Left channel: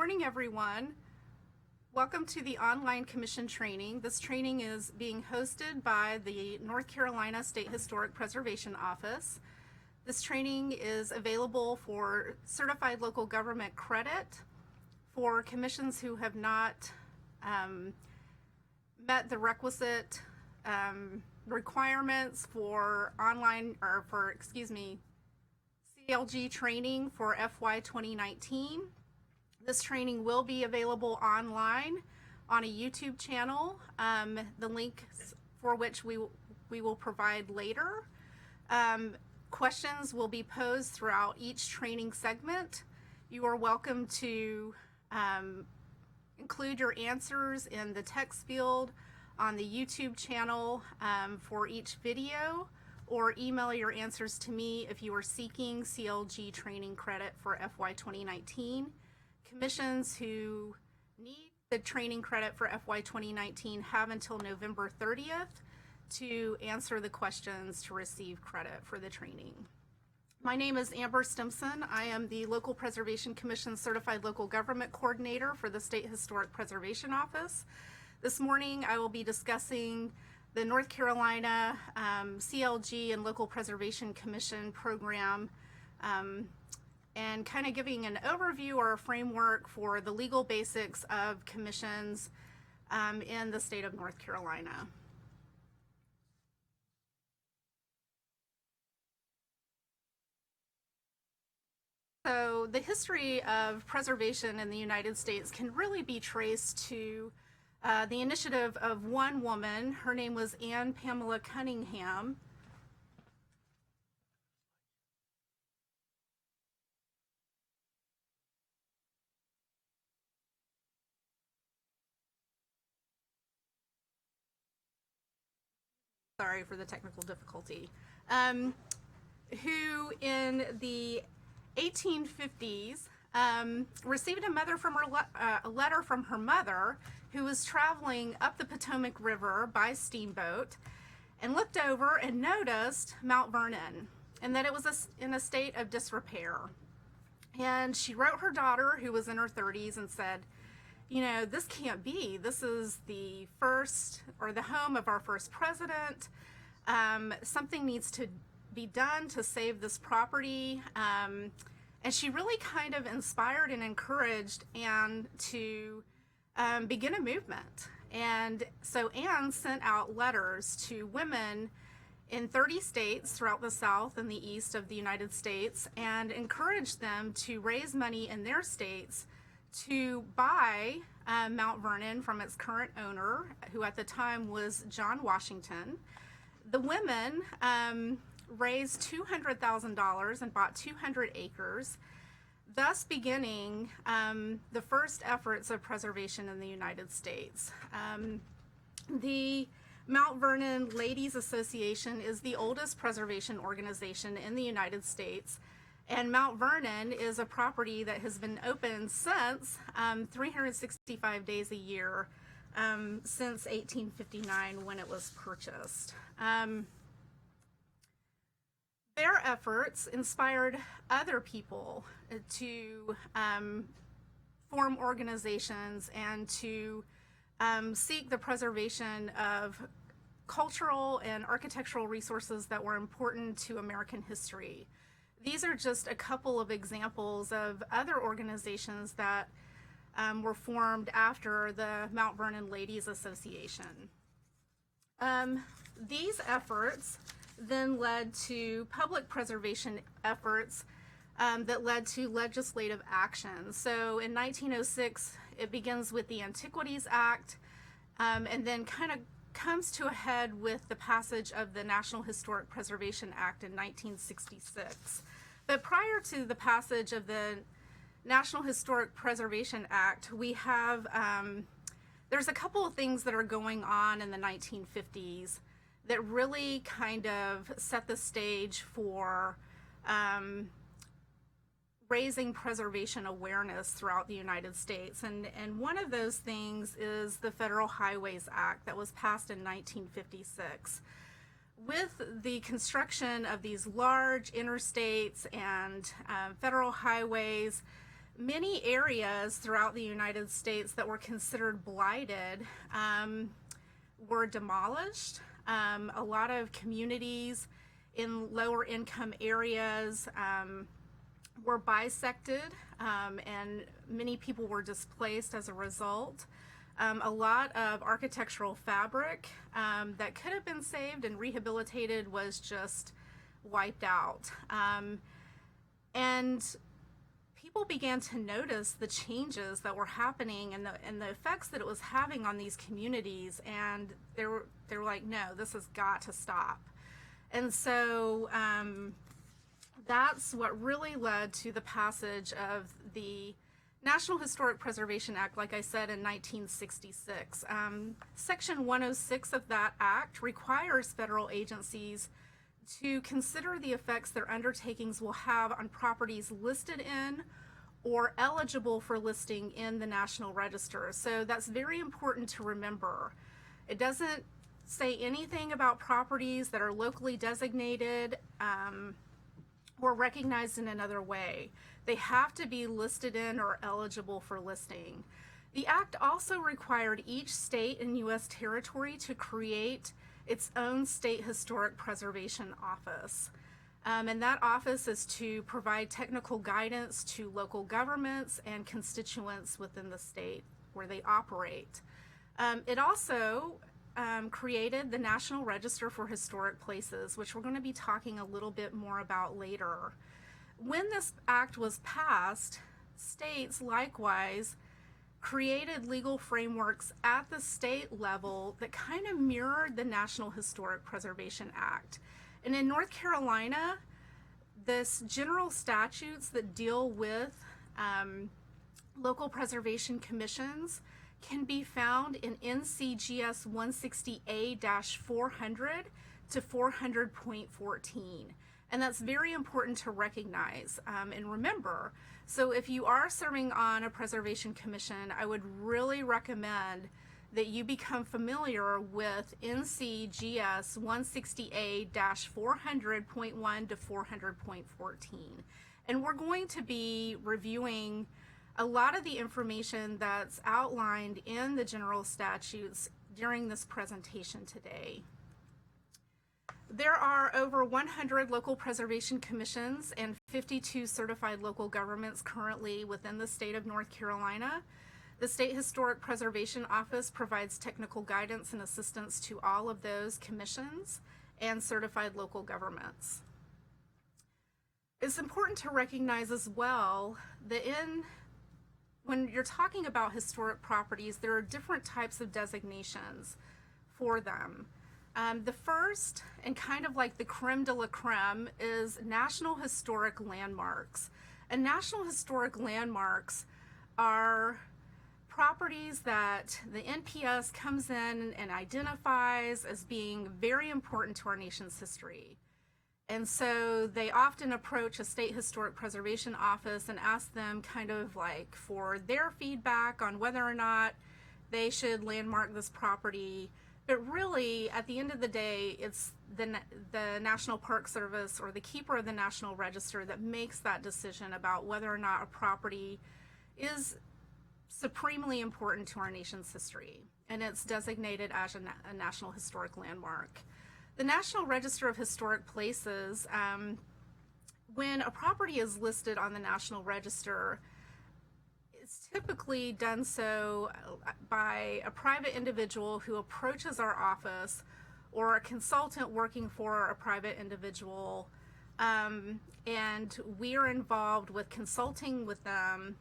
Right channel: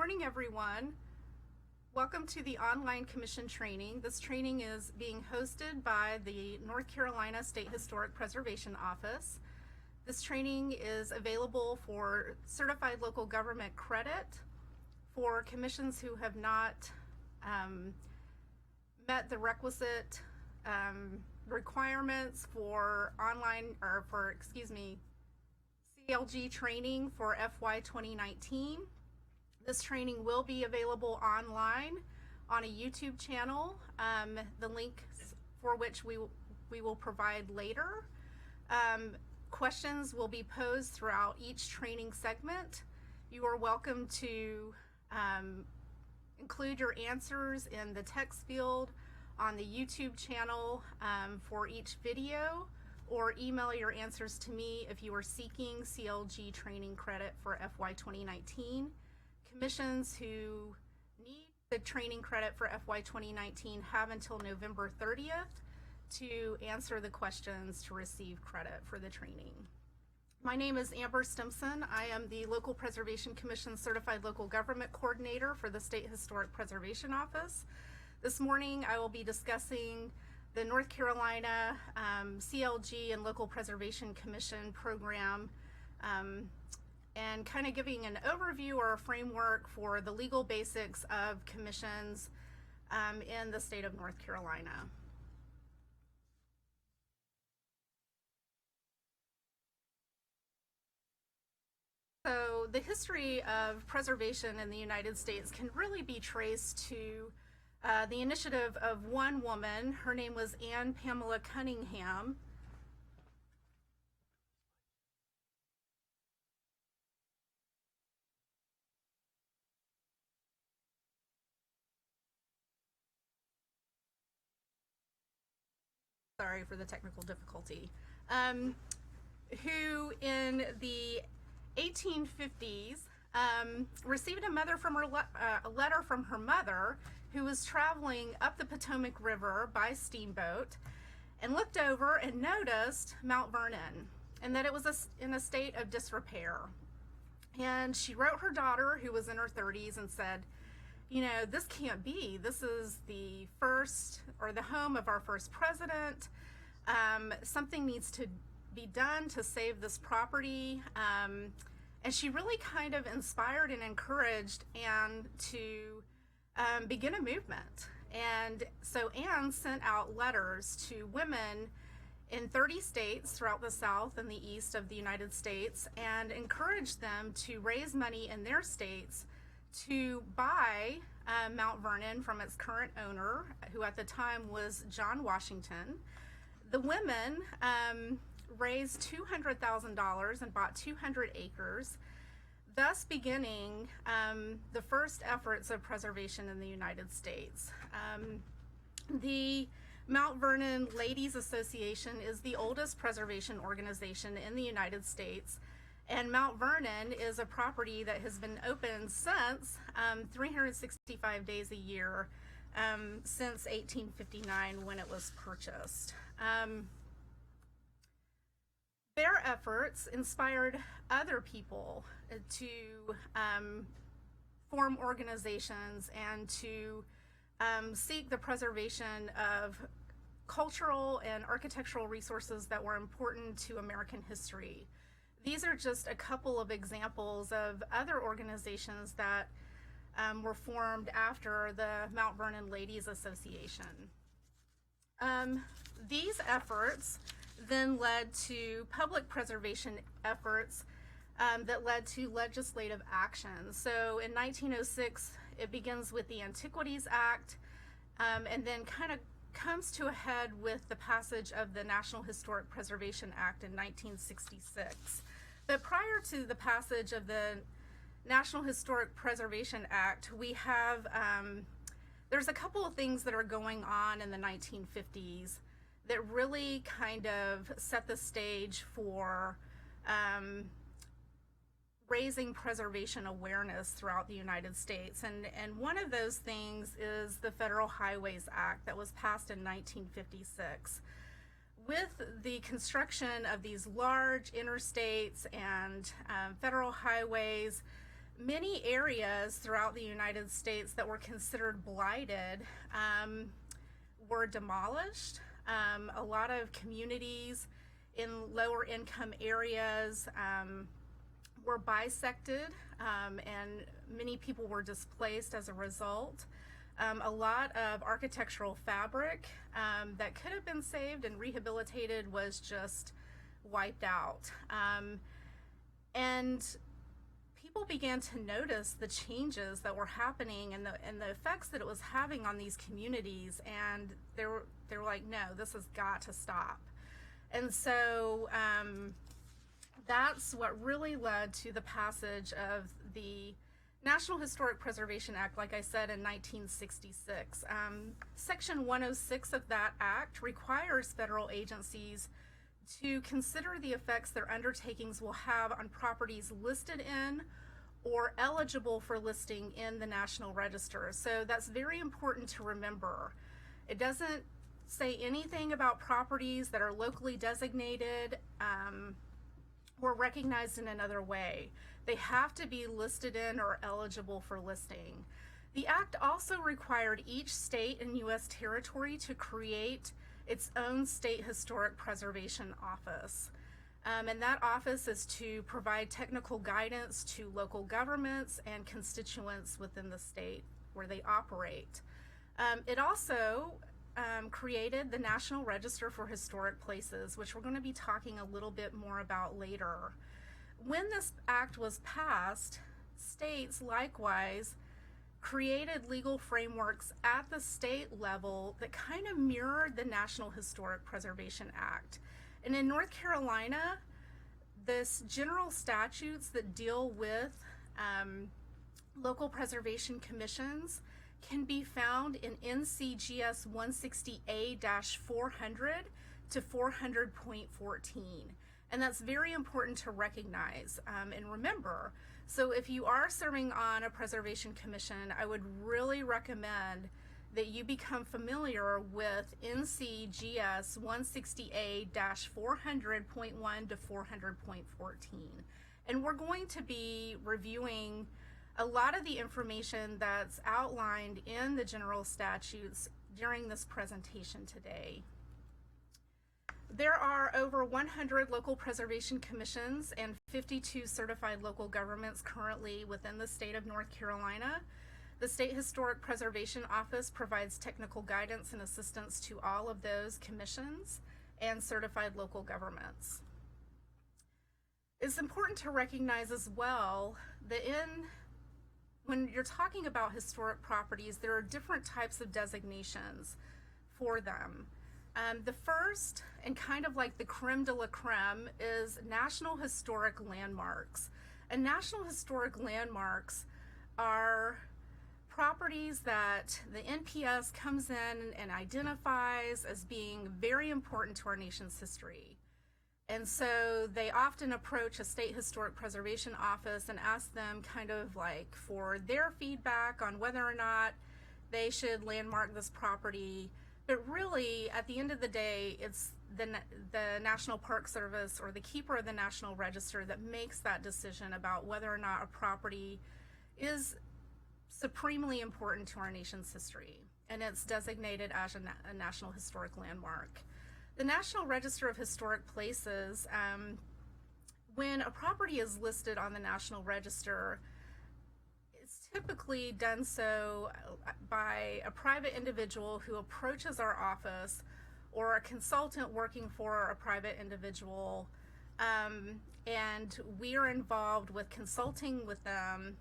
Morning, everyone. Welcome to the online commission training. This training is being hosted by the North Carolina State Historic Preservation Office. This training is available for certified local government credit for commissions who have not met the requisite requirements for CLG training for FY 2019. This training will be available online on a YouTube channel, the link for which we will provide later. Questions will be posed throughout each training segment. You are welcome to include your answers in the text field on the YouTube channel for each video, or email your answers to me if you are seeking CLG training credit for FY 2019. Commissions who need the training credit for FY 2019 have until November 30th to answer the questions to receive credit for the training. My name is Amber Stimson. I am the Local Preservation Commission Certified Local Government Coordinator for the State Historic Preservation Office. This morning I will be discussing the North Carolina CLG and Local Preservation Commission program and kind of giving an overview or a framework for the legal basics of commissions in the state of North Carolina. So the history of preservation in the United States can really be traced to the initiative of one woman. Her name was Anne Pamela Cunningham. Sorry for the technical difficulty. Who in the 1850s received a letter from her mother, who was traveling up the Potomac River by steamboat, and looked over and noticed Mount Vernon, and that it was in a state of disrepair. And she wrote her daughter, who was in her 30s, and said, you know, this can't be. This is the first, or the home of our first president. Something needs to be done to save this property. And she really kind of inspired and encouraged Anne to begin a movement. And so Anne sent out letters to women in 30 states throughout the South and the East of the United States, and encouraged them to raise money in their states to buy Mount Vernon from its current owner, who at the time was John Washington. The women raised $200,000 and bought 200 acres, thus beginning the first efforts of preservation in the United States. The Mount Vernon Ladies Association is the oldest preservation organization in the United States, and Mount Vernon is a property that has been open since 365 days a year since 1859, when it was purchased. Their efforts inspired other people to form organizations and to seek the preservation of cultural and architectural resources that were important to American history. These are just a couple of examples of other organizations that were formed after the Mount Vernon Ladies Association. These efforts then led to public preservation efforts that led to legislative action. So in 1906, it begins with the Antiquities Act, and then kind of comes to a head with the passage of the National Historic Preservation Act in 1966. But prior to the passage of the National Historic Preservation Act, we have, there's a couple of things that are going on in the 1950s that really kind of set the stage for raising preservation awareness throughout the United States. And one of those things is the Federal Highways Act that was passed in 1956. With the construction of these large interstates and federal highways, many areas throughout the United States that were considered blighted were demolished. A lot of communities in lower income areas were bisected, and many people were displaced as a result. A lot of architectural fabric that could have been saved and rehabilitated was just wiped out. And people began to notice the changes that were happening and the effects that it was having on these communities, and they were like, no, this has got to stop. And so that's what really led to the passage of the National Historic Preservation Act, like I said, in 1966. Section 106 of that act requires federal agencies to consider the effects their undertakings will have on properties listed in or eligible for listing in the National Register. So that's very important to remember. It doesn't say anything about properties that are locally designated or recognized in another way. They have to be listed in or eligible for listing. The Act also required each state and U.S. territory to create its own state historic preservation office. And that office is to provide technical guidance to local governments and constituents within the state where they operate. It also created the National Register for Historic Places, which we're going to be talking a little bit more about later. When this act was passed, states likewise created legal frameworks at the state level that kind of mirrored the National Historic Preservation Act. And in North Carolina, this general statutes that deal with local preservation commissions can be found in NCGS 160A-400 to 400.14. And that's very important to recognize and remember. So if you are serving on a preservation commission, I would really recommend that you become familiar with NCGS 160A-400.1 to 400.14. And we're going to be reviewing a lot of the information that's outlined in the general statutes during this presentation today. There are over 100 local preservation commissions and 52 certified local governments currently within the state of North Carolina. The State Historic Preservation Office provides technical guidance and assistance to all of those commissions and certified local governments. It's important to recognize as well that when you're talking about historic properties, there are different types of designations for them. The first, and kind of like the creme de la creme, is National Historic Landmarks. And National Historic Landmarks are properties that the NPS comes in and identifies as being very important to our nation's history. And so they often approach a state historic preservation office and ask them kind of like for their feedback on whether or not they should landmark this property. But really, at the end of the day, it's the National Park Service or the keeper of the National Register that makes that decision about whether or not a property is supremely important to our nation's history, and it's designated as a National Historic Landmark. The National Register of Historic Places, when a property is listed on the National Register, it's typically done so by a private individual who approaches our office or a consultant working for a private individual, and we are involved with consulting with them.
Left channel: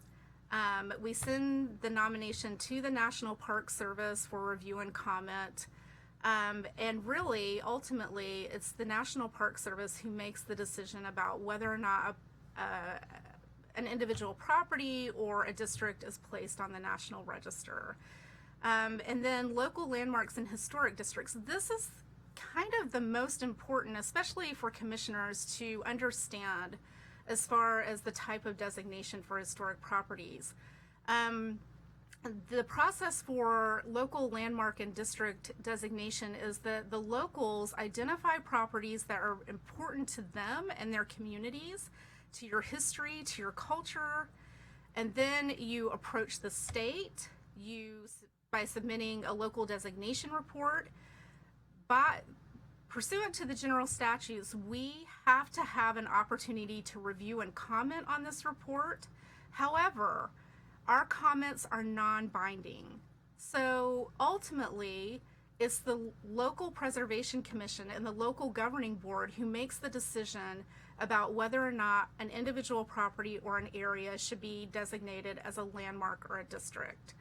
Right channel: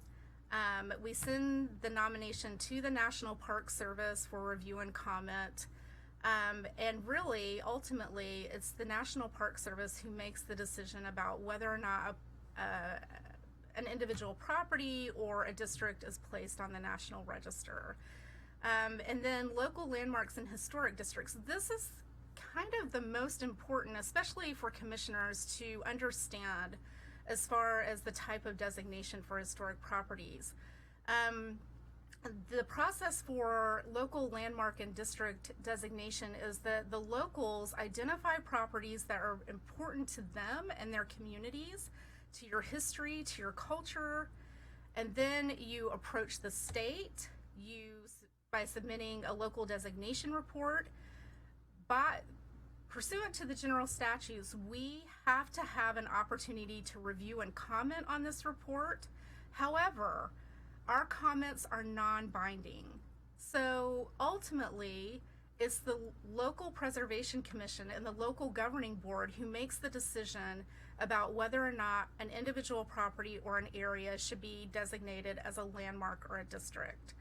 We send the nomination to the National Park Service for review and comment. And really, ultimately, it's the National Park Service who makes the decision about whether or not an individual property or a district is placed on the National Register. And then local landmarks and historic districts. This is kind of the most important, especially for commissioners to understand as far as the type of designation for historic properties. The process for local landmark and district designation is that the locals identify properties that are important to them and their communities, to your history, to your culture, And then you approach the state by submitting a local designation report. Pursuant to the general statutes, we have to have an opportunity to review and comment on this report. However, our comments are non-binding. So ultimately, it's the local preservation commission and the local governing board who makes the decision about whether or not an individual property or an area should be designated as a landmark or a district.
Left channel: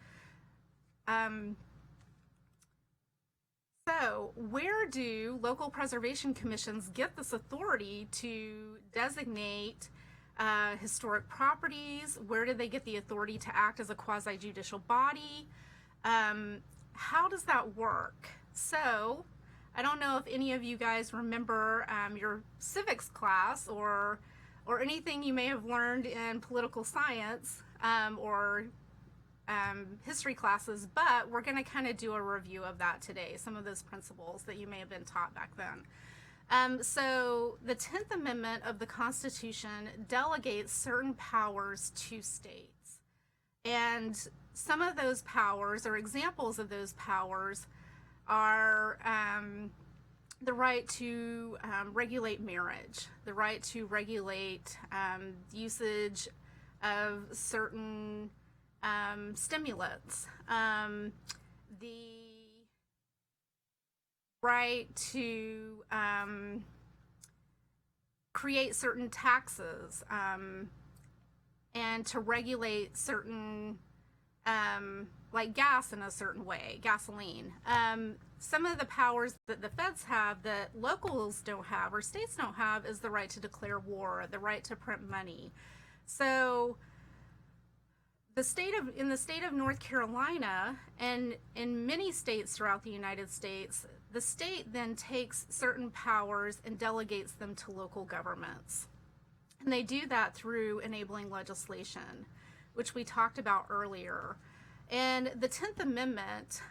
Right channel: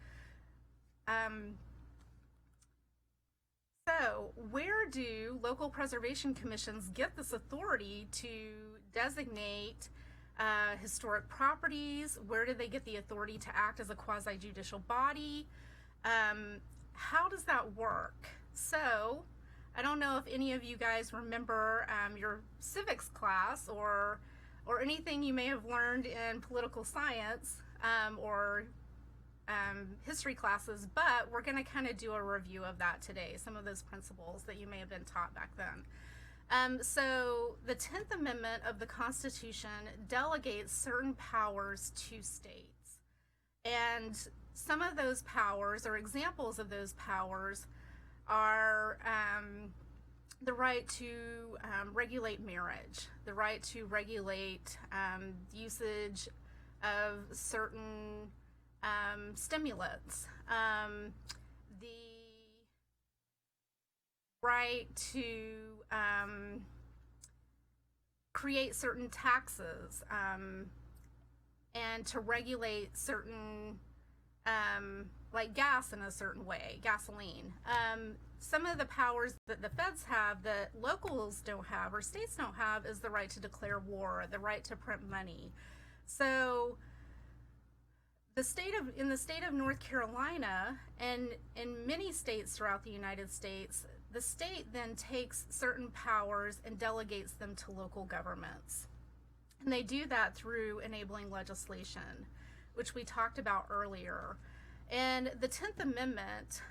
So where do local preservation commissions get this authority to designate historic properties? Where do they get the authority to act as a quasi-judicial body? How does that work? So I don't know if any of you guys remember your civics class or anything you may have learned in political science or history classes, but we're going to kind of do a review of that today, some of those principles that you may have been taught back then. So the 10th Amendment of the Constitution delegates certain powers to states. And some of those powers, or examples of those powers, are the right to regulate marriage, the right to regulate usage of certain stimulants, the right to create certain taxes and to regulate certain like gas in a certain way, gasoline. Some of the powers that the feds have that locals don't have or states don't have is the right to declare war, the right to print money. So in the state of North Carolina and in many states throughout the United States, the state then takes certain powers and delegates them to local governments. And they do that through enabling legislation, which we talked about earlier. And the 10th Amendment,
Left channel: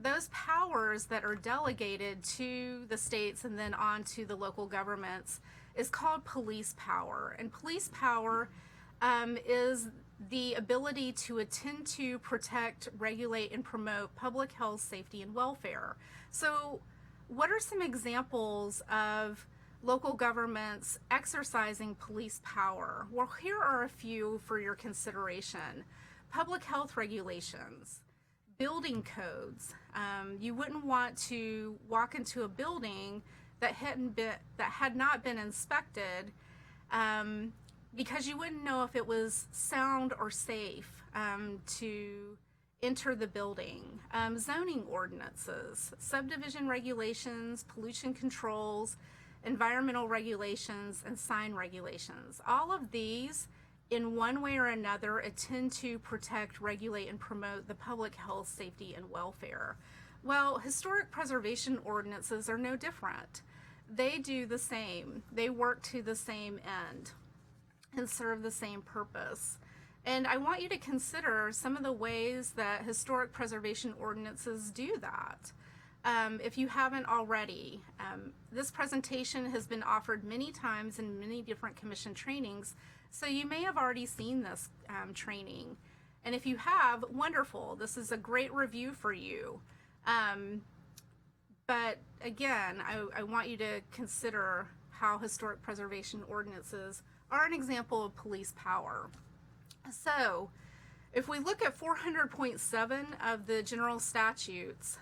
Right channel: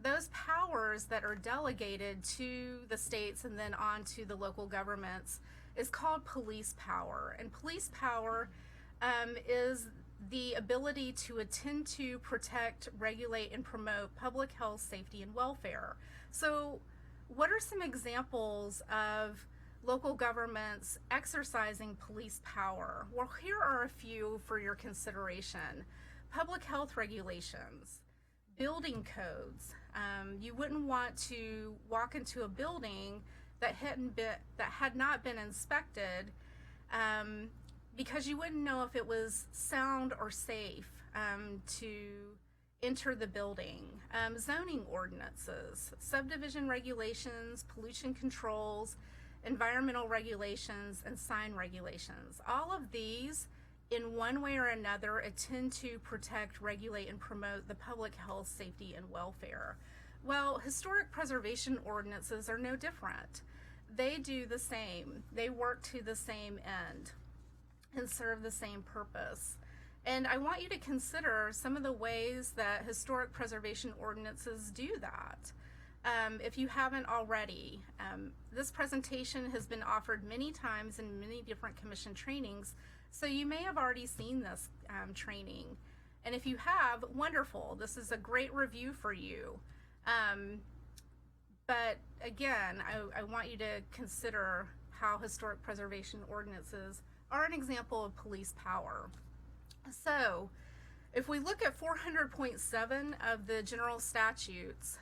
those powers that are delegated to the states and then on to the local governments is called police power. And police power is the ability to attend to, protect, regulate, and promote public health, safety, and welfare. So what are some examples of local governments exercising police power? Well, here are a few for your consideration. Public health regulations, building codes. You wouldn't want to walk into a building that had not been inspected because you wouldn't know if it was sound or safe to enter the building. Zoning ordinances, subdivision regulations, pollution controls, environmental regulations, and sign regulations. All of these, in one way or another, attend to protect, regulate, and promote the public health, safety, and welfare. Well, historic preservation ordinances are no different. They do the same. They work to the same end and serve the same purpose. And I want you to consider some of the ways that historic preservation ordinances do that. If you haven't already, this presentation has been offered many times in many different commission trainings, so you may have already seen this training. And if you have, wonderful, this is a great review for you. But again, I want you to consider how historic preservation ordinances are an example of police power. So if we look at 400.7 of the general statutes,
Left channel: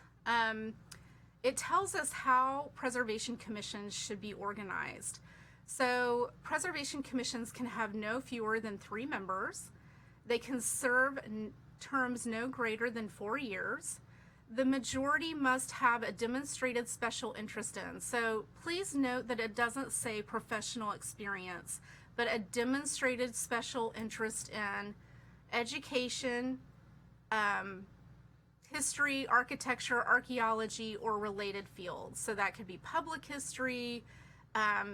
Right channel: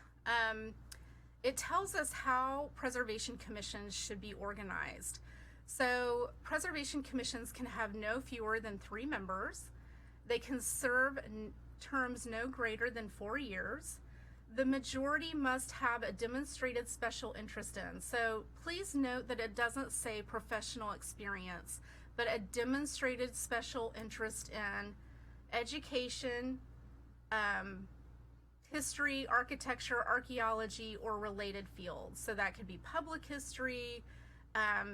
it tells us how preservation commissions should be organized. So preservation commissions can have no fewer than 3 members. They can serve terms no greater than 4 years. The majority must have a demonstrated special interest in. So please note that it doesn't say professional experience, but a demonstrated special interest in education, history, architecture, archaeology, or related fields. So that could be public history,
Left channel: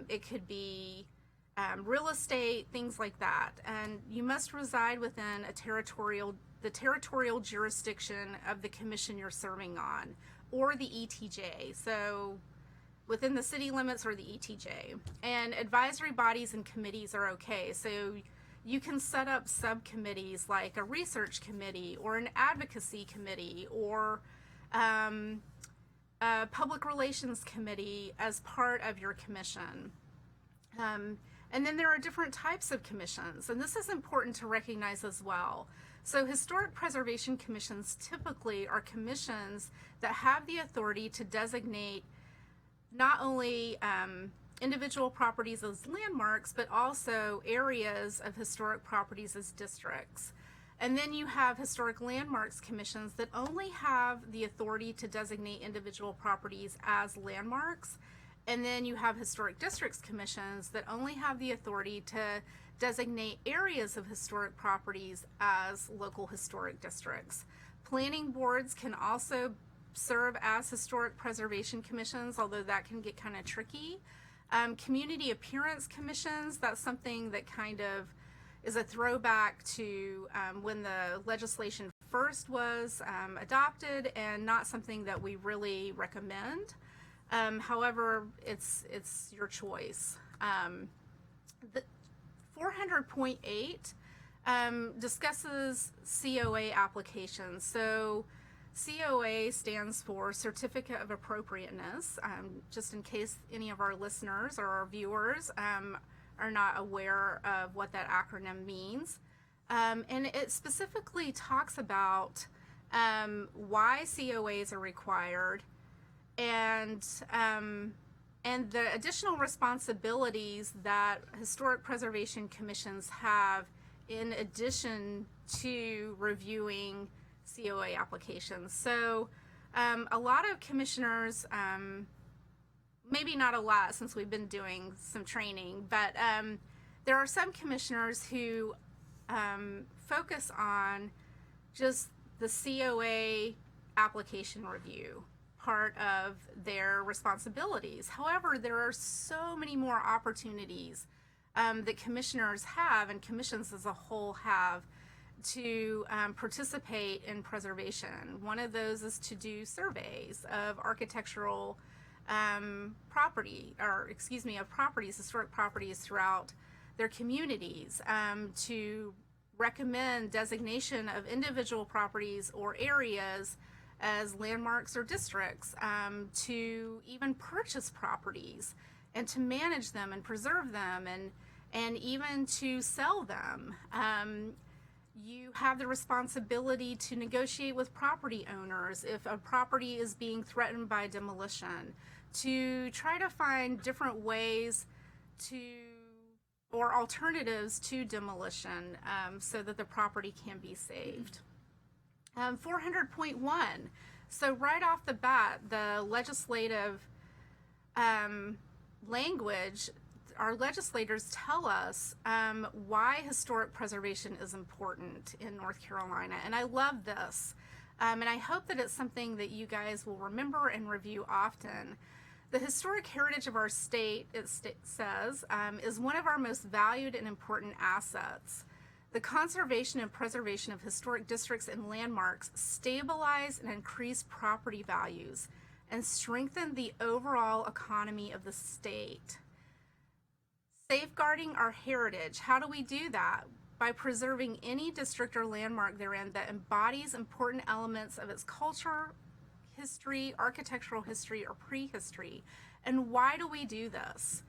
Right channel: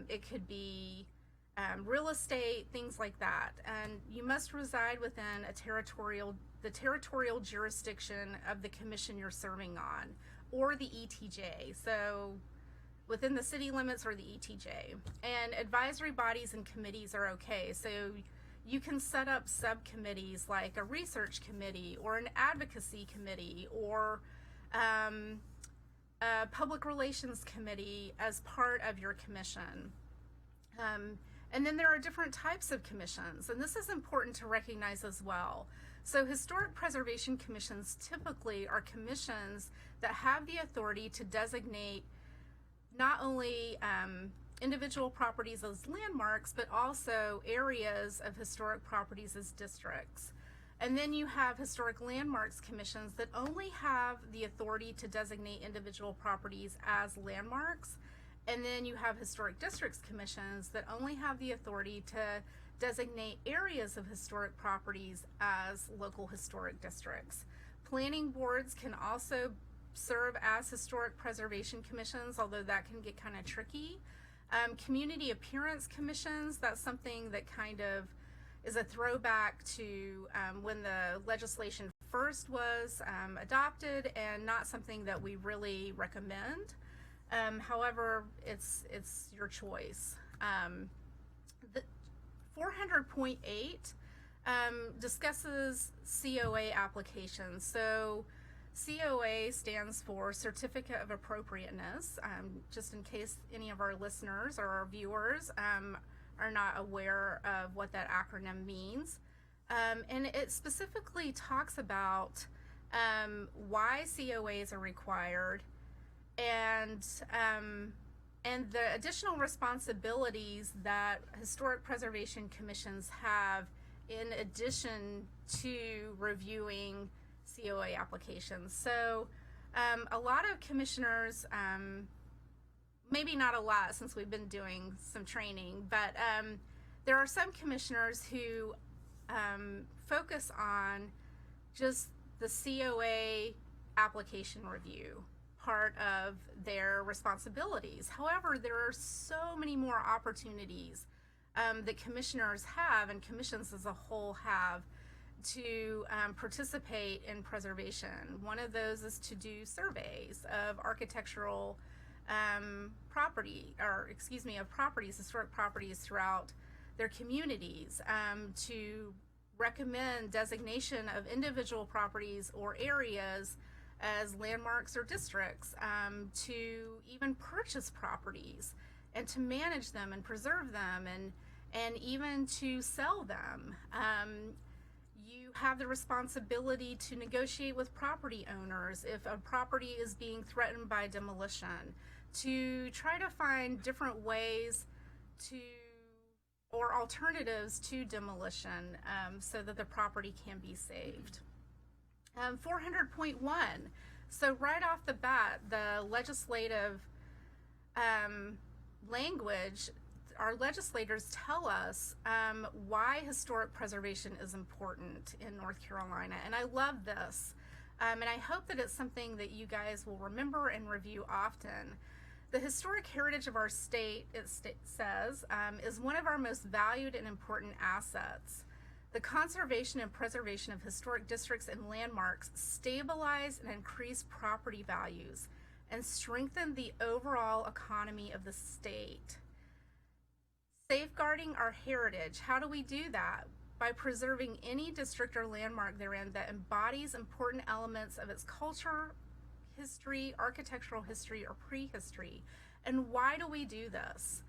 it could be real estate, things like that. And you must reside within the territorial jurisdiction of the commission you're serving on, or the ETJ. So within the city limits or the ETJ. And advisory bodies and committees are okay. So you can set up subcommittees like a research committee or an advocacy committee or a public relations committee as part of your commission. And then there are different types of commissions, and this is important to recognize as well. So historic preservation commissions typically are commissions that have the authority to designate not only individual properties as landmarks, but also areas of historic properties as districts. And then you have historic landmarks commissions that only have the authority to designate individual properties as landmarks. And then you have historic districts commissions that only have the authority to designate areas of historic properties as local historic districts. Planning boards can also serve as historic preservation commissions, although that can get kind of tricky. Community appearance commissions, that's something that kind of is a throwback to when the legislation first was adopted, and not something that we really recommend. However, it's your choice. The 400.8 discusses COA applications. So COA stands for Certificate of Appropriateness, just in case any of our listeners or our viewers are not aware of what that acronym means. And it specifically talks about why COAs are required, and the additional responsibilities that historic preservation commissions have in addition to reviewing COA applications. So a lot of commissioners, maybe not a lot since we've been doing some training, but there are some commissioners who focus on just the COA application review part of their responsibilities. However, there are so many more opportunities that commissioners have, and commissions as a whole have, to participate in preservation. One of those is to do surveys of architectural properties, historic properties throughout their communities, to recommend designation of individual properties or areas as landmarks or districts, to even purchase properties and to manage them and preserve them, and even to sell them. You have the responsibility to negotiate with property owners if a property is being threatened by demolition, to try to find different ways or alternatives to demolition, so that the property can be saved. 400.1. So right off the bat, the legislative language, our legislators tell us why historic preservation is important in North Carolina. And I love this. And I hope that it's something that you guys will remember and review often. The historic heritage of our state, it says, is one of our most valued and important assets. The conservation and preservation of historic districts and landmarks stabilize and increase property values and strengthen the overall economy of the state. Safeguarding our heritage. How do we do that? By preserving any district or landmark therein that embodies important elements of its culture, history, architectural history, or prehistory. And why do we do this?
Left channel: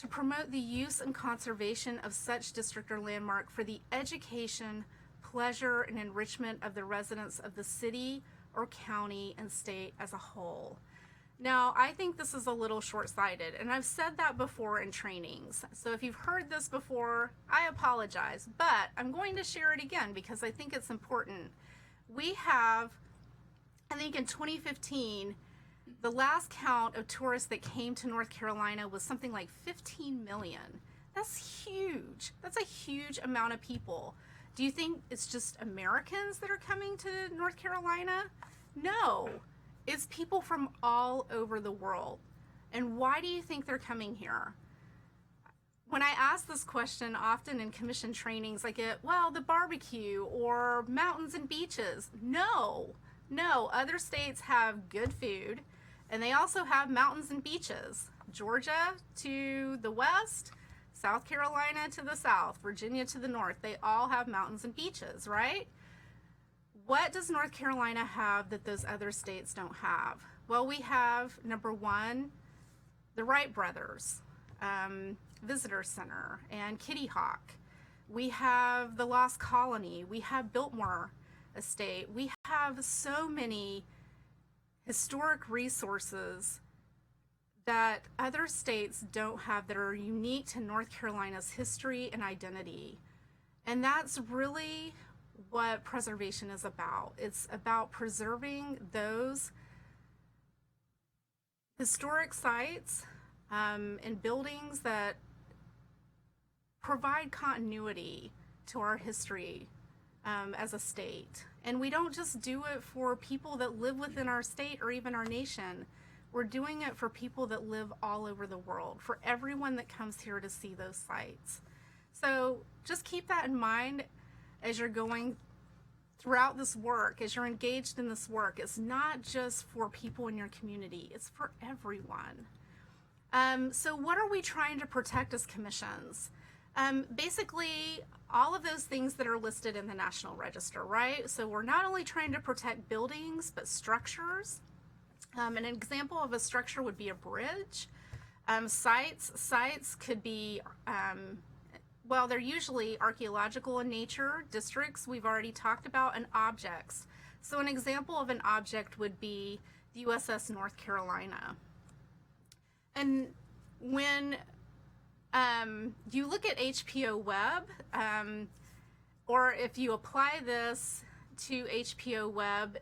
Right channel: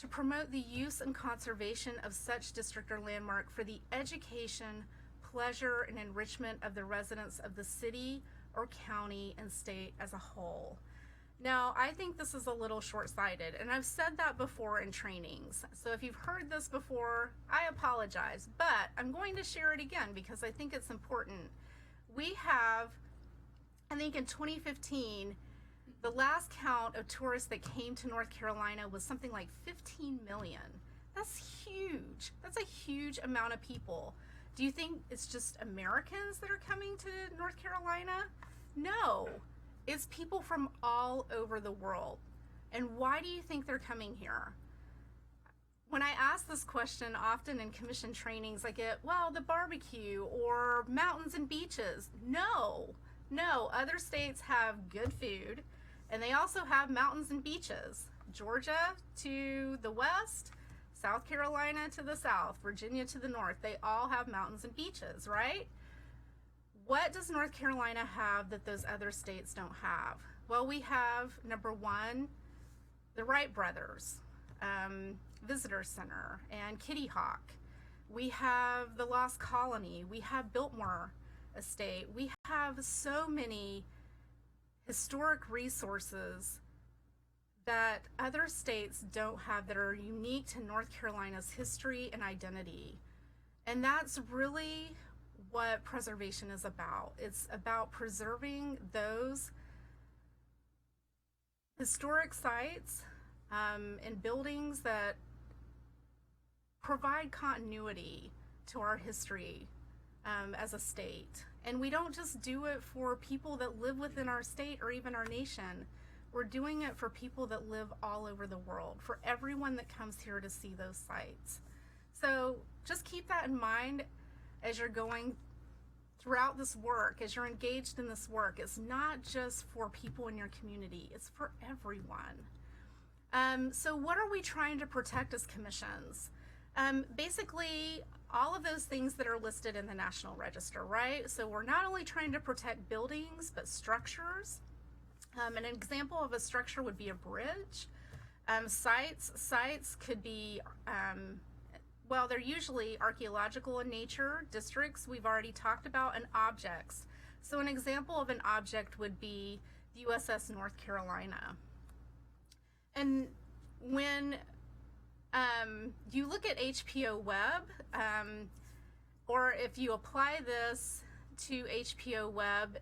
To promote the use and conservation of such district or landmark for the education, pleasure, and enrichment of the residents of the city or county and state as a whole. Now, I think this is a little short-sighted, and I've said that before in trainings. So if you've heard this before, I apologize, but I'm going to share it again because I think it's important. We have, I think in 2015, the last count of tourists that came to North Carolina was something like 15 million. That's huge. That's a huge amount of people. Do you think it's just Americans that are coming to North Carolina? No. It's people from all over the world. And why do you think they're coming here? When I ask this question often in commission trainings, I get, well, the barbecue or mountains and beaches. No, other states have good food, and they also have mountains and beaches. Georgia to the west, South Carolina to the south, Virginia to the north, they all have mountains and beaches, right? What does North Carolina have that those other states don't have? Well, we have, number one, the Wright brothers, Visitor Center, and Kitty Hawk. We have the Lost Colony. We have Biltmore Estate. We have so many historic resources that other states don't have that are unique to North Carolina's history and identity. And that's really what preservation is about. It's about preserving those historic sites and buildings that provide continuity to our history as a state. And we don't just do it for people that live within our state or even our nation. We're doing it for people that live all over the world, for everyone that comes here to see those sites. So just keep that in mind as you're going throughout this work, as you're engaged in this work. It's not just for people in your community, it's for everyone. So what are we trying to protect as commissions? Basically, all of those things that are listed in the National Register, right? So we're not only trying to protect buildings, but structures. An example of a structure would be a bridge. Sites could be, well, they're usually archaeological in nature. Districts, we've already talked about, and objects. So an example of an object would be the USS North Carolina. And when you look at HPO Web, or if you apply this to HPO Web,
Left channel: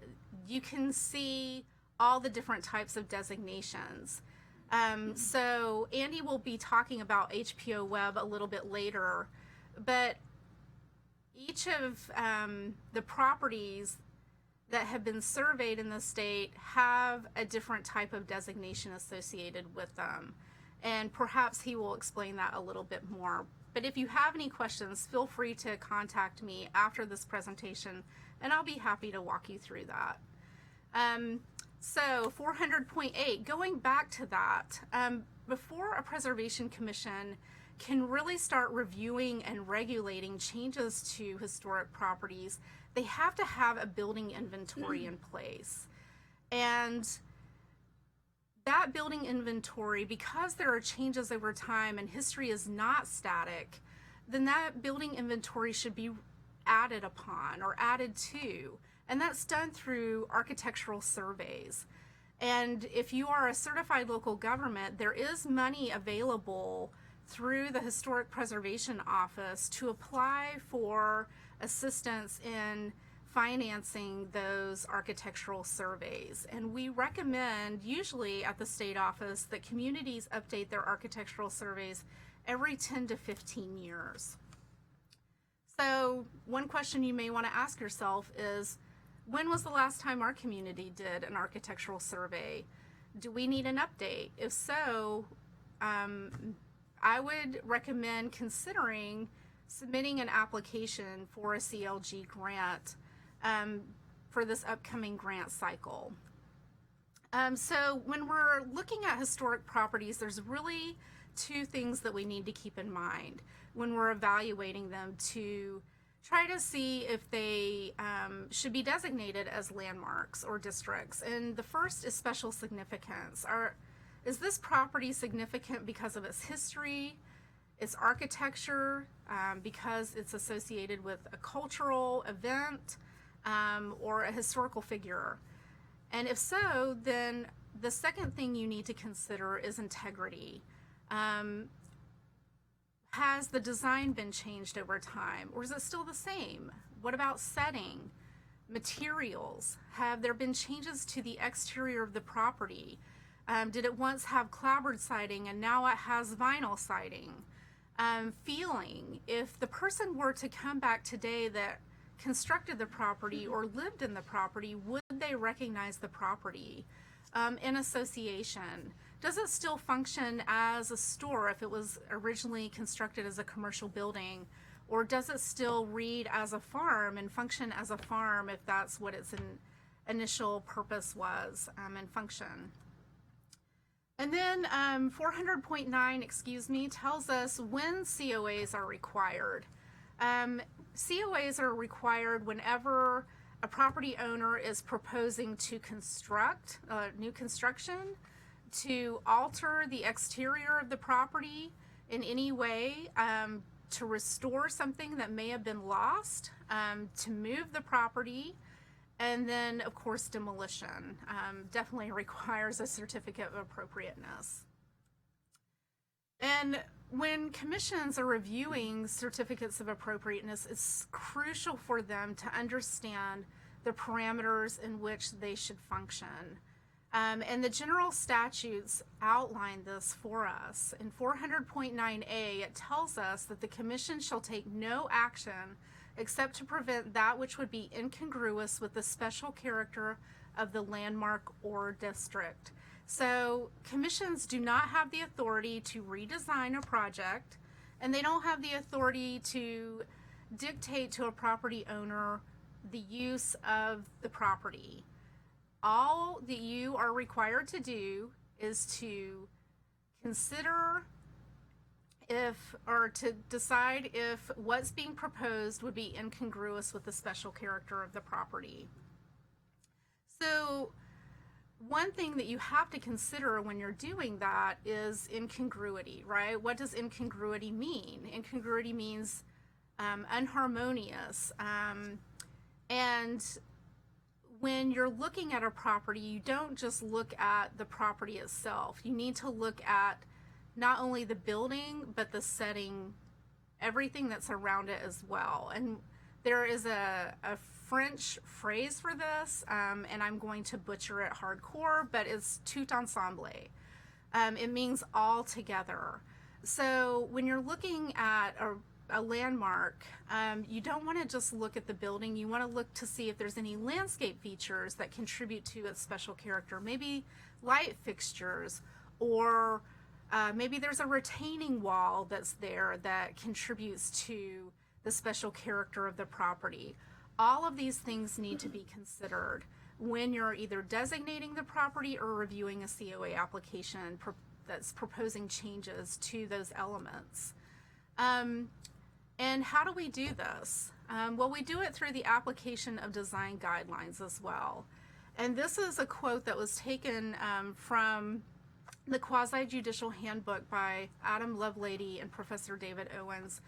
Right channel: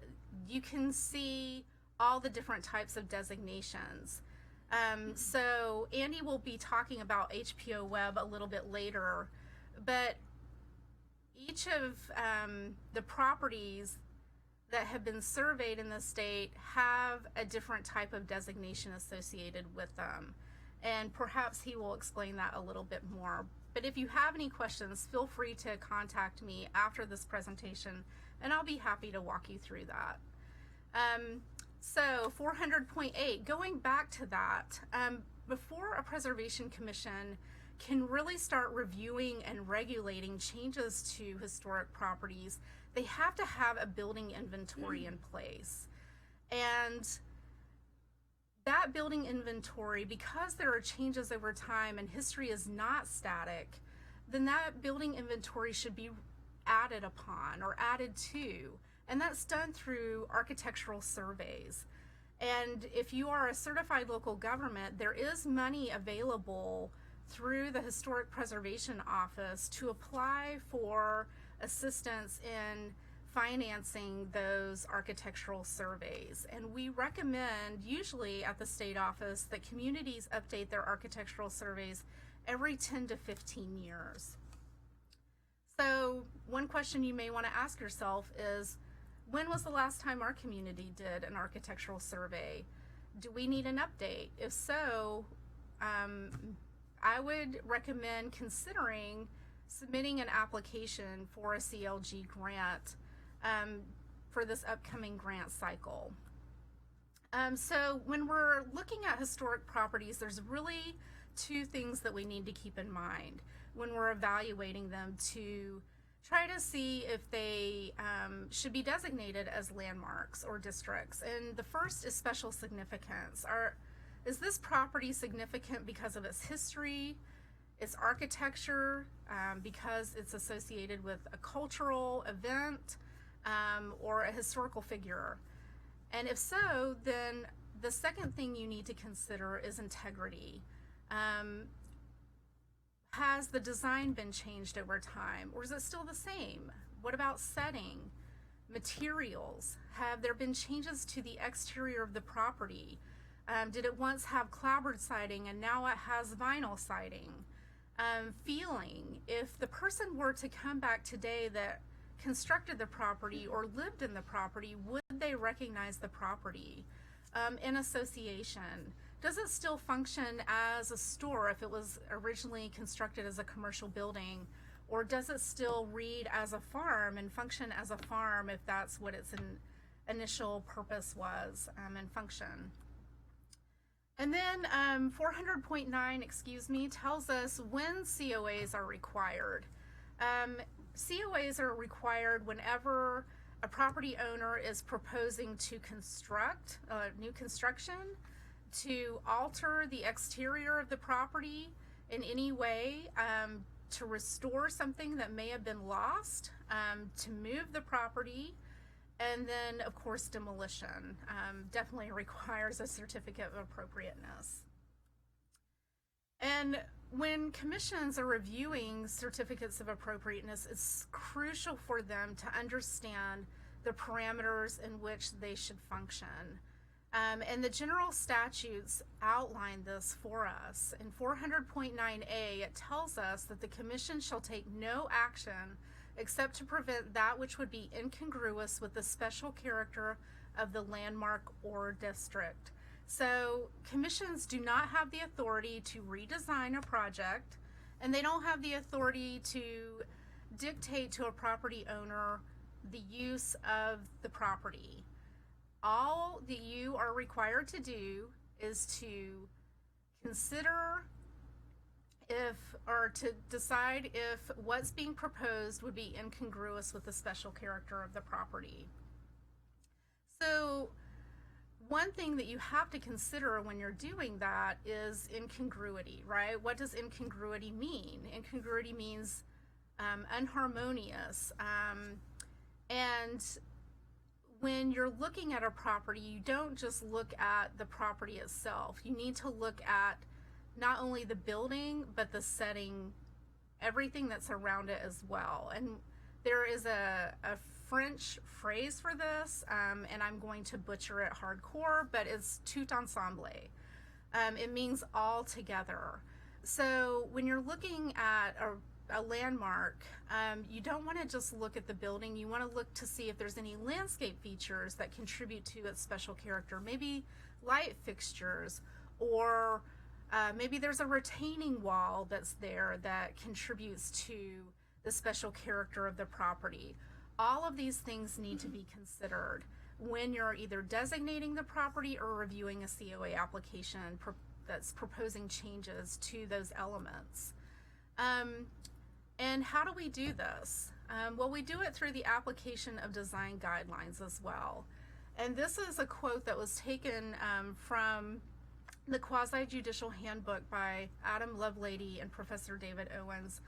you can see all the different types of designations. So Andy will be talking about HPO Web a little bit later, but each of the properties that have been surveyed in the state have a different type of designation associated with them. And perhaps he will explain that a little bit more. But if you have any questions, feel free to contact me after this presentation, and I'll be happy to walk you through that. So 400.8, going back to that, before a preservation commission can really start reviewing and regulating changes to historic properties, they have to have a building inventory in place. And that building inventory, because there are changes over time and history is not static, then that building inventory should be added upon or added to. And that's done through architectural surveys. And if you are a certified local government, there is money available through the Historic Preservation Office to apply for assistance in financing those architectural surveys. And we recommend, usually at the state office, that communities update their architectural surveys every 10 to 15 years. So one question you may want to ask yourself is, when was the last time our community did an architectural survey? Do we need an update? If so, I would recommend considering submitting an application for a CLG grant for this upcoming grant cycle. So when we're looking at historic properties, there's really two things that we need to keep in mind when we're evaluating them to try to see if they should be designated as landmarks or districts. And the first is special significance. Is this property significant because of its history, its architecture, because it's associated with a cultural event, or a historical figure? And if so, then the second thing you need to consider is integrity. Has the design been changed over time, or is it still the same? What about setting? Materials? Have there been changes to the exterior of the property? Did it once have clapboard siding and now it has vinyl siding? Feeling. If the person were to come back today that constructed the property or lived in the property, would they recognize the property? In association, does it still function as a store if it was originally constructed as a commercial building, or does it still read as a farm and function as a farm if that's what its initial purpose was and function? And then 400.9, excuse me, tells us when COAs are required. COAs are required whenever a property owner is proposing to construct new construction, to alter the exterior of the property in any way, to restore something that may have been lost, to move the property, and then, of course, demolition definitely requires a certificate of appropriateness. And when commissions are reviewing certificates of appropriateness, it's crucial for them to understand the parameters in which they should function. And the general statutes outline this for us. In 400.9a, it tells us that the commission shall take no action except to prevent that which would be incongruous with the special character of the landmark or district. So commissions do not have the authority to redesign a project, and they don't have the authority to dictate to a property owner the use of the property. All that you are required to do is to consider to decide if what's being proposed would be incongruous with the special character of the property. So one thing that you have to consider when you're doing that is incongruity, right? What does incongruity mean? Incongruity means unharmonious. And when you're looking at a property, you don't just look at the property itself. You need to look at not only the building, but the setting, everything that's around it as well. And there is a French phrase for this, and I'm going to butcher it hardcore, but it's tout ensemble. It means all together. So when you're looking at a landmark, you don't want to just look at the building. You want to look to see if there's any landscape features that contribute to its special character. Maybe light fixtures, or maybe there's a retaining wall that's there that contributes to the special character of the property. All of these things need to be considered when you're either designating the property or reviewing a COA application that's proposing changes to those elements. And how do we do this? Well, we do it through the application of design guidelines as well. And this is a quote that was taken from the Quasi-Judicial Handbook by Adam Lovelady and Professor David Owens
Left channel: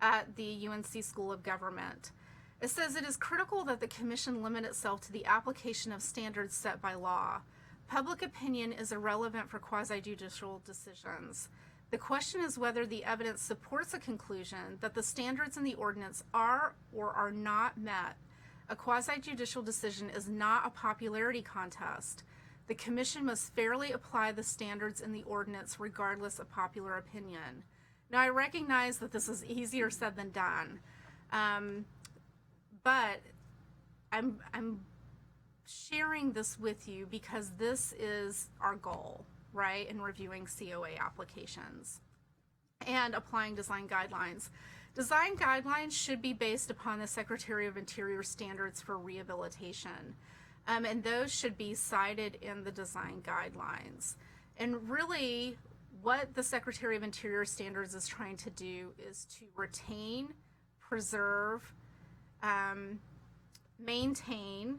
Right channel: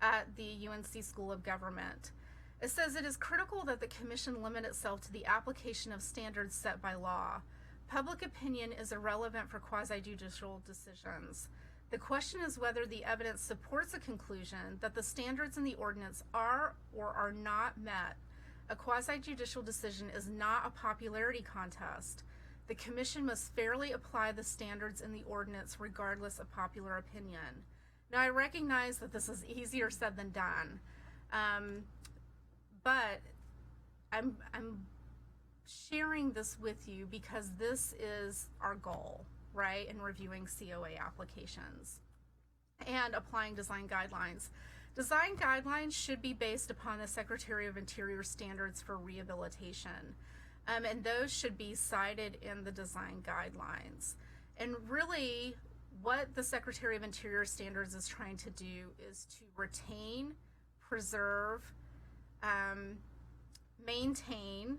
at the UNC School of Government. It says, "It is critical that the Commission limit itself to the application of standards set by law. Public opinion is irrelevant for quasi-judicial decisions. The question is whether the evidence supports a conclusion that the standards in the ordinance are or are not met. A quasi-judicial decision is not a popularity contest. The Commission must fairly apply the standards in the ordinance regardless of popular opinion." Now, I recognize that this is easier said than done, but I'm sharing this with you because this is our goal, right, in reviewing COA applications and applying design guidelines. Design guidelines should be based upon the Secretary of Interior standards for rehabilitation, and those should be cited in the design guidelines. And really, what the Secretary of Interior standards is trying to do is to retain, preserve, maintain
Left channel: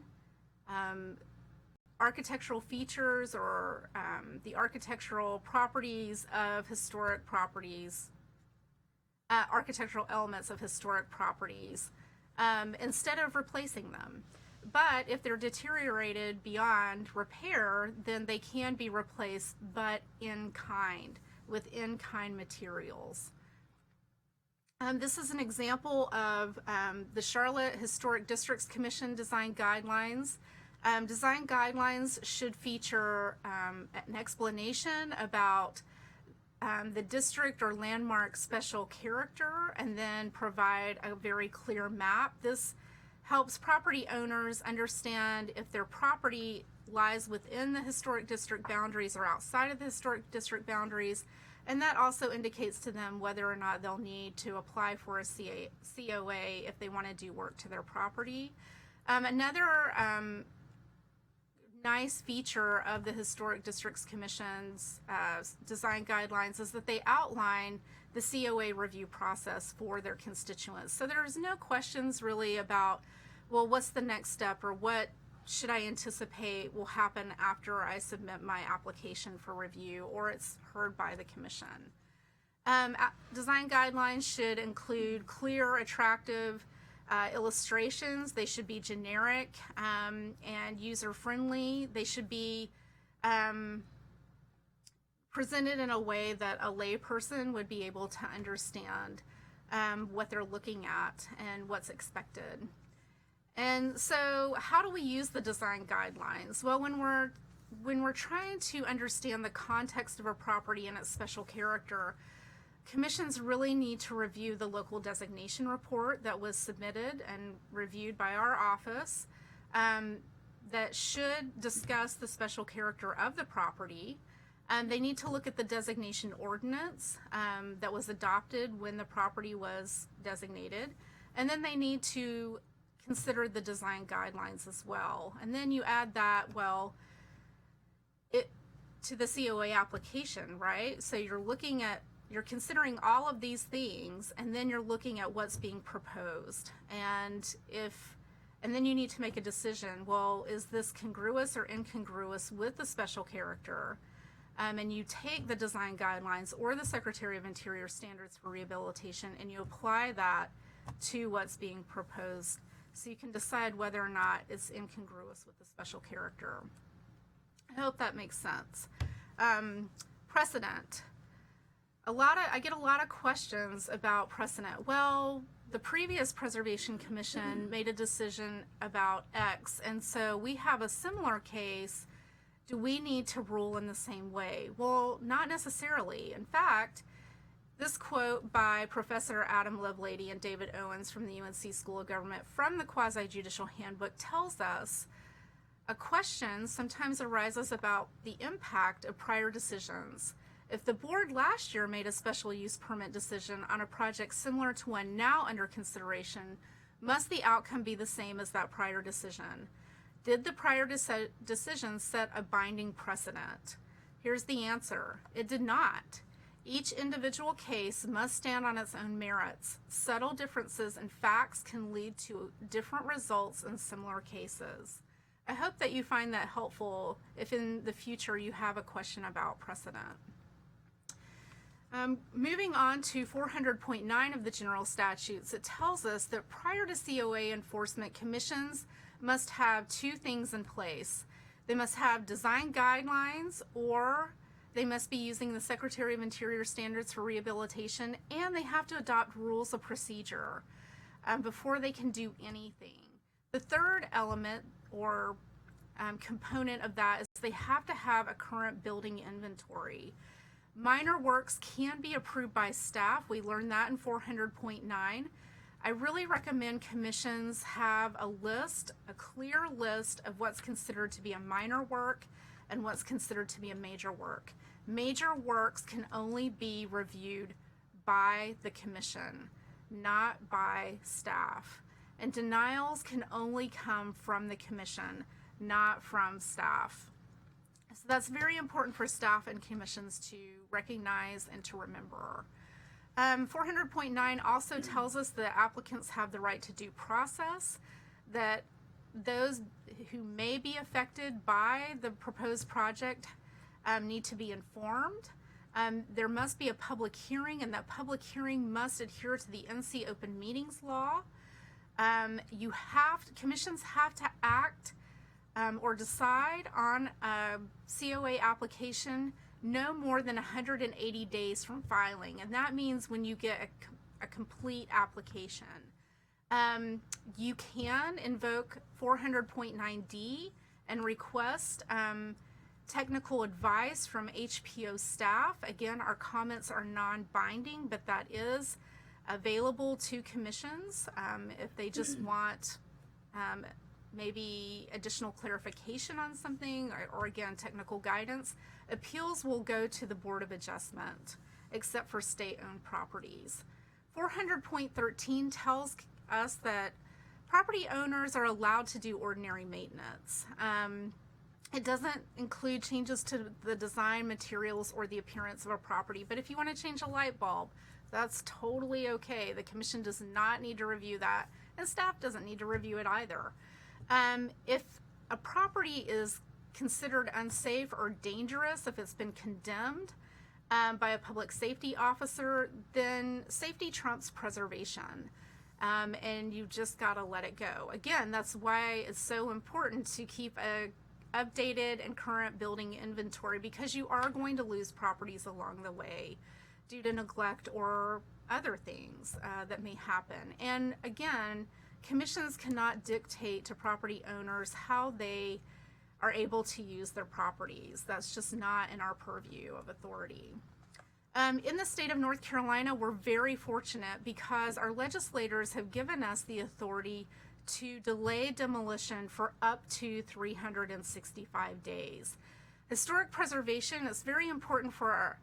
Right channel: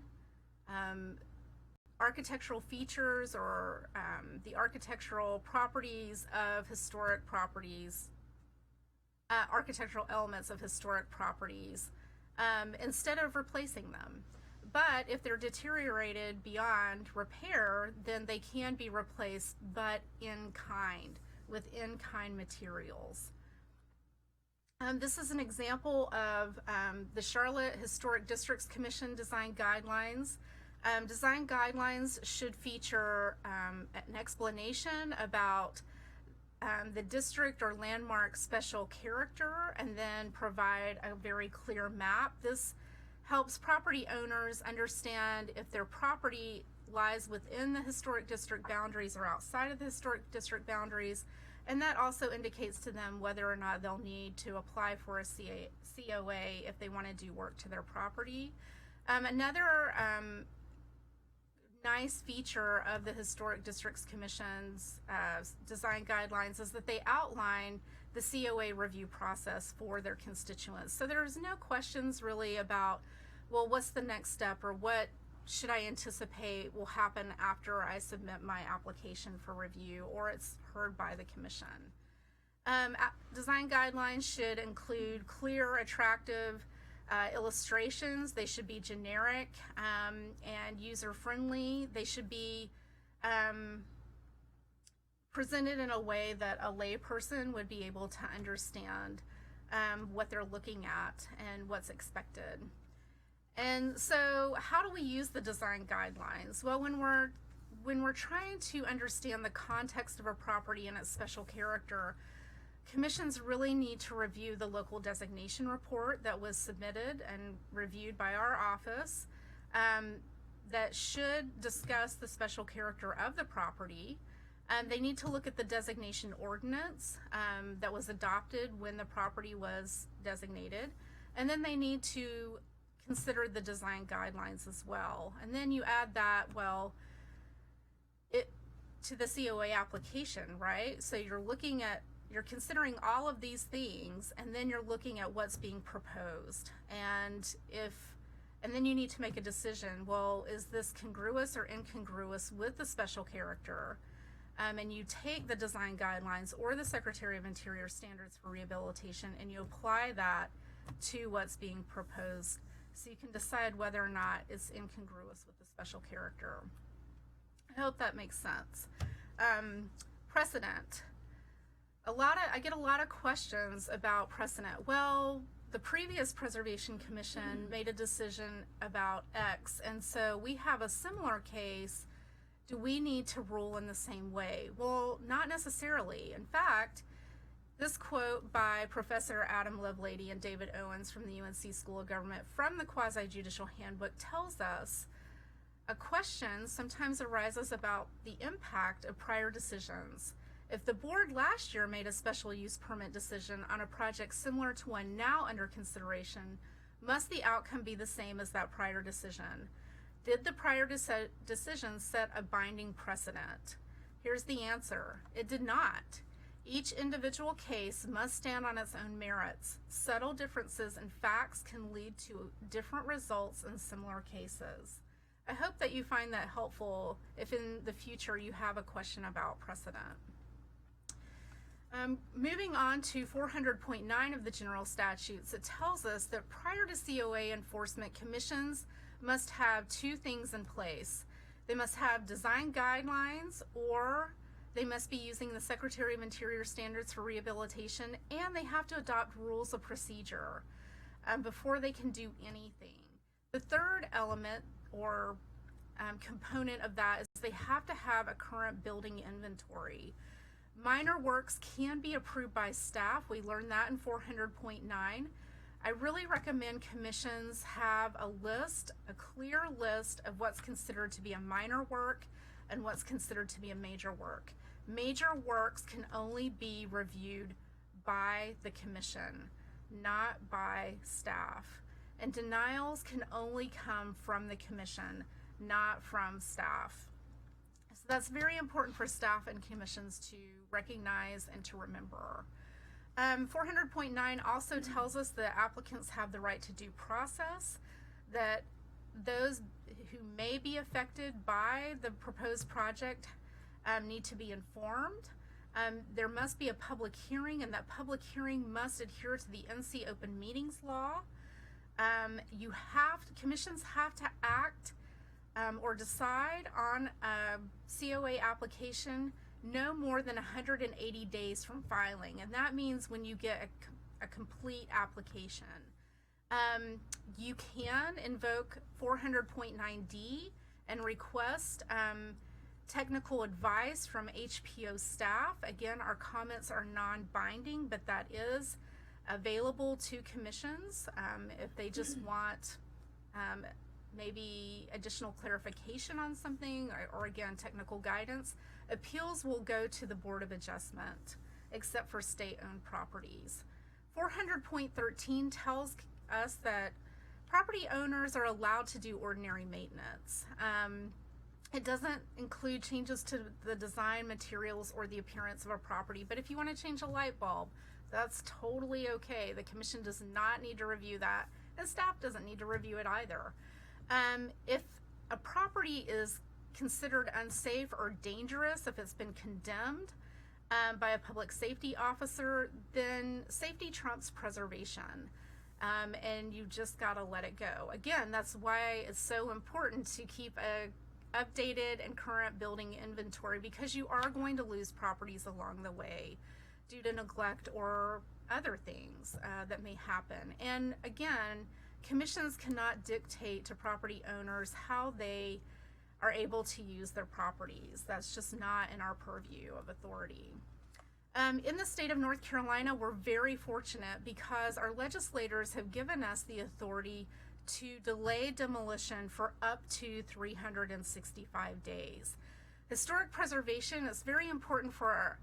architectural features or the architectural properties of historic properties, architectural elements of historic properties, instead of replacing them. But if they're deteriorated beyond repair, then they can be replaced, but in kind, with in-kind materials. This is an example of the Charlotte Historic Districts Commission design guidelines. Design guidelines should feature an explanation about the district or landmark special character, and then provide a very clear map. This helps property owners understand if their property lies within the historic district boundaries or outside of the historic district boundaries, and that also indicates to them whether or not they'll need to apply for a COA if they want to do work to their property. Another nice feature of the Historic Districts Commission's design guidelines is that they outline the COA review process for their constituents. So there's no questions really about, well, what's the next step, or what should I anticipate will happen after I submit my application for review or it's heard by the commission. Design guidelines should include clear, attractive illustrations. They should be generic and user-friendly. They should be presented in a way that a layperson would be able to understand what they're looking at and what's expected. And so how do we use the design guidelines? Well, when we're trying to understand the context of a property and its special character, commissions really need to review the local designation report that was submitted and reviewed by our office that should discuss the special character of the property. They need to look at the designation ordinance that was adopted when the property was designated. And then they need to consider the design guidelines as well. And then you add that, well, to the COA application, right? So you're considering all of these things, and then you're looking at what's being proposed. And then you need to make a decision, well, is this congruous or incongruous with the special character? And you take the design guidelines or the Secretary of Interior standards for rehabilitation and you apply that to what's being proposed, so you can decide whether or not it's incongruous with the special character. I hope that makes sense. Precedent. I get a lot of questions about precedent. Well, the previous Preservation Commission made a decision about X, and so we have a similar case. Do we need to rule in the same way? Well, not necessarily. In fact, this quote by Professor Adam Lovelady and David Owens from the UNC School of Government from the Quasi-Judicial Handbook tells us a question sometimes arises about the impact of prior decisions. If the board last year made a special use permit decision on a project similar to one now under consideration, must the outcome be the same as that prior decision? Did the prior decision set a binding precedent? Here's the answer. It did not. Each individual case must stand on its own merits. Subtle differences in facts can lead to different results in similar cases. I hope that you find that helpful if in the future you have a question about precedent. Moving on to 400.9 of the general statutes, it tells us that prior to COA enforcement, commissions must have two things in place. They must have design guidelines, or they must be using the Secretary of Interior standards for rehabilitation, and they have to adopt rules of procedure before they can do anything. The third element or component of that is they have to have a current building inventory. Minor works can be approved by staff. We learned that in 400.9. I really recommend commissions have a clear list of what's considered to be a minor work and what's considered to be a major work. Major works can only be reviewed by the commission, not by staff. And denials can only come from the commission, not from staff. So that's very important for staff and commissions to recognize and to remember. 400.9 also tells us that applicants have the right to due process, that those who may be affected by the proposed project need to be informed. There must be a public hearing, and that public hearing must adhere to the NC Open Meetings Law. Commissions have to act or decide on a COA application no more than 180 days from filing, and that means when you get a complete application. You can invoke 400.9D and request technical advice from HPO staff. Again, our comments are non-binding, but that is available to commissions if they just want maybe additional clarification on something or again, technical guidance. Appeals will go to the Board of Adjustment, except for state-owned properties. 400.13 tells us that property owners are allowed to do ordinary maintenance. It doesn't include changes to the design, materials, or the appearance of a property. But if you want to change a light bulb, that's totally okay. The commission does not need to review that, and staff doesn't need to review it either. If a property is considered unsafe or dangerous, if it's been condemned by a public safety officer, then safety trumps preservation. And you just got to let it go. Again, that's why it's so important to keep a updated and current building inventory, because you are going to lose properties along the way due to neglect or other things that may happen. And again, commissions cannot dictate to property owners how they are able to use their properties. That's just not in our purview of authority. In the state of North Carolina, we're very fortunate because our legislators have given us the authority to delay demolition for up to 365 days. Historic preservation is very important for our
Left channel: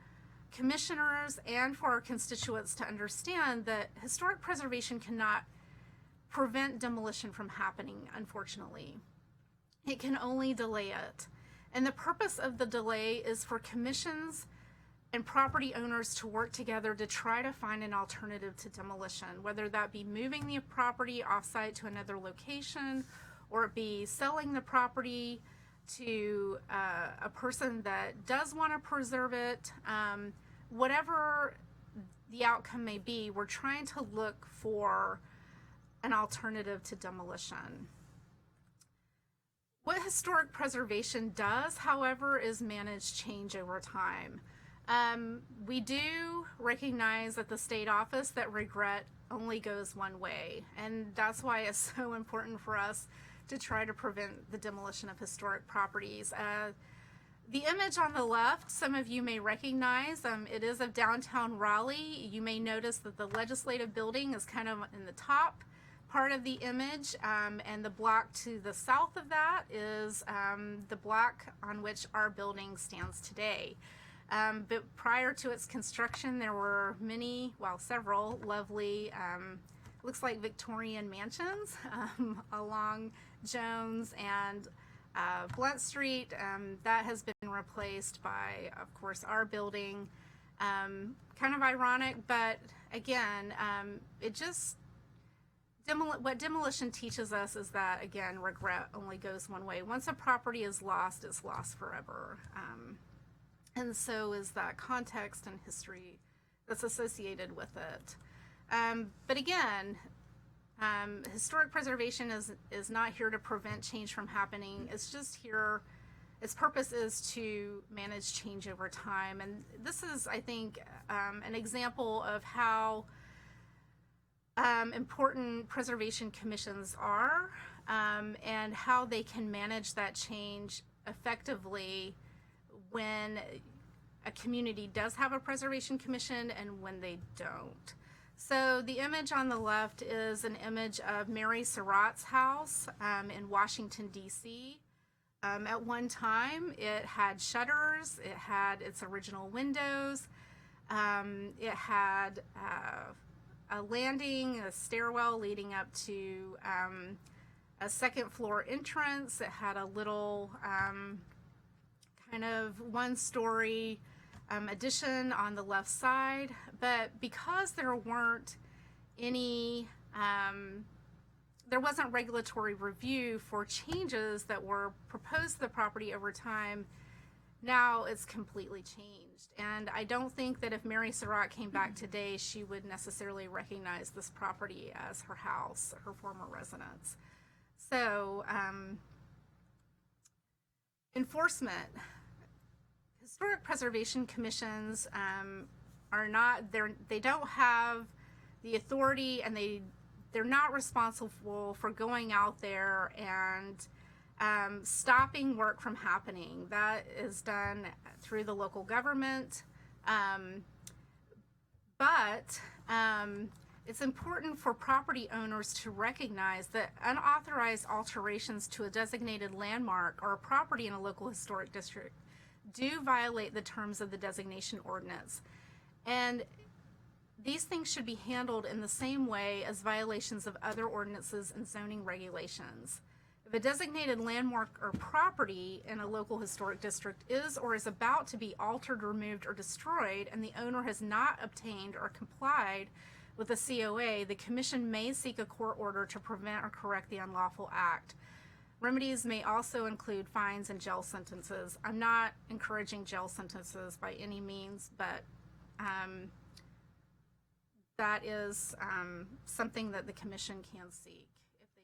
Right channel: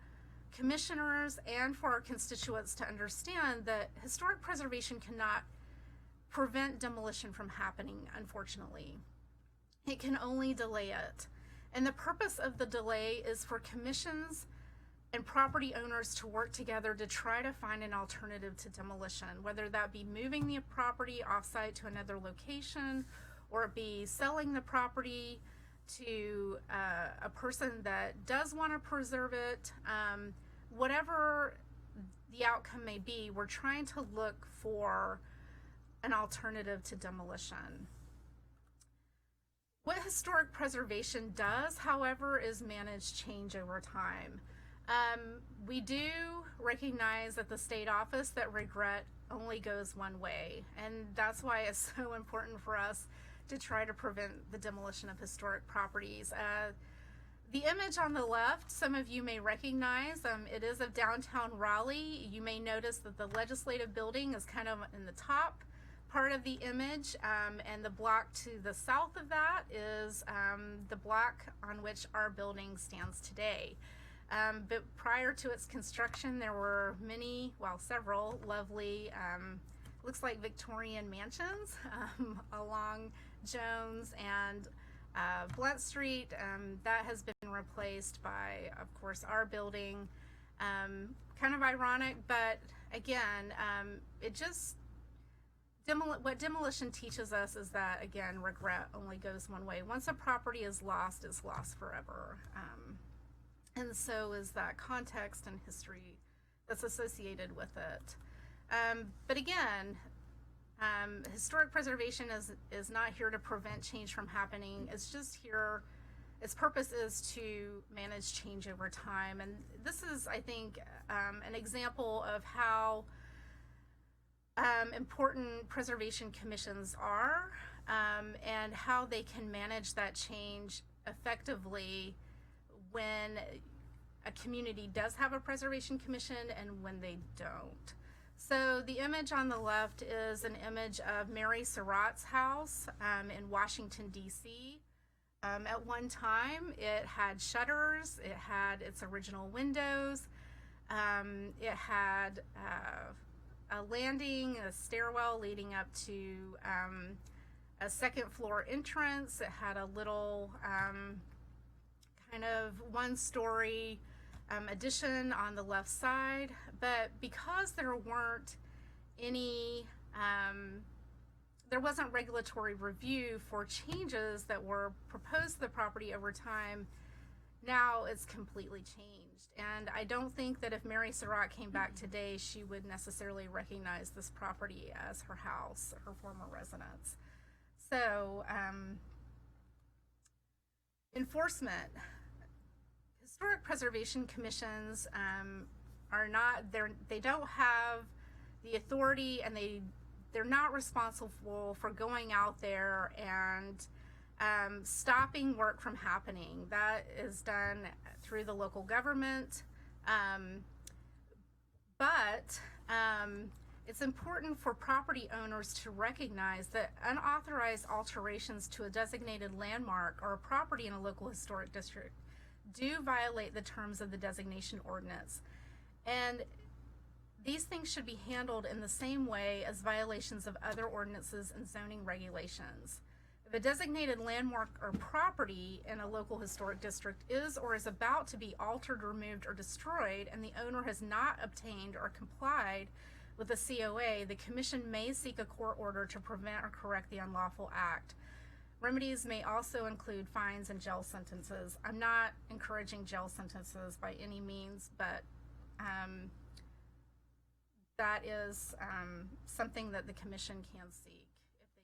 commissioners and for our constituents to understand that historic preservation cannot prevent demolition from happening, unfortunately. It can only delay it. And the purpose of the delay is for commissions and property owners to work together to try to find an alternative to demolition, whether that be moving the property offsite to another location, or it be selling the property to a person that does want to preserve it. Whatever the outcome may be, we're trying to look for an alternative to demolition. What historic preservation does, however, is manage change over time. We do recognize at the state office that regret only goes one way, and that's why it's so important for us to try to prevent the demolition of historic properties. The image on the left, some of you may recognize. It is of downtown Raleigh. You may notice that the legislative building is kind of in the top part of the image, and the block to the south of that is the block on which our building stands today. But prior to its construction, there were several lovely, looks like Victorian mansions along Jones and Blunt Street. That has been replaced by, of course, our building. Kind of ironic, but again, what demolition teaches us is that, again, regret only goes one way. Once a property is lost, it's lost forever. And so is that context and history that's associated with it. But again, historic preservation is not here to prevent change from happening. It's just here, its purpose is to manage change over time. And this is, I think, an example of how important preservation commissions are, and how they can manage that change effectively when a community does have a preservation commission and when they don't. So the image on the left is an image of Mary Surratt's house in Washington, D.C. At one time, it had shutters, it had its original windows, it had a landing, a stairwell leading up to a second floor entrance. It had a little kind of one-story addition on the left side, but because there wasn't regulatory review for changes that were proposed to the property over time, now it's completely changed. And I don't think that if Mary Surratt came back today, she would necessarily recognize this property as her house, her former residence. So, enforcement. Historic preservation commissions they don't have the authority, and they're not responsible for going out there and stopping work from happening. That is done through the local government. But it's important for property owners to recognize that unauthorized alterations to a designated landmark or a property in a local historic district do violate the terms of the designation ordinance. And these things should be handled in the same way as violations of other ordinances and zoning regulations. If If a designated landmark or property in a local historic district is or is about to be altered, removed, or destroyed, and the owner has not obtained or complied with the COA, the Commission may seek a court order to prevent or correct the unlawful act. Remedies may also include fines and jail sentences. I'm not encouraging jail sentences by any means, but that is something that the Commission can seek if they choose to do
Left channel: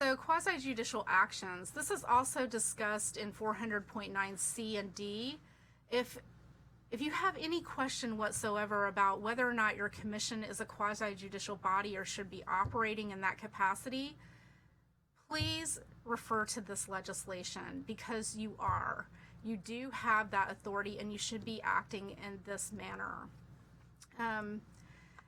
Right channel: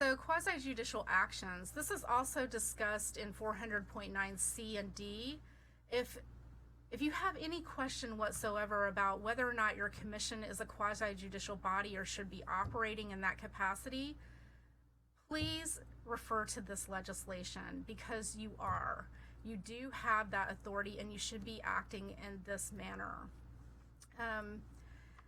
so. So quasi-judicial actions. This is also discussed in 400.9C and D. If you have any question whatsoever about whether or not your commission is a quasi-judicial body or should be operating in that capacity, please refer to this legislation, because you are. You do have that authority and you should be acting in this manner.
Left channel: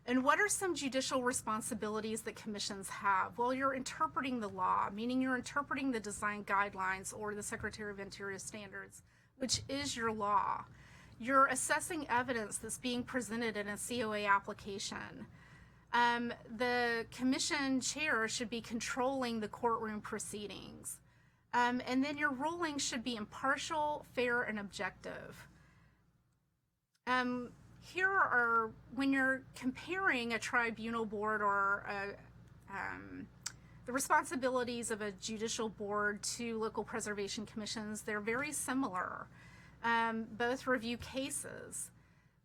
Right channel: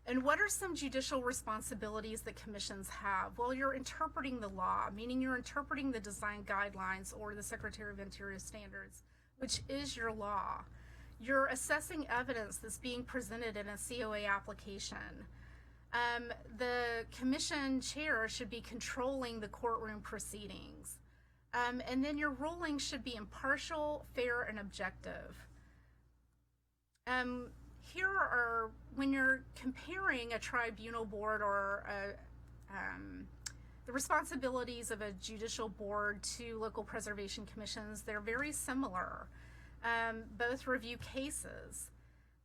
And what are some judicial responsibilities that commissions have? Well, you're interpreting the law, meaning you're interpreting the design guidelines or the Secretary of Interior standards, which is your law. You're assessing evidence that's being presented in a COA application. The commission chair should be controlling the courtroom proceedings. And then your ruling should be impartial, fair, and objective. Here are, when you're comparing a tribunal board or the responsibilities of a judicial board to local preservation commissions, they're very similar. Both review cases,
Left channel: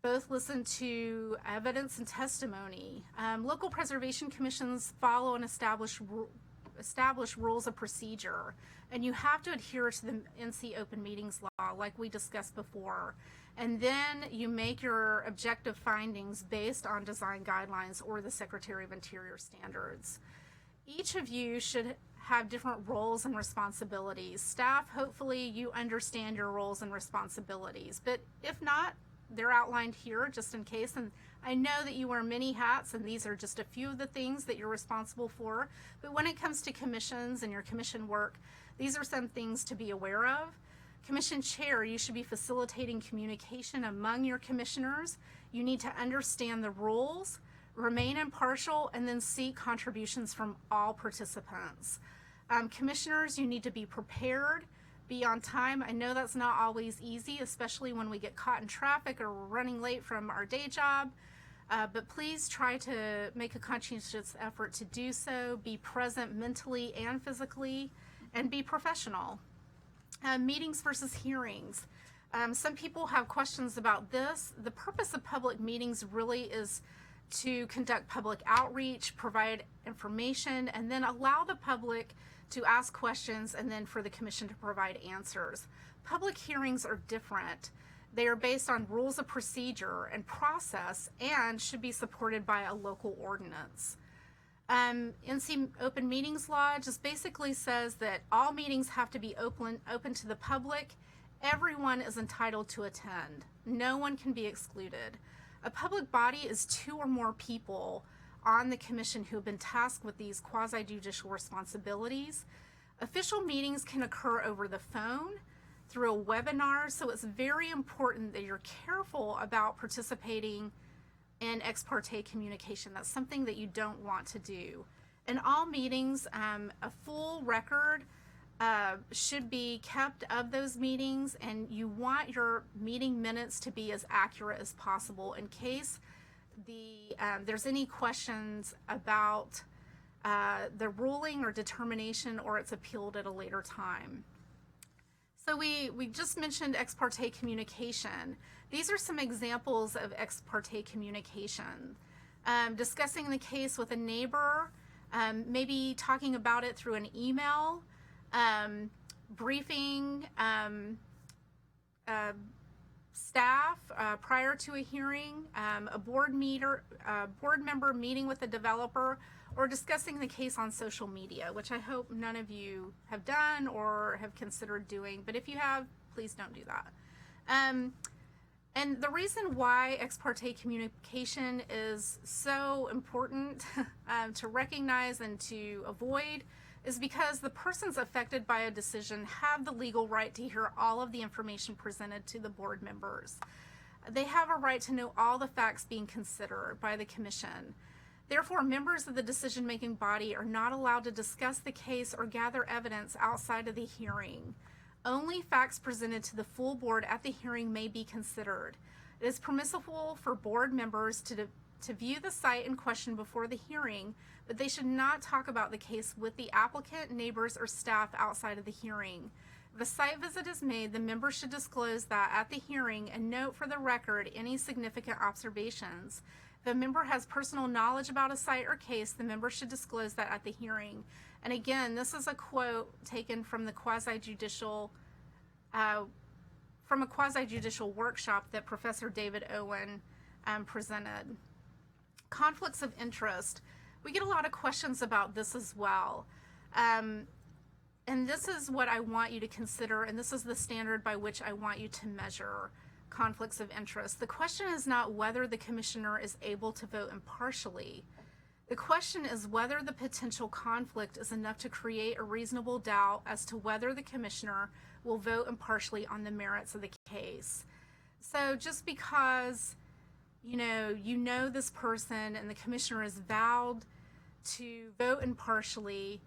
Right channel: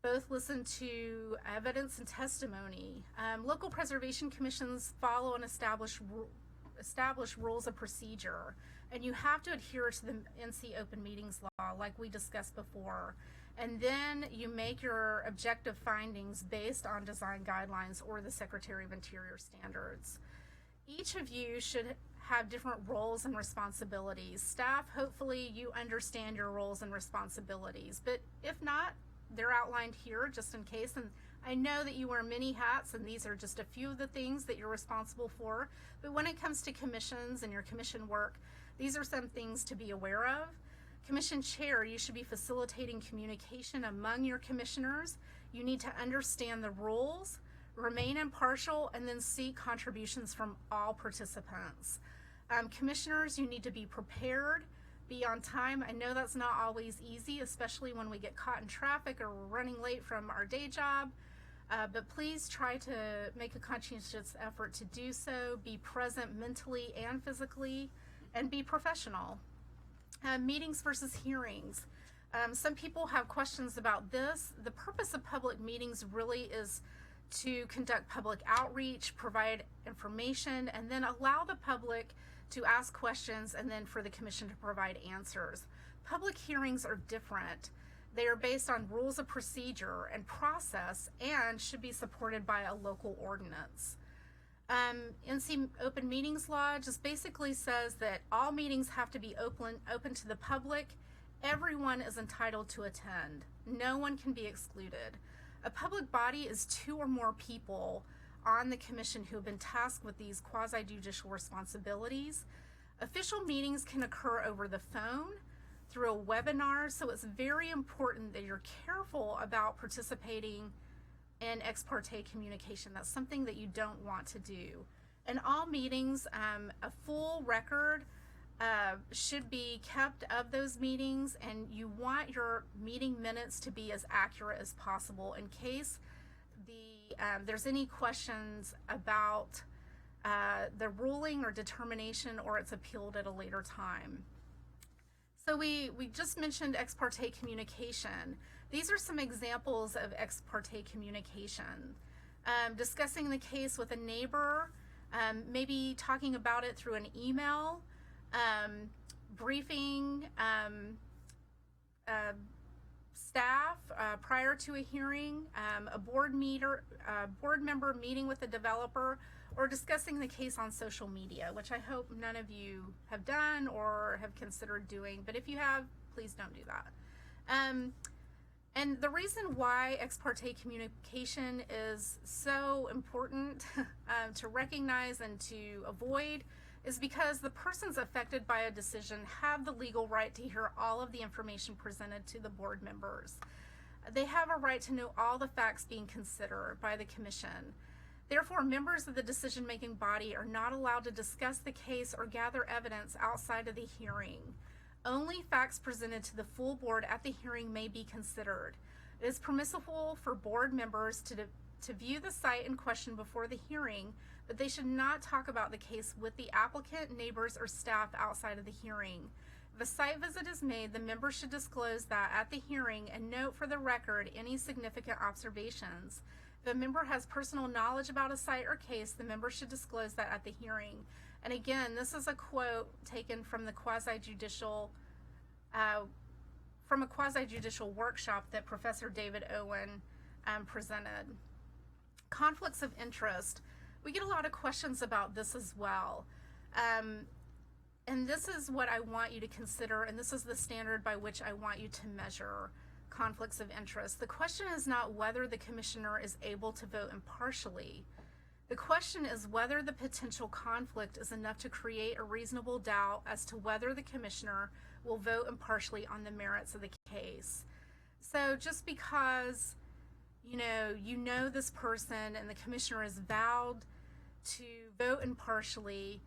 both listen to evidence and testimony. Local preservation commissions follow and establish rules of procedure, and you have to adhere to the NC Open Meetings Law like we discussed before. And then you make your objective findings based on design guidelines or the Secretary of Interior standards. Each of you should have different roles and responsibilities. Staff, hopefully you understand your roles and responsibilities, but if not, they're outlined here just in case. And I know that you wear many hats, and these are just a few of the things that you're responsible for. But when it comes to commissions and your commission work, these are some things to be aware of. Commission chair, you should be facilitating communication among your commissioners. You need to understand the rules, remain impartial, and then seek contributions from all participants. Commissioners, you need to be prepared, be on time. I know that's not always easy, especially when we get caught in traffic or we're running late from our day job. But please try to make a conscientious effort to do so. Be present mentally and physically, and be professional. Meetings versus hearings. Some people have questions about this. The purpose of public meetings really is to conduct public outreach, provide information, and then allow the public to ask questions, and then for the commission to provide answers. Public hearings are different. They are based on rules of procedure and process and should be supported by a local ordinance. NC Open Meetings Law just basically says that all meetings have to be open to the public. Everyone is entitled to attend. No one can be excluded. A public body is two or more people on the commission who have been tasked with these quasi-judicial responsibilities. Official meetings can occur over the phone, through a webinar, so it's very important that you're careful about participating in ex parte communication. That's something that you don't want to do. In all meetings, a full record should be kept of those meetings, and you want your meeting minutes to be as accurate as possible in case there's any questions about the ruling or determination, or it's appealed at a later time. So we just mentioned ex parte communication. These are some examples of ex parte communication. Discussing the case with a neighbor, maybe talking about it through an email, briefing staff prior to a hearing, a board member meeting with a developer, or discussing the case on social media, which I hope none of you have done or have considered doing, but if you have, please don't do that. And the reason why ex parte communication is so important to recognize and to avoid is because the persons affected by a decision have the legal right to hear all of the information presented to the board members. They have a right to know all the facts being considered by the commission. Therefore, members of the decision-making body are not allowed to discuss the case or gather evidence outside of the hearing. Only facts presented to the full board at the hearing may be considered. It is permissible for board members to view the site in question before the hearing, but they should not talk about the case with the applicant, neighbors, or staff outside of the hearing. If a site visit is made, the member should disclose that at the hearing and note for the record any significant observations. If a member has personal knowledge about a site or case, the member should disclose that at the hearing. And again, this is a quote taken from the quasi-judicial workshop that Professor David Owen presented. Conflicts of interest. We get a lot of questions about this as well. And this is what I want you to consider, and this is the standard by which I want you to measure conflicts of interest. The question is not whether the commissioner is able to vote impartially. The question is whether the potential conflict is enough to create a reasonable doubt as to whether the commissioner will vote impartially on the merits of the case. So just because you know this person and the commissioner is vowed to vote impartially,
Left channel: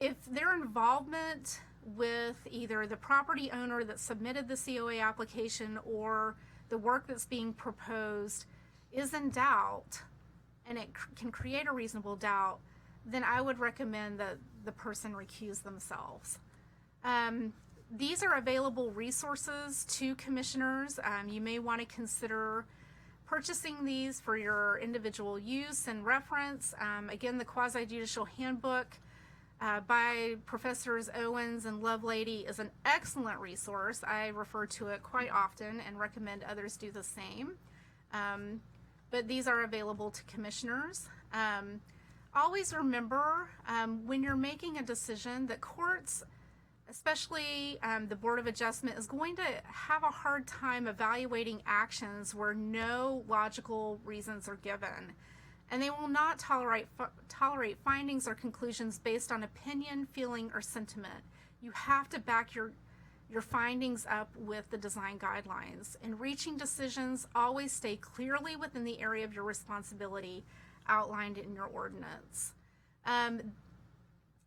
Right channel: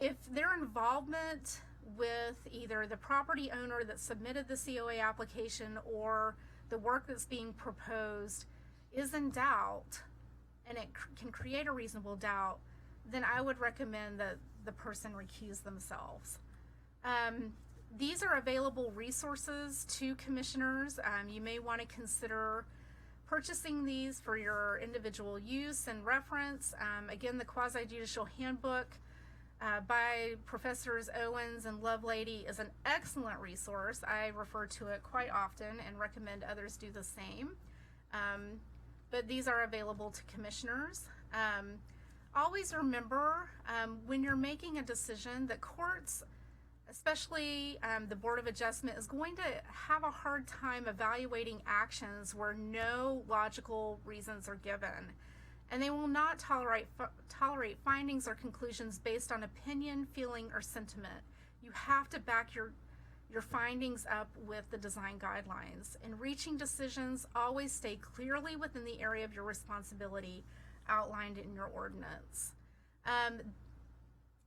if their involvement with either the property owner that submitted the COA application or the work that's being proposed is in doubt, and it can create a reasonable doubt, then I would recommend that the person recuse themselves. These are available resources to commissioners. You may want to consider purchasing these for your individual use and reference. Again, the Quasi-Judicial Handbook by Professors Owens and Lovelady is an excellent resource. I refer to it quite often and recommend others do the same. But these are available to commissioners. Always remember when you're making a decision that courts, especially the Board of Adjustment, is going to have a hard time evaluating actions where no logical reasons are given. And they will not tolerate findings or conclusions based on opinion, feeling, or sentiment. You have to back your findings up with the design guidelines. In reaching decisions, always stay clearly within the area of your responsibility outlined in your ordinance.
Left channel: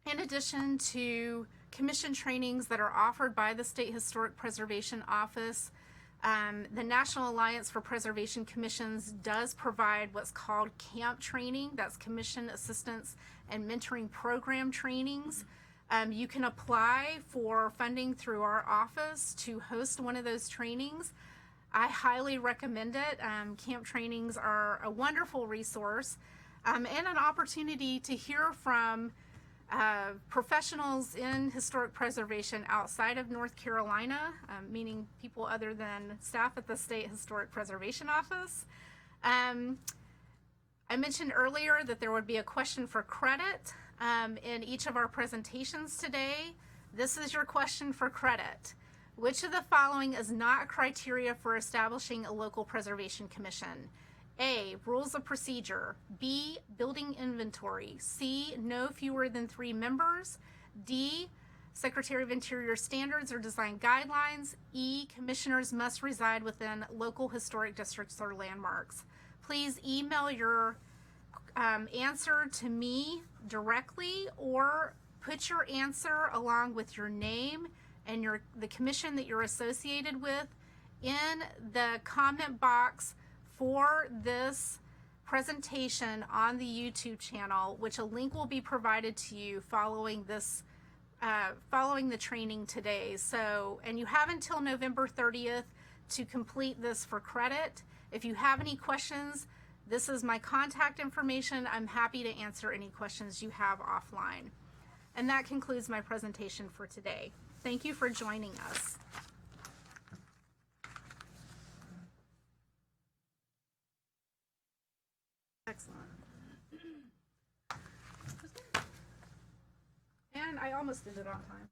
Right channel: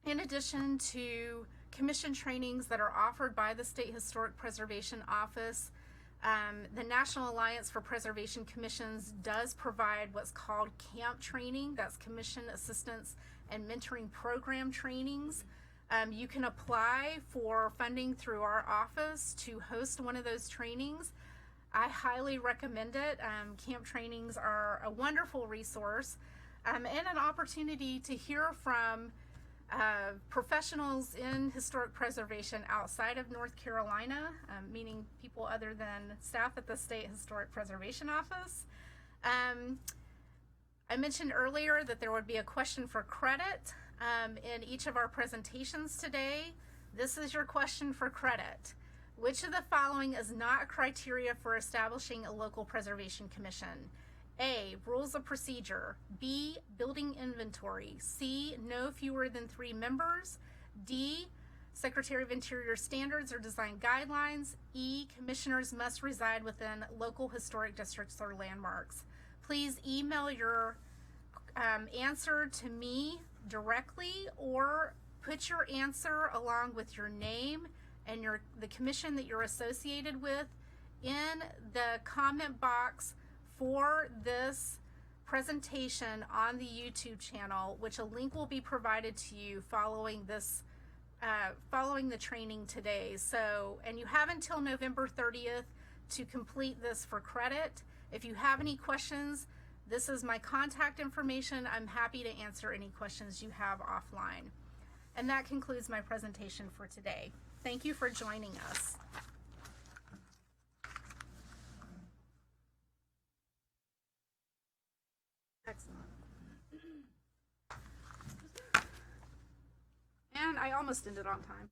In addition to commission trainings that are offered by the State Historic Preservation Office, the National Alliance for Preservation Commissions does provide what's called CAMP training. That's Commission Assistance and Mentoring Program trainings. You can apply for funding through our office to host one of those trainings. I highly recommend it. CAMP trainings are a wonderful resource and an opportunity to hear from professionals in historic preservation outside of North Carolina, meaning people other than staff at the State Historic Preservation Office. I mentioned earlier that there would be a question for credit in each of our presentations today. This is your question for credit. Which of the following is not a criteria for establishing a local preservation commission? A, rules of procedure. B, building inventory. C, no fewer than 3 members. D, Secretary of Interior standards or design guidelines. E, commissioners must reside within local historic districts or landmarks. Please email your answer to me directly, or put your answer along with your name and the commission that you're associated with in the comment box for this presentation on the YouTube channel, which a link will be provided to you following this, following the training today. So, and you have until November 30th to complete this for credit. If you have any questions, this is my contact information. I'm happy to answer any questions you have offline. And that concludes my presentation for today. Thank you for joining us. Excellent. And I almost ended on time.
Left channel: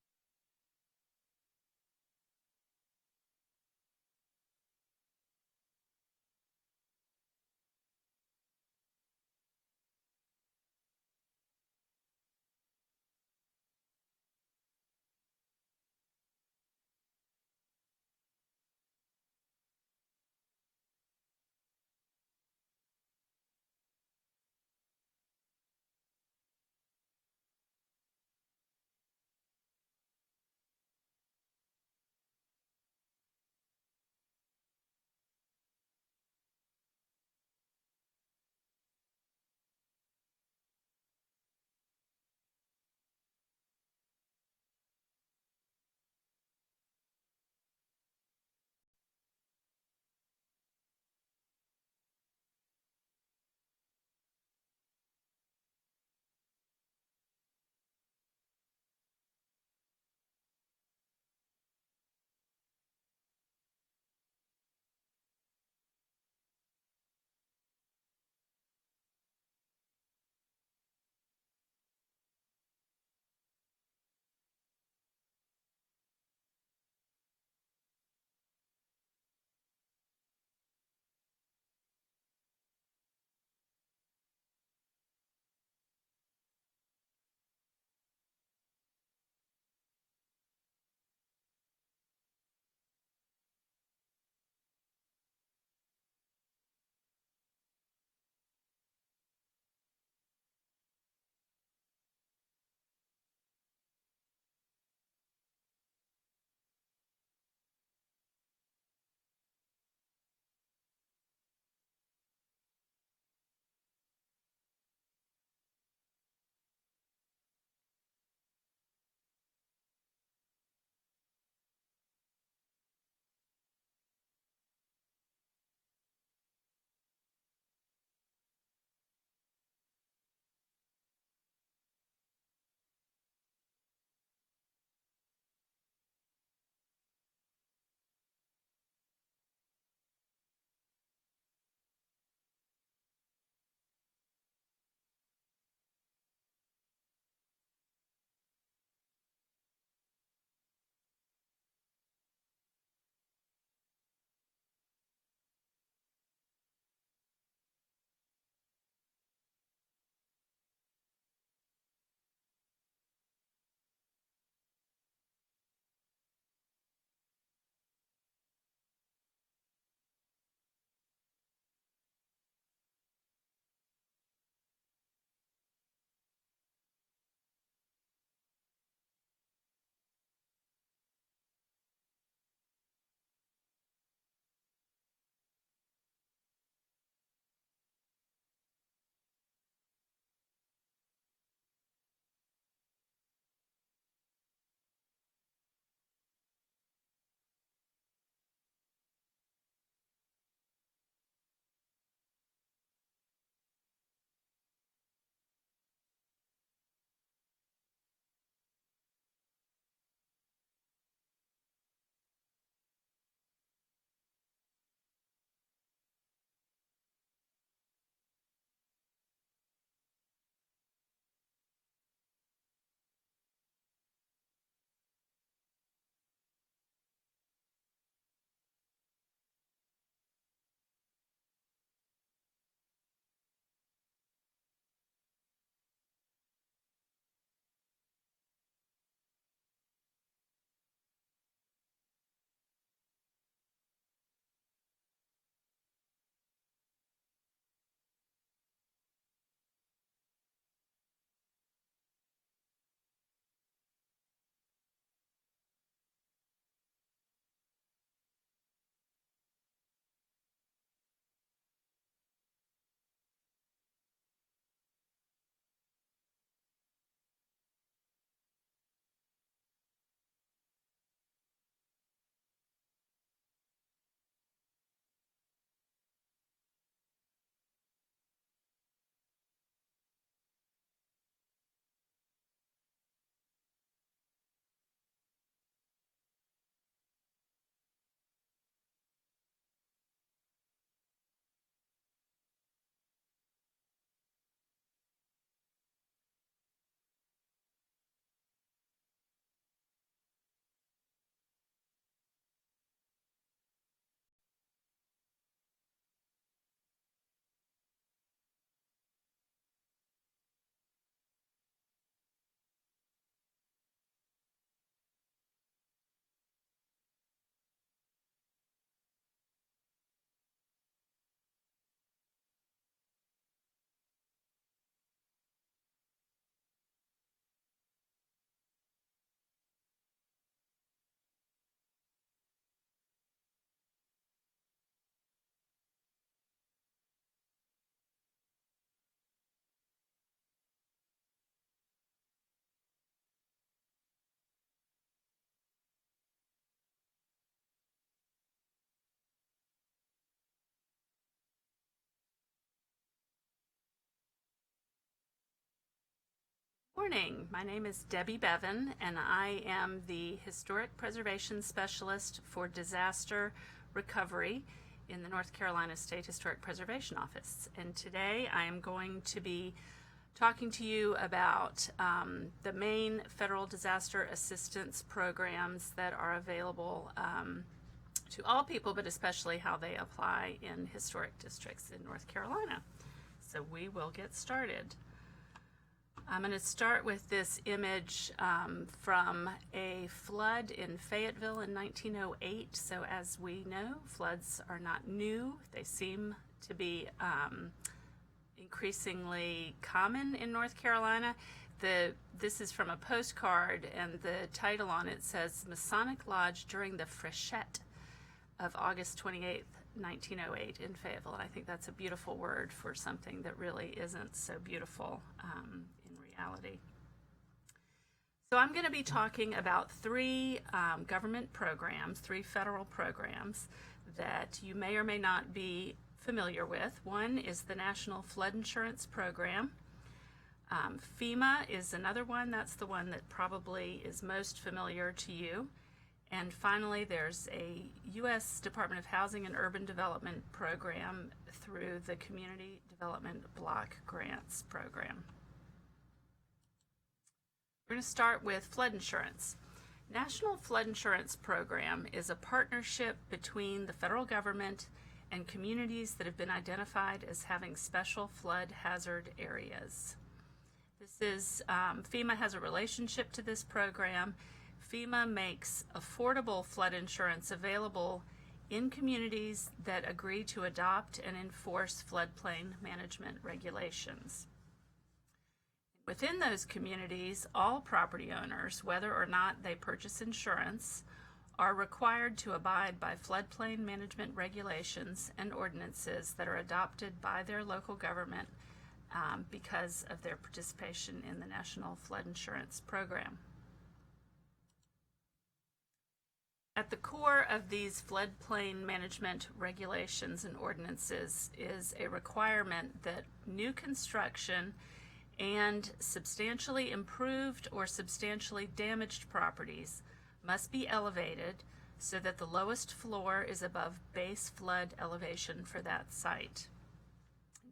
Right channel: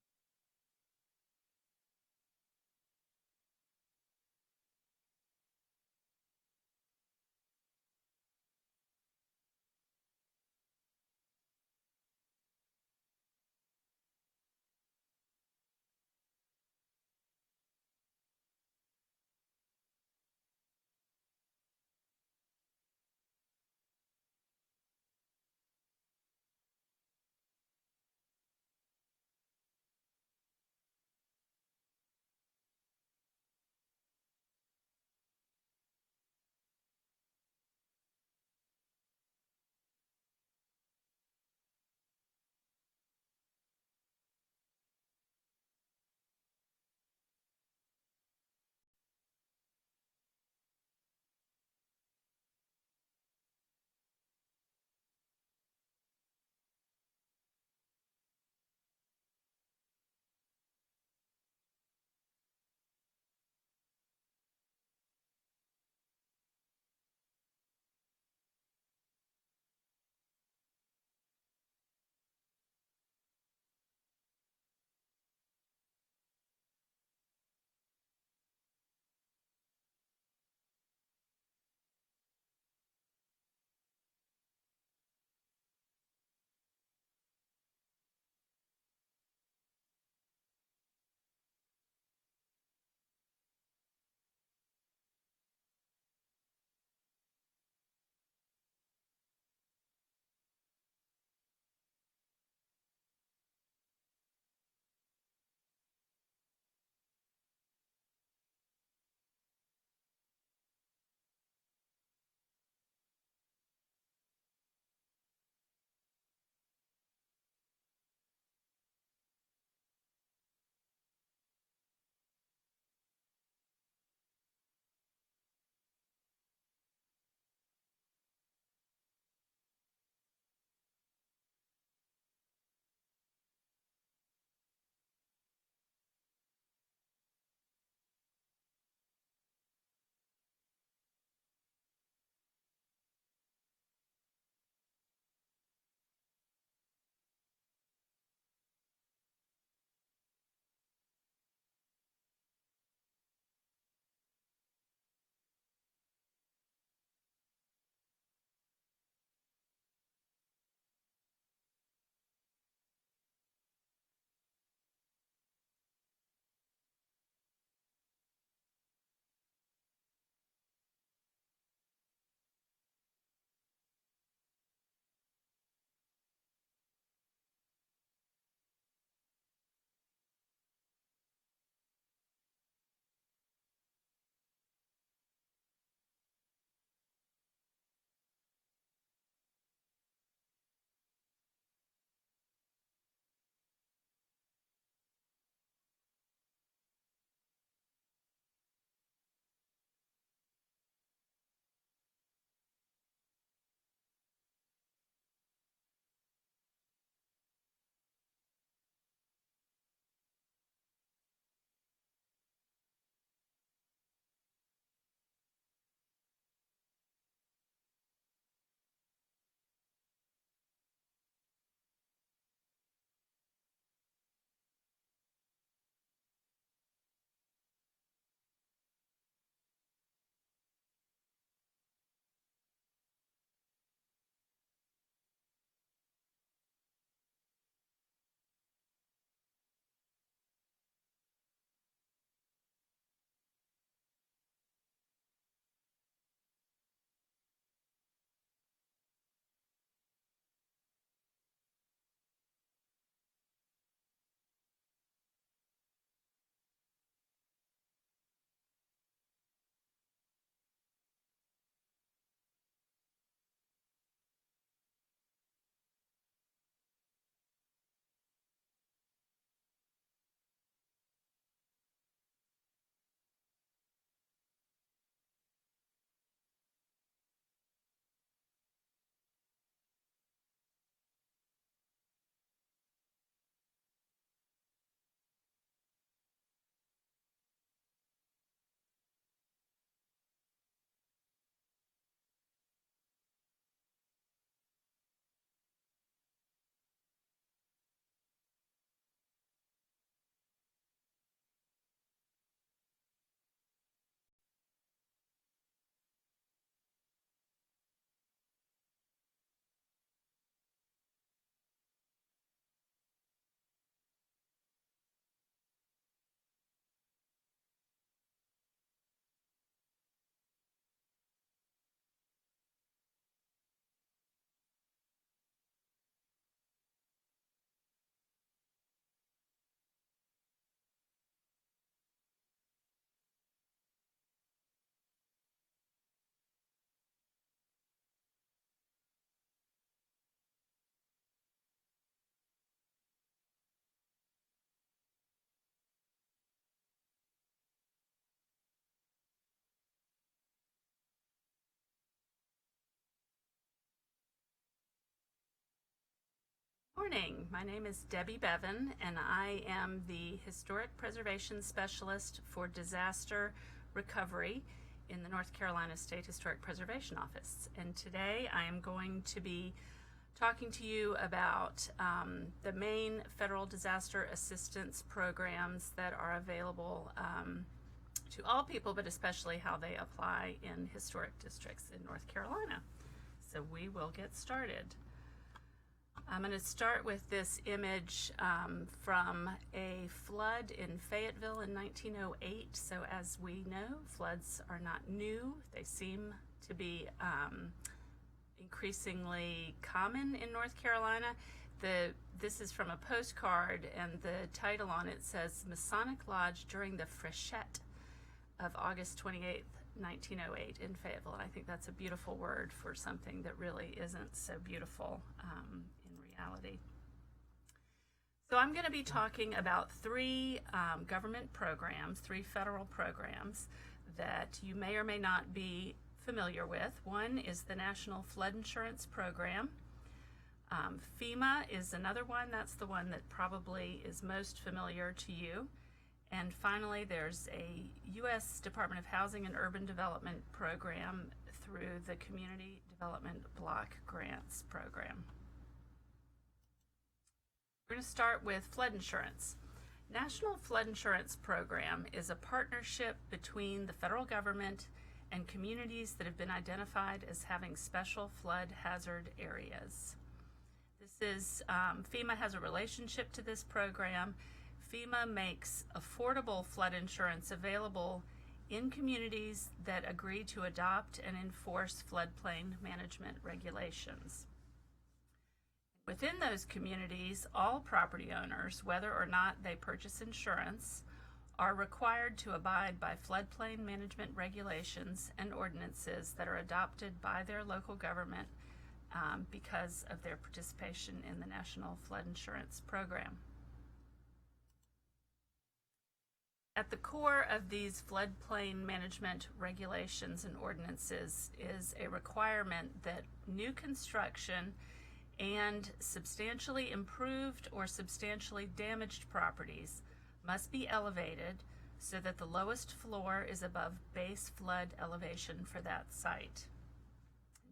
Morning. My name is Debbie Bevan, and I am the Historic Preservation Specialist for Disaster Recovery in the North Carolina State Historic Preservation Office. And today I am going to be talking to you about the main federal disaster assistance programs that are available to all people, but especially how they apply in historic districts in North Carolina. So we will get started. I'm going to start with this image from a flood in Fayetteville in 1908. So as we know, floods are not new. They seem to be increasingly common in North Carolina. This is from a postcard, and the title on it says Masonic Lodge during the Freshet of August 28th, 1908 in Fayetteville. And I think that's a beautiful word for something that really isn't so beautiful in reality. So I'm going to be talking about three government programs, three federal programs that you may or may not be familiar with. One is the National Flood Insurance Program. FEMA is another one. That's the one that probably is most familiar to you. And finally, there's a U.S. Department of Housing and Urban Development program through the Community Development Block Grants program. We're going to start with flood insurance. National Flood Insurance Program is a partnership between the federal government and communities that have been identified as having special flood hazard areas. FEMA has a relationship to this program. FEMA makes affordable flood insurance available in communities that agree to adopt and enforce floodplain management regulations. Within those communities, all property owners, whether or not they purchase insurance, are required to abide by floodplain management regulations and ordinances that are adopted by their local government because of their participation in the National Flood Insurance Program. At the core of these floodplain management regulations and ordinances is a requirement that new construction and substantially improved or substantially damaged properties must be elevated so that the lowest floor is above base flood elevation for that site.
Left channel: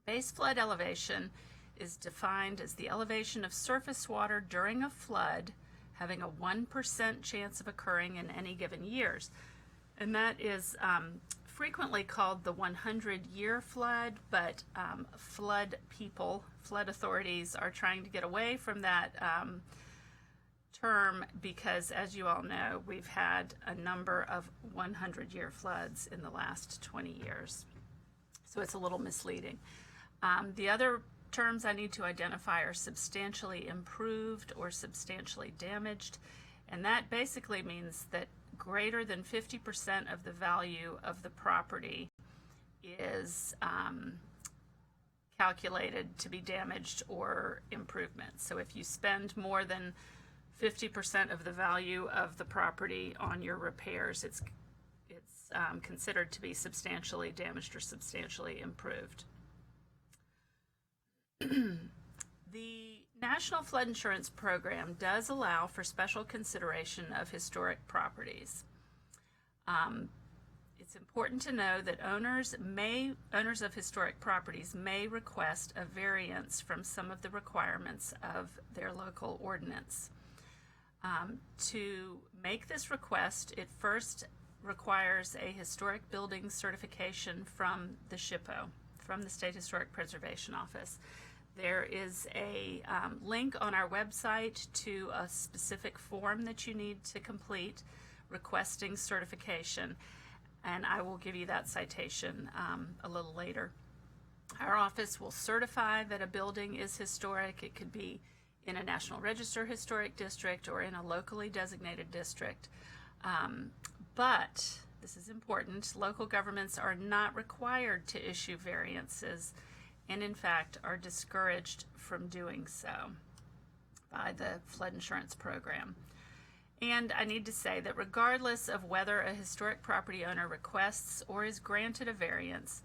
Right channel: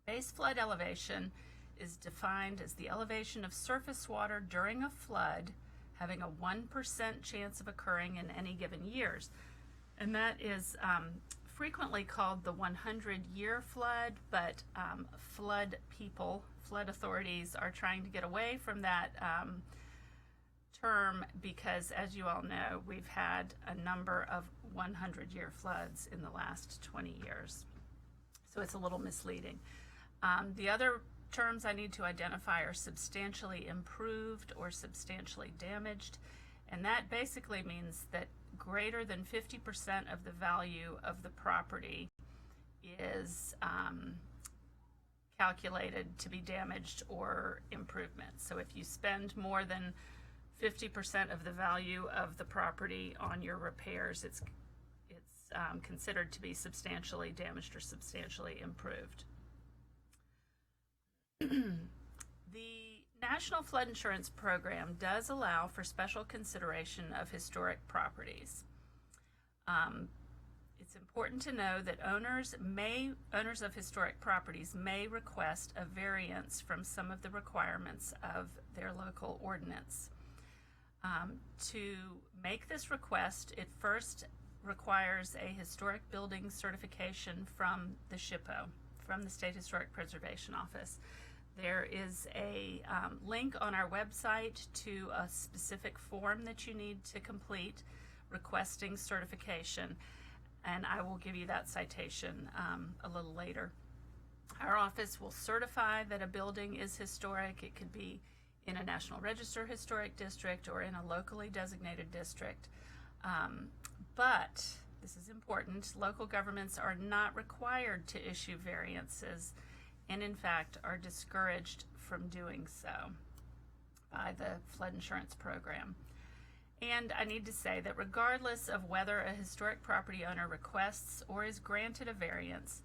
Base flood elevation is defined as the elevation of surface water during a flood having a 1% chance of occurring in any given years. And that is frequently called the 100-year flood, but flood authorities are trying to get away from that term because, as you all know, we've had a number of 100-year floods in the last 20 years. So it's a little misleading. The other terms I need to identify are substantially improved or substantially damaged, and that basically means that greater than 50% of the value of the property is calculated to be damaged or improvement. So if you spend more than 50% of the value of the property on your repairs, it's considered to be substantially damaged or substantially improved. The National Flood Insurance Program does allow for special consideration of historic properties. It's important to know that owners of historic properties may request a variance from some of the requirements of their local ordinance. To make this request, it first requires a historic building certification from the SHPO, from the State Historic Preservation Office. There is a link on our website to a specific form that you need to complete requesting certification, and I will give you that citation a little later. Our office will certify that a building is historic. It could be in a National Register Historic District or in a locally designated district. But, this is important, local governments are not required to issue variances and in fact are discouraged from doing so by the flood insurance program. And I need to say that regardless of whether a historic property owner requests or is granted a variance,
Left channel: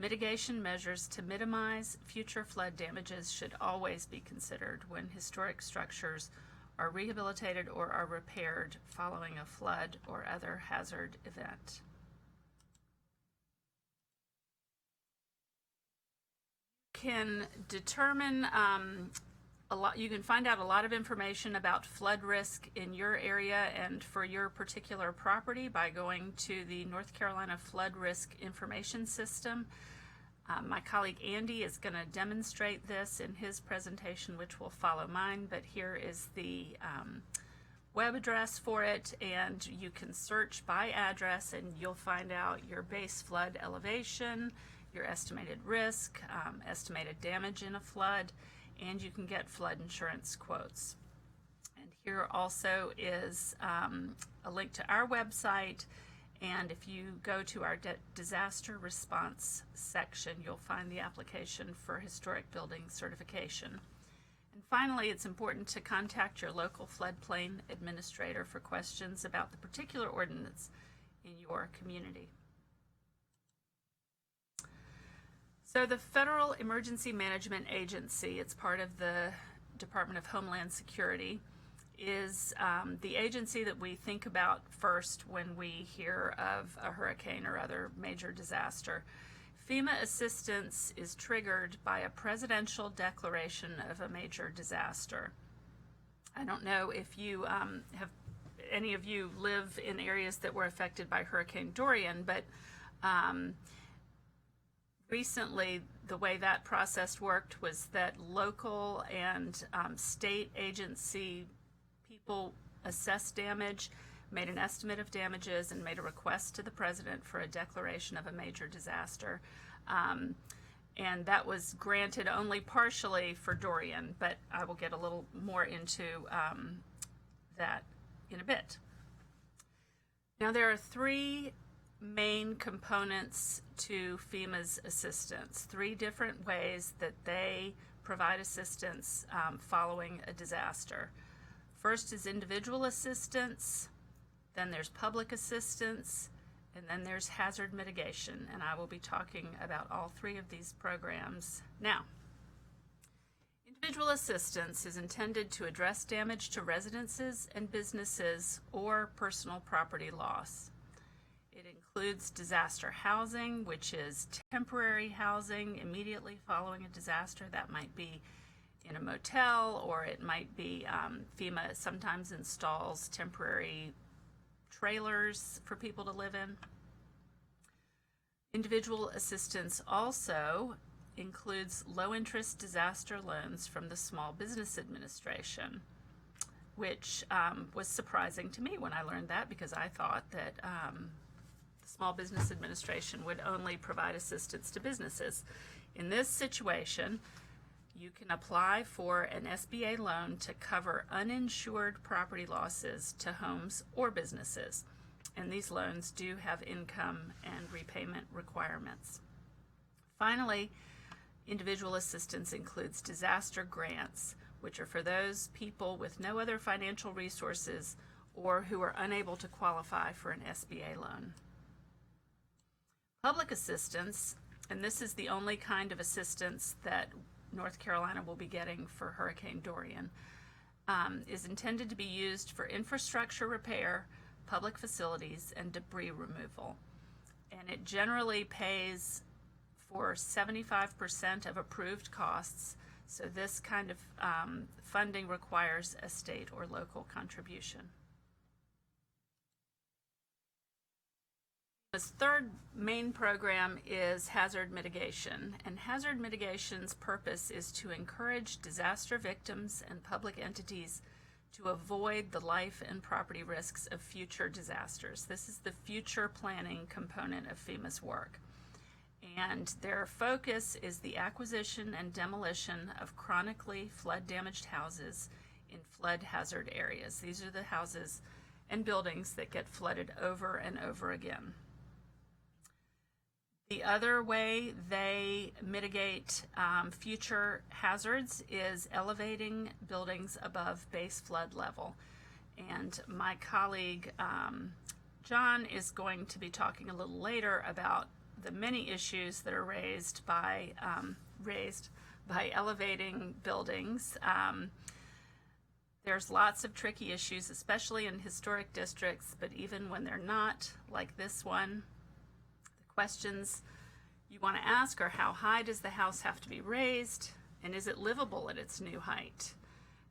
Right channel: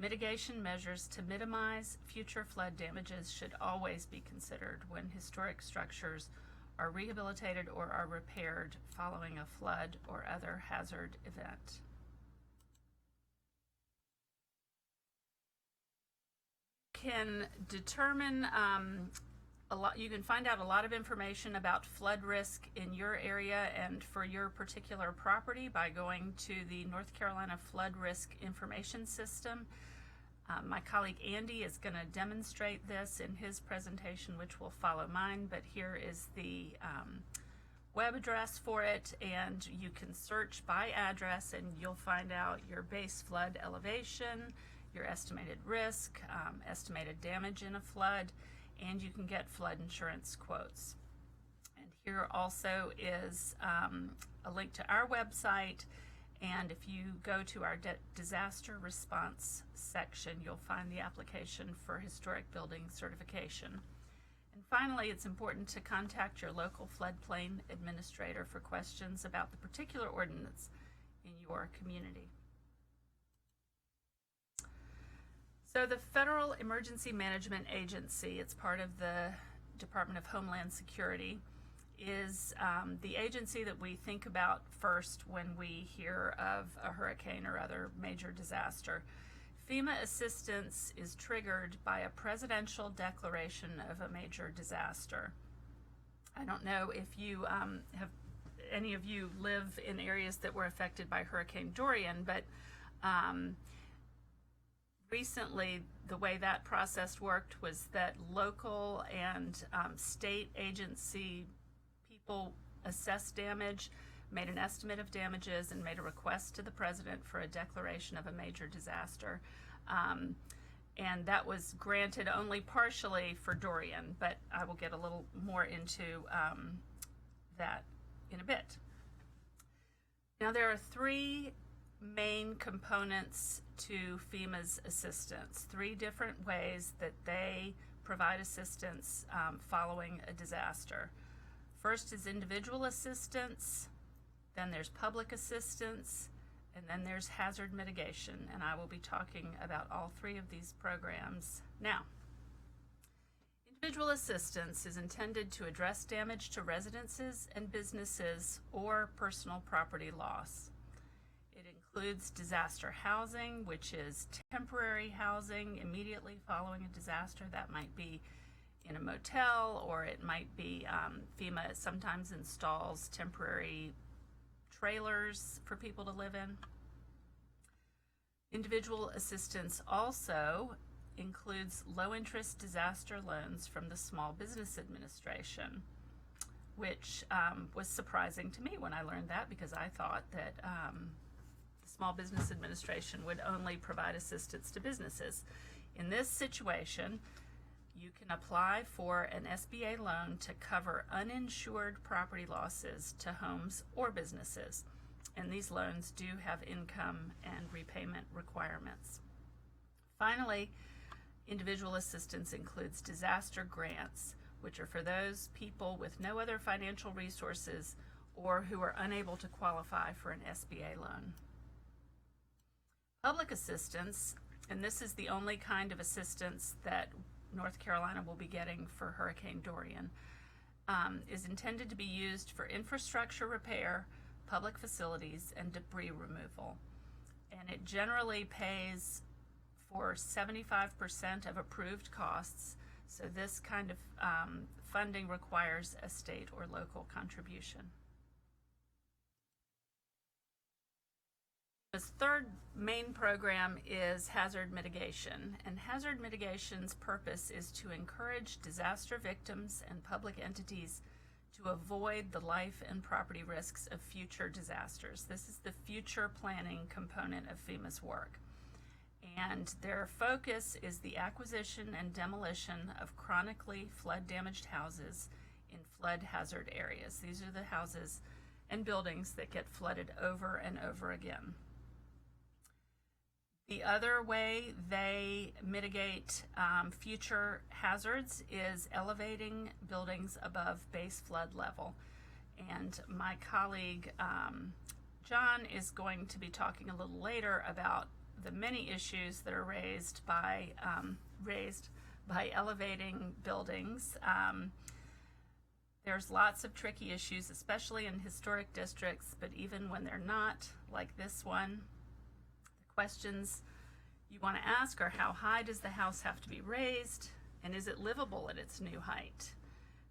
Mitigation measures to minimize future flood damages should always be considered when historic structures are rehabilitated or are repaired following a flood or other hazard event. Can determine you can find out a lot of information about flood risk in your area and for your particular property by going to the North Carolina Flood Risk Information System. My colleague Andy is going to demonstrate this in his presentation, which will follow mine, but here is the web address for it, and you can search by address and you'll find out your base flood elevation, your estimated risk, estimated damage in a flood, and you can get flood insurance quotes. And here also is a link to our website, and if you go to our disaster response section, you'll find the application for historic building certification. And finally, it's important to contact your local floodplain administrator for questions about the particular ordinance in your community. So the Federal Emergency Management Agency, it's part of the Department of Homeland Security, is the agency that we think about first when we hear of a hurricane or other major disaster. FEMA assistance is triggered by a presidential declaration of a major disaster. I don't know if you any of you live in areas that were affected by Hurricane Dorian, but recently, the way that process worked was that local and state agency people assessed damage, made an estimate of damages, and made a request to the president for a declaration of a major disaster. And that was granted only partially for Dorian, but I will get a little more into that in a bit. Now, there are three main components to FEMA's assistance, three different ways that they provide assistance following a disaster. First is individual assistance, then there's public assistance, and then there's hazard mitigation, and I will be talking about all three of these programs now. Individual assistance is intended to address damage to residences and businesses or personal property loss. It includes disaster housing, which is temporary housing immediately following a disaster. That might be in a motel, or it might be FEMA sometimes installs temporary trailers for people to live in. Individual assistance also includes low-interest disaster loans from the Small Business Administration, which was surprising to me when I learned that, because I thought that the Small Business Administration would only provide assistance to businesses. In this situation, you can apply for an SBA loan to cover uninsured property losses to homes or businesses. And these loans do have income and repayment requirements. Finally, individual assistance includes disaster grants, which are for those people with no other financial resources or who are unable to qualify for an SBA loan. Public assistance, and this is the only kind of assistance that North Carolina will be getting for Hurricane Dorian, is intended to be used for infrastructure repair, public facilities, and debris removal. And it generally pays for 75% of approved costs, so this kind of funding requires a state or local contribution. This third main program is hazard mitigation, and hazard mitigation's purpose is to encourage disaster victims and public entities to avoid the life and property risks of future disasters. This is the future planning component of FEMA's work. And their focus is the acquisition and demolition of chronically flood-damaged houses in flood hazard areas. These are the houses and buildings that get flooded over and over again. The other way they mitigate future hazards is elevating buildings above base flood level. And my colleague John is going to be talking a little later about the many issues that are raised by elevating buildings. There's lots of tricky issues, especially in historic districts, but even when they're not, like this one, the questions you want to ask are, how high does the house have to be raised, and is it livable at its new height?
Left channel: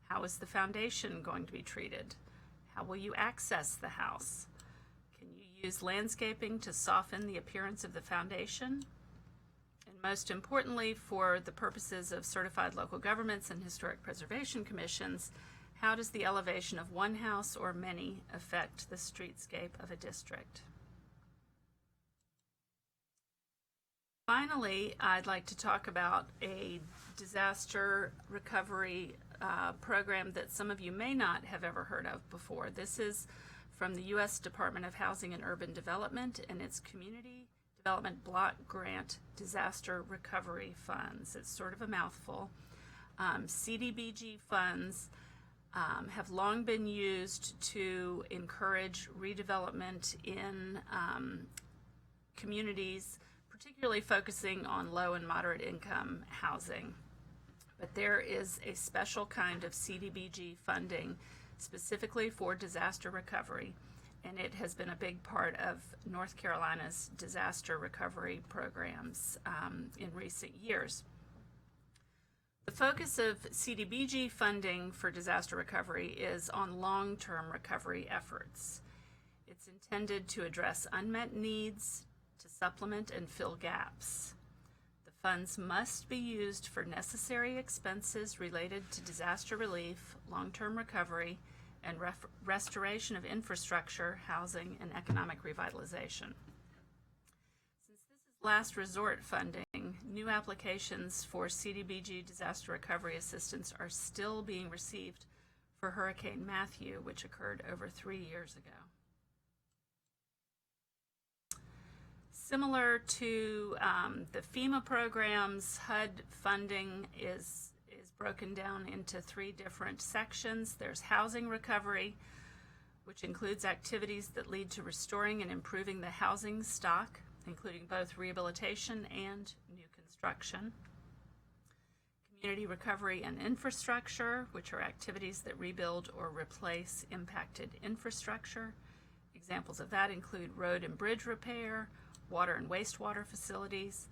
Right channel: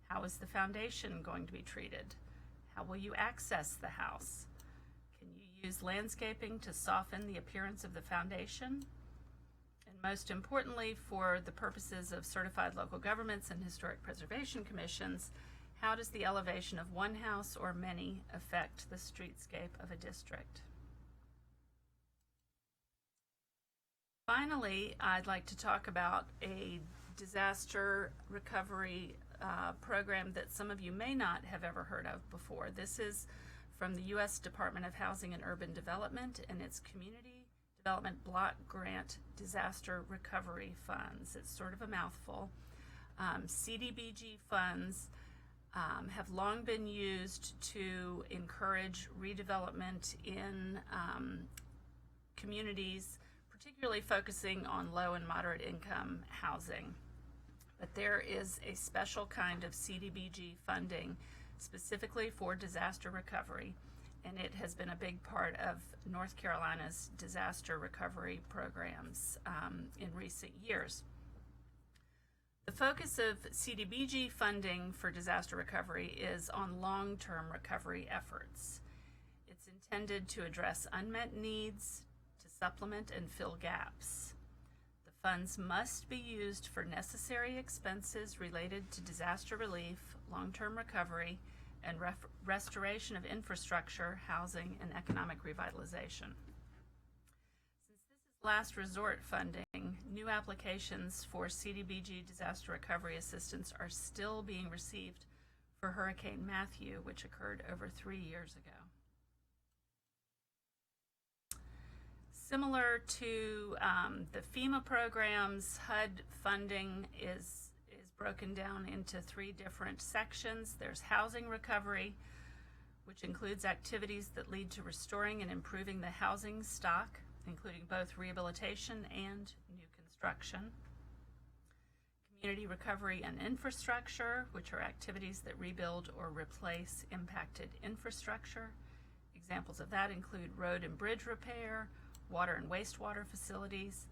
How is the foundation going to be treated? How will you access the house? Can you use landscaping to soften the appearance of the foundation? And most importantly, for the purposes of certified local governments and historic preservation commissions, how does the elevation of one house or many affect the streetscape of a district? Finally, I'd like to talk about a disaster recovery program that some of you may not have ever heard of before. This is from the U.S. Department of Housing and Urban Development and its Community Development Block Grant Disaster Recovery Funds. It's sort of a mouthful. CDBG funds have long been used to encourage redevelopment in communities, particularly focusing on low and moderate income housing. But there is a special kind of CDBG funding specifically for disaster recovery, and it has been a big part of North Carolina's disaster recovery programs in recent years. The focus of CDBG funding for disaster recovery is on long-term recovery efforts. It's intended to address unmet needs, to supplement and fill gaps. The funds must be used for necessary expenses related to disaster relief, long-term recovery, and restoration of infrastructure, housing, and economic revitalization. Last resort funding, new applications for CDBG disaster recovery assistance are still being received for Hurricane Matthew, which occurred over 3 years ago. Similar to the FEMA programs, HUD funding is broken down into 3 different sections. There's housing recovery, which includes activities that lead to restoring and improving the housing stock, including both rehabilitation and new construction. Community recovery and infrastructure, which are activities that rebuild or replace impacted infrastructure. Examples of that include road and bridge repair, water and wastewater facilities,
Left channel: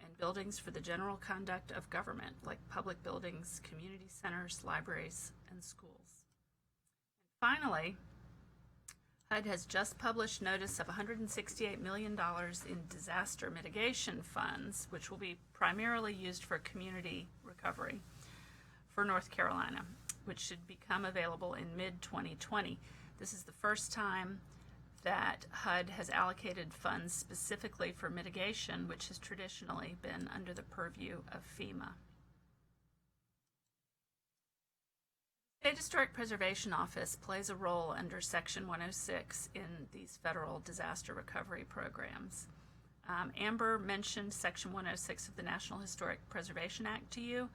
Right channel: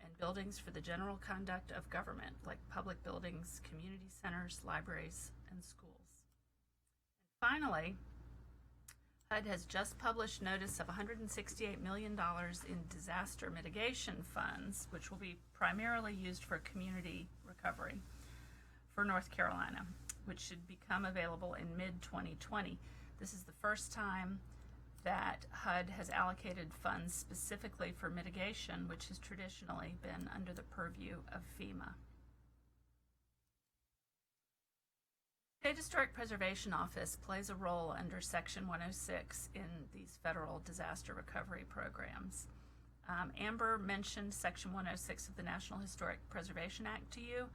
and buildings for the general conduct of government, like public buildings, community centers, libraries, and schools. And finally, HUD has just published notice of $168 million in disaster mitigation funds, which will be primarily used for community recovery for North Carolina, which should become available in mid-2020. This is the first time that HUD has allocated funds specifically for mitigation, which has traditionally been under the purview of FEMA. The State Historic Preservation Office plays a role under Section 106 in these federal disaster recovery programs. Amber mentioned Section 106 of the National Historic Preservation Act to you,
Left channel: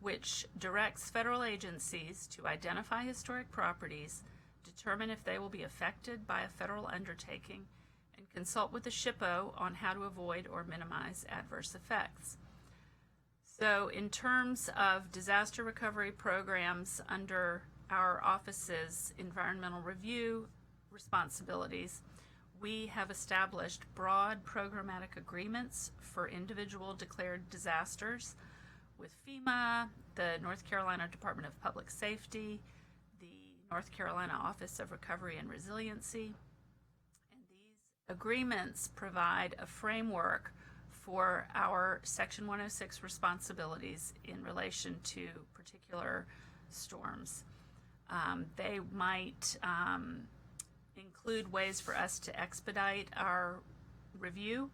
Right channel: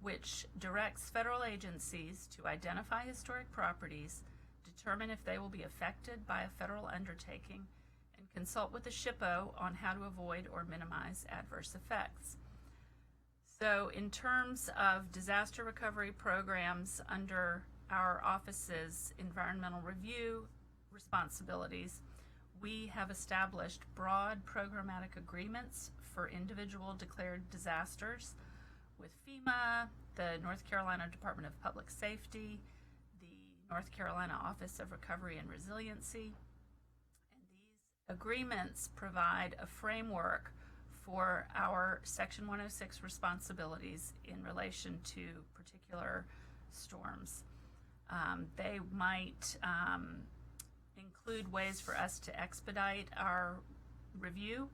which directs federal agencies to identify historic properties, determine if they will be affected by a federal undertaking, and consult with the SHPO on how to avoid or minimize adverse effects. So in terms of disaster recovery programs under our office's environmental review responsibilities, we have established broad programmatic agreements for individual declared disasters with FEMA, the North Carolina Department of Public Safety, the North Carolina Office of Recovery and Resiliency. And these agreements provide a framework for our Section 106 responsibilities in relation to particular storms. They might include ways for us to expedite our review.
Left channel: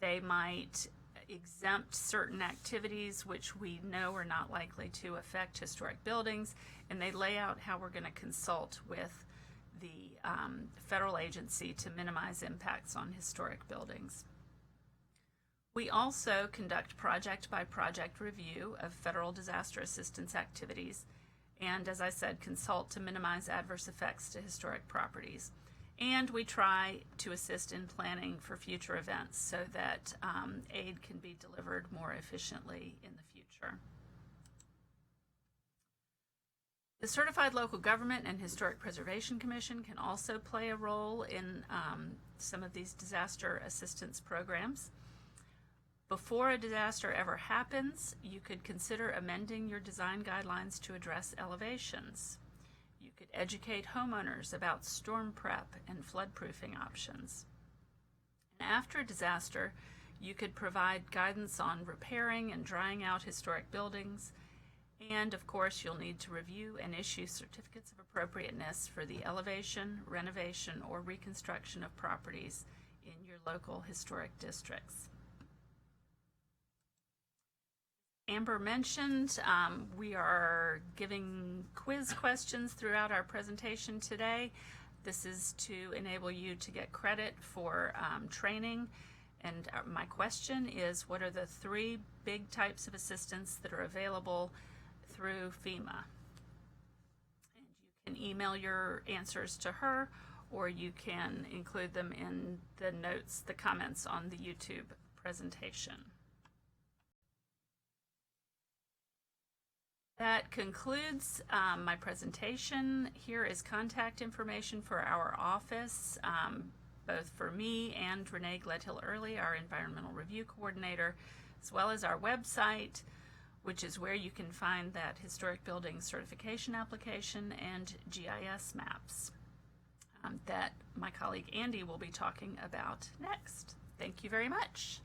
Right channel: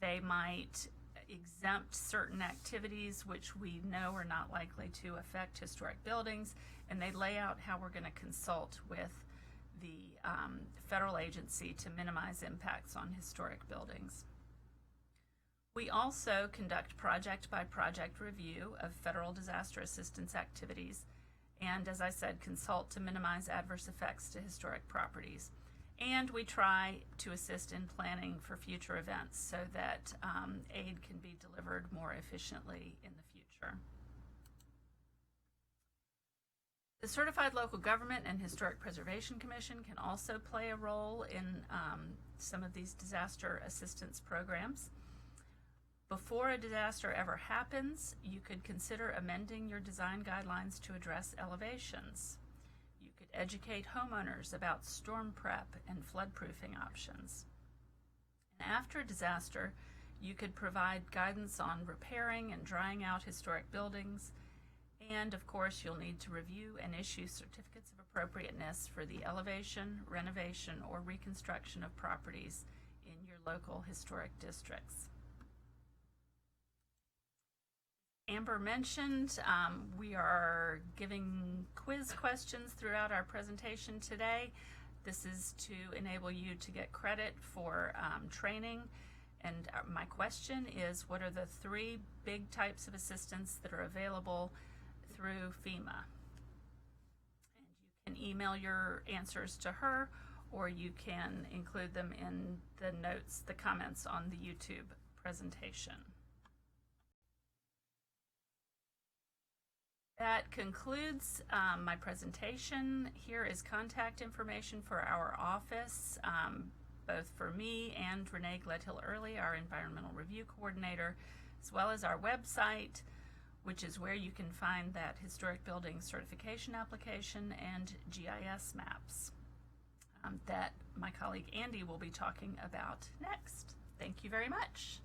They might exempt certain activities which we know are not likely to affect historic buildings, and they lay out how we're going to consult with the federal agency to minimize impacts on historic buildings. We also conduct project-by-project review of federal disaster assistance activities and, as I said, consult to minimize adverse effects to historic properties. And we try to assist in planning for future events so that aid can be delivered more efficiently in the future. The Certified Local Government and Historic Preservation Commission can also play a role in some of these disaster assistance programs. Before a disaster ever happens, you could consider amending your design guidelines to address elevations. You could educate homeowners about storm prep and floodproofing options. And after a disaster, you could provide guidance on repairing and drying out historic buildings. And of course, you'll need to review and issue certificates of appropriateness for the elevation, renovation, or reconstruction of properties in your local historic districts. Amber mentioned we are giving quiz questions throughout our presentation today. This is to enable you to get credit for training. And my question is, what are the 3 big types of assistance that are available through FEMA? And you can email your answers to her, or you can include them in the notes, the comments on the YouTube presentation. That concludes my presentation. Here is contact information for our office, both for me and Renee Gledhill-Early, our Environmental Review Coordinator, as well as our website, which is where you can find that historic building certification application and GIS maps that my colleague Andy will be talking about next. Thank you very much.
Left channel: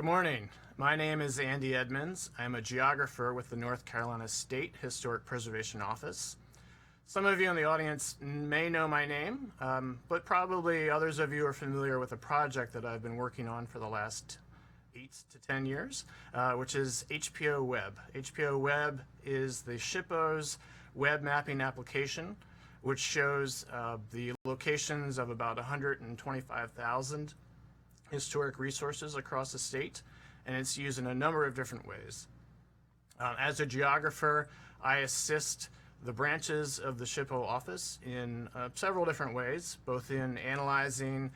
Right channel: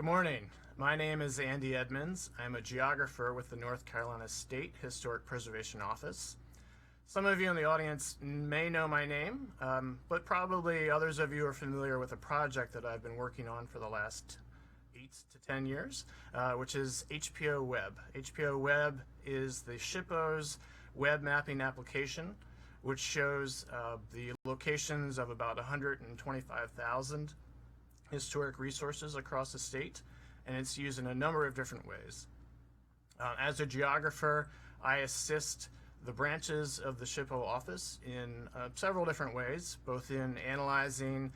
Good morning. My name is Andy Edmonds. I'm a geographer with the North Carolina State Historic Preservation Office. Some of you in the audience may know my name, but probably others of you are familiar with a project that I've been working on for the last 8 to 10 years, which is HPO Web. HPO Web is the SHPO's web mapping application, which shows the locations of about 125,000 historic resources across the state, and it's used in a number of different ways. As a geographer, I assist the branches of the SHPO office in several different ways, both in analyzing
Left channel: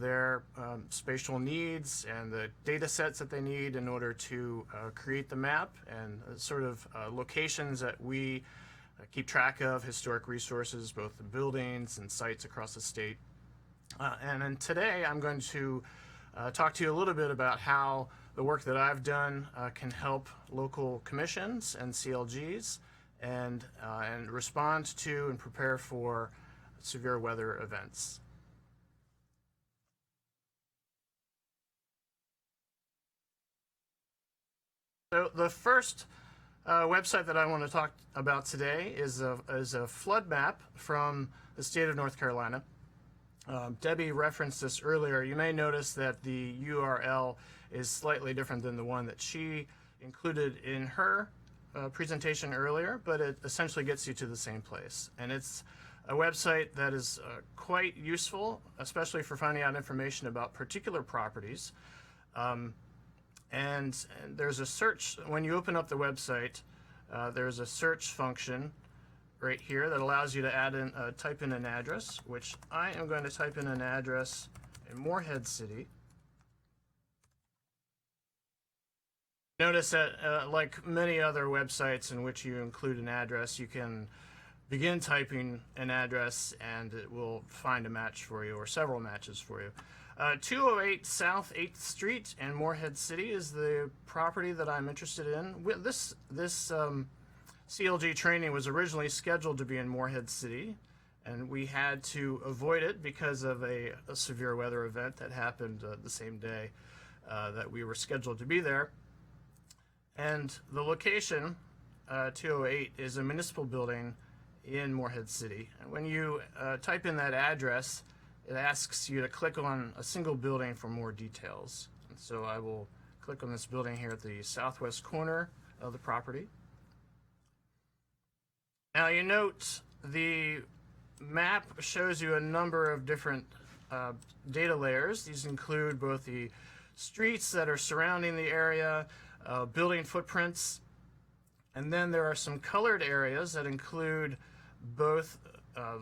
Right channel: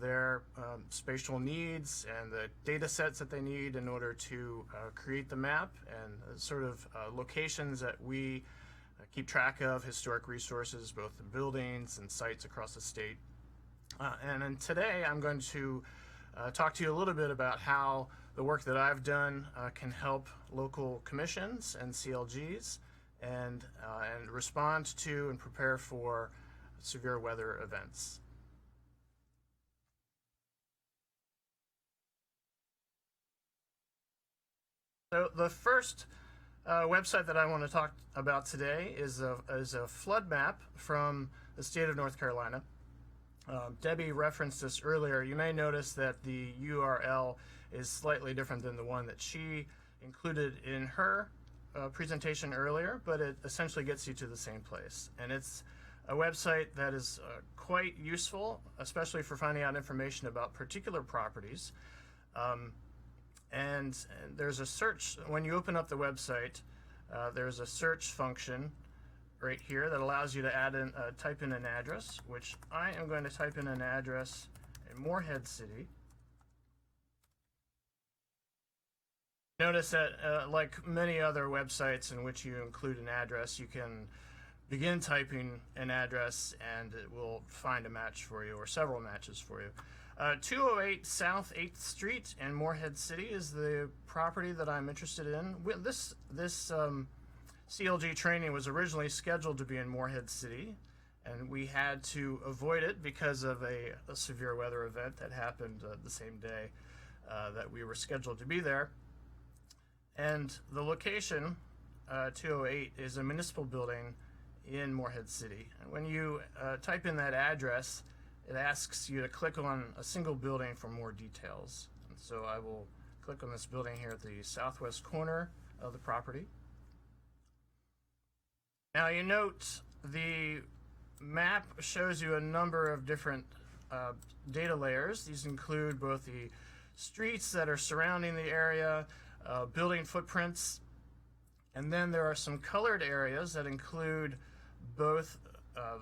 their spatial needs and the data sets that they need in order to create the map and sort of locations that we keep track of, historic resources, both the buildings and sites across the state. And then today I'm going to talk to you a little bit about how the work that I've done can help local commissions and CLGs and respond to and prepare for severe weather events. So the first website that I want to talk about today is a flood map from the state of North Carolina. Debbie referenced this earlier. You may notice that the URL is slightly different than the one that she included in her presentation earlier, but it essentially gets you to the same place. And it's a website that is quite useful, especially for finding out information about particular properties. And there's a search. When you open up the website, there's a search function right here that allows you to add in, type in an address, which I am going to type in an address in Morehead City. Notice that like many other websites in which you include an address, you can begin typing an address and it will find a match for you or several matches for you. 208 South 8th Street in Morehead City is the property that I'm interested in. This CLG training was originally scheduled to be in Morehead City, and we had to avoid it because of a severe weather event that happened the same day that we were scheduled to be there. And the location, 208, is a municipal building in Morehead City. And when you type in that address, it asks you to click on a single building for more details. And so I will click on this building here at the southwest corner of the property. Now you note the map shows you a number of different data layers. These include both the streets that are surrounding the area, building footprints, and then there are some colored areas that include both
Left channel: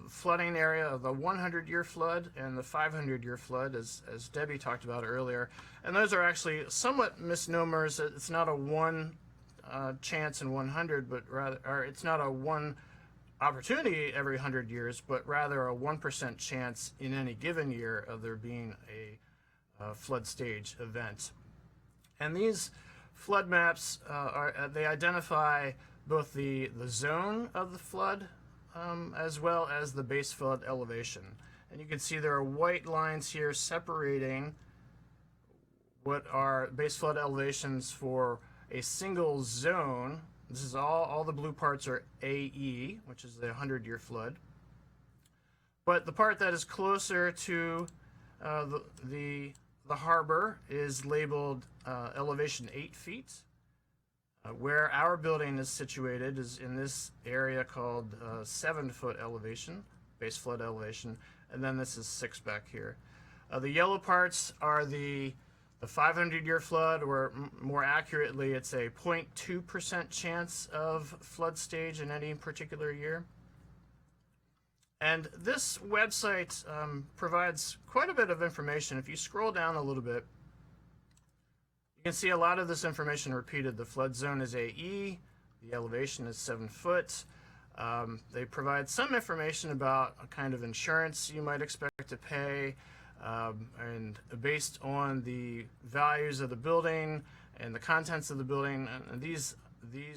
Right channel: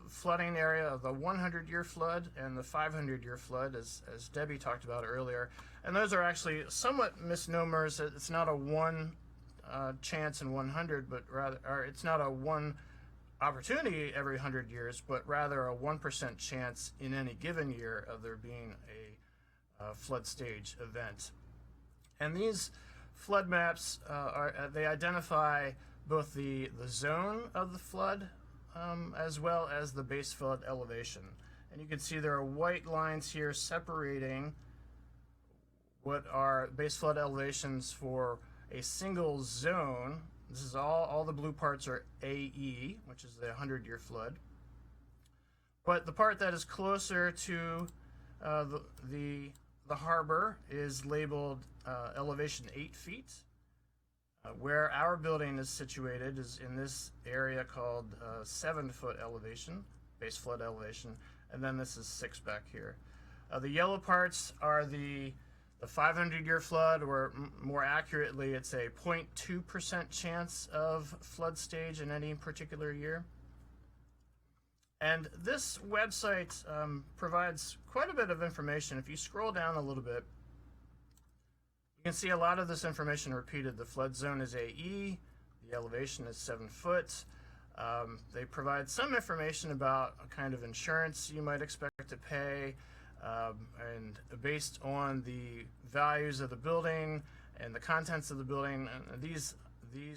flooding area of the 100-year flood and the 500-year flood, as Debbie talked about earlier. And those are actually somewhat misnomers. It's not a one chance in 100, but rather, or it's not a one opportunity every 100 years, but rather a 1% chance in any given year of there being a flood stage event. And these flood maps they identify both the zone of the flood as well as the base flood elevation. And you can see there are white lines here separating what are base flood elevations for a single zone. This is all the blue parts are AE, which is the 100-year flood. But the part that is closer to the harbor is labeled elevation 8 feet. Where our building is situated is in this area called 7-foot elevation, base flood elevation, and then this is 6 back here. The yellow parts are the 500-year flood, or more accurately, it's a 0.2% chance of flood stage in any particular year. And this website provides quite a bit of information. If you scroll down a little bit, you can see a lot of this information repeated. The flood zone is AE, the elevation is 7 foot. They provide some information about a kind of insurance you might expect to pay, and based on the values of the building and the contents of the building. And these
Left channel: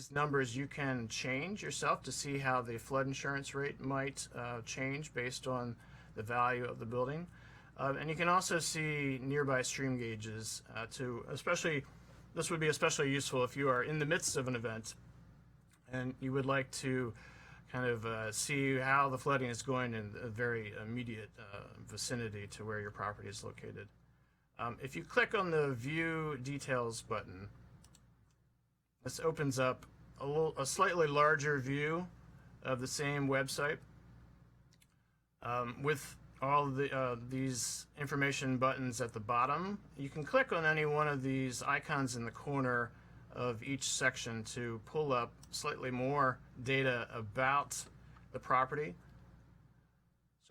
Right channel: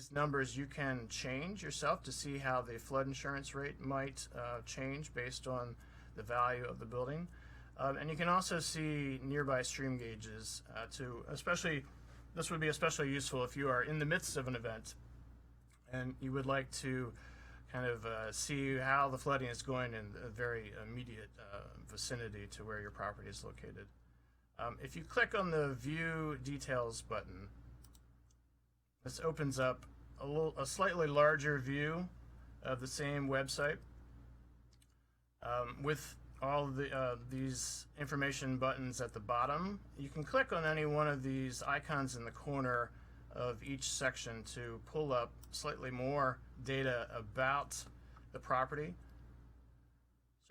numbers you can change yourself to see how the flood insurance rate might change based on the value of the building. And you can also see nearby stream gauges this would be especially useful if you are in the midst of an event and you would like to kind of see how the flooding is going in a very immediate vicinity to where your property is located. If you click on the View Details button, this opens up a slightly larger view of the same website with all these information buttons at the bottom. You can click on any one of these icons in the corner of each section to pull up slightly more data about the property.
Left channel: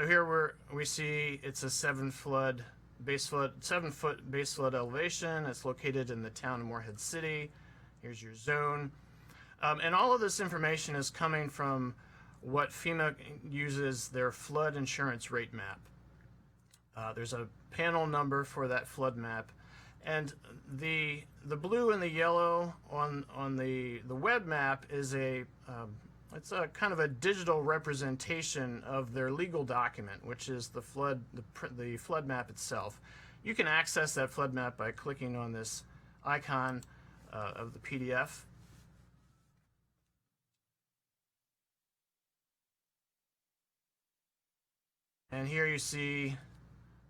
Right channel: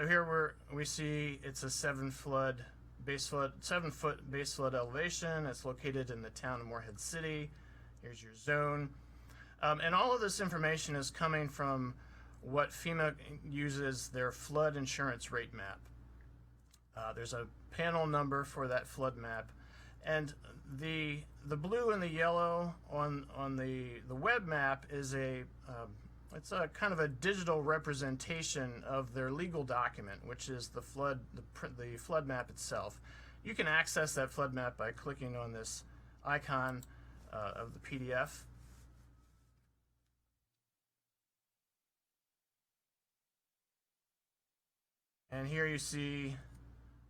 So here we see it's a 7-foot base flood elevation. It's located in the town of Morehead City. Here's your zone. And all of this information is coming from what FEMA uses their flood insurance rate map. There's a panel number for that flood map, and the blue and the yellow on the web map is it's a kind of a digital representation of their legal document, which is the flood map itself. You can access that flood map by clicking on this icon of the PDF. And here you see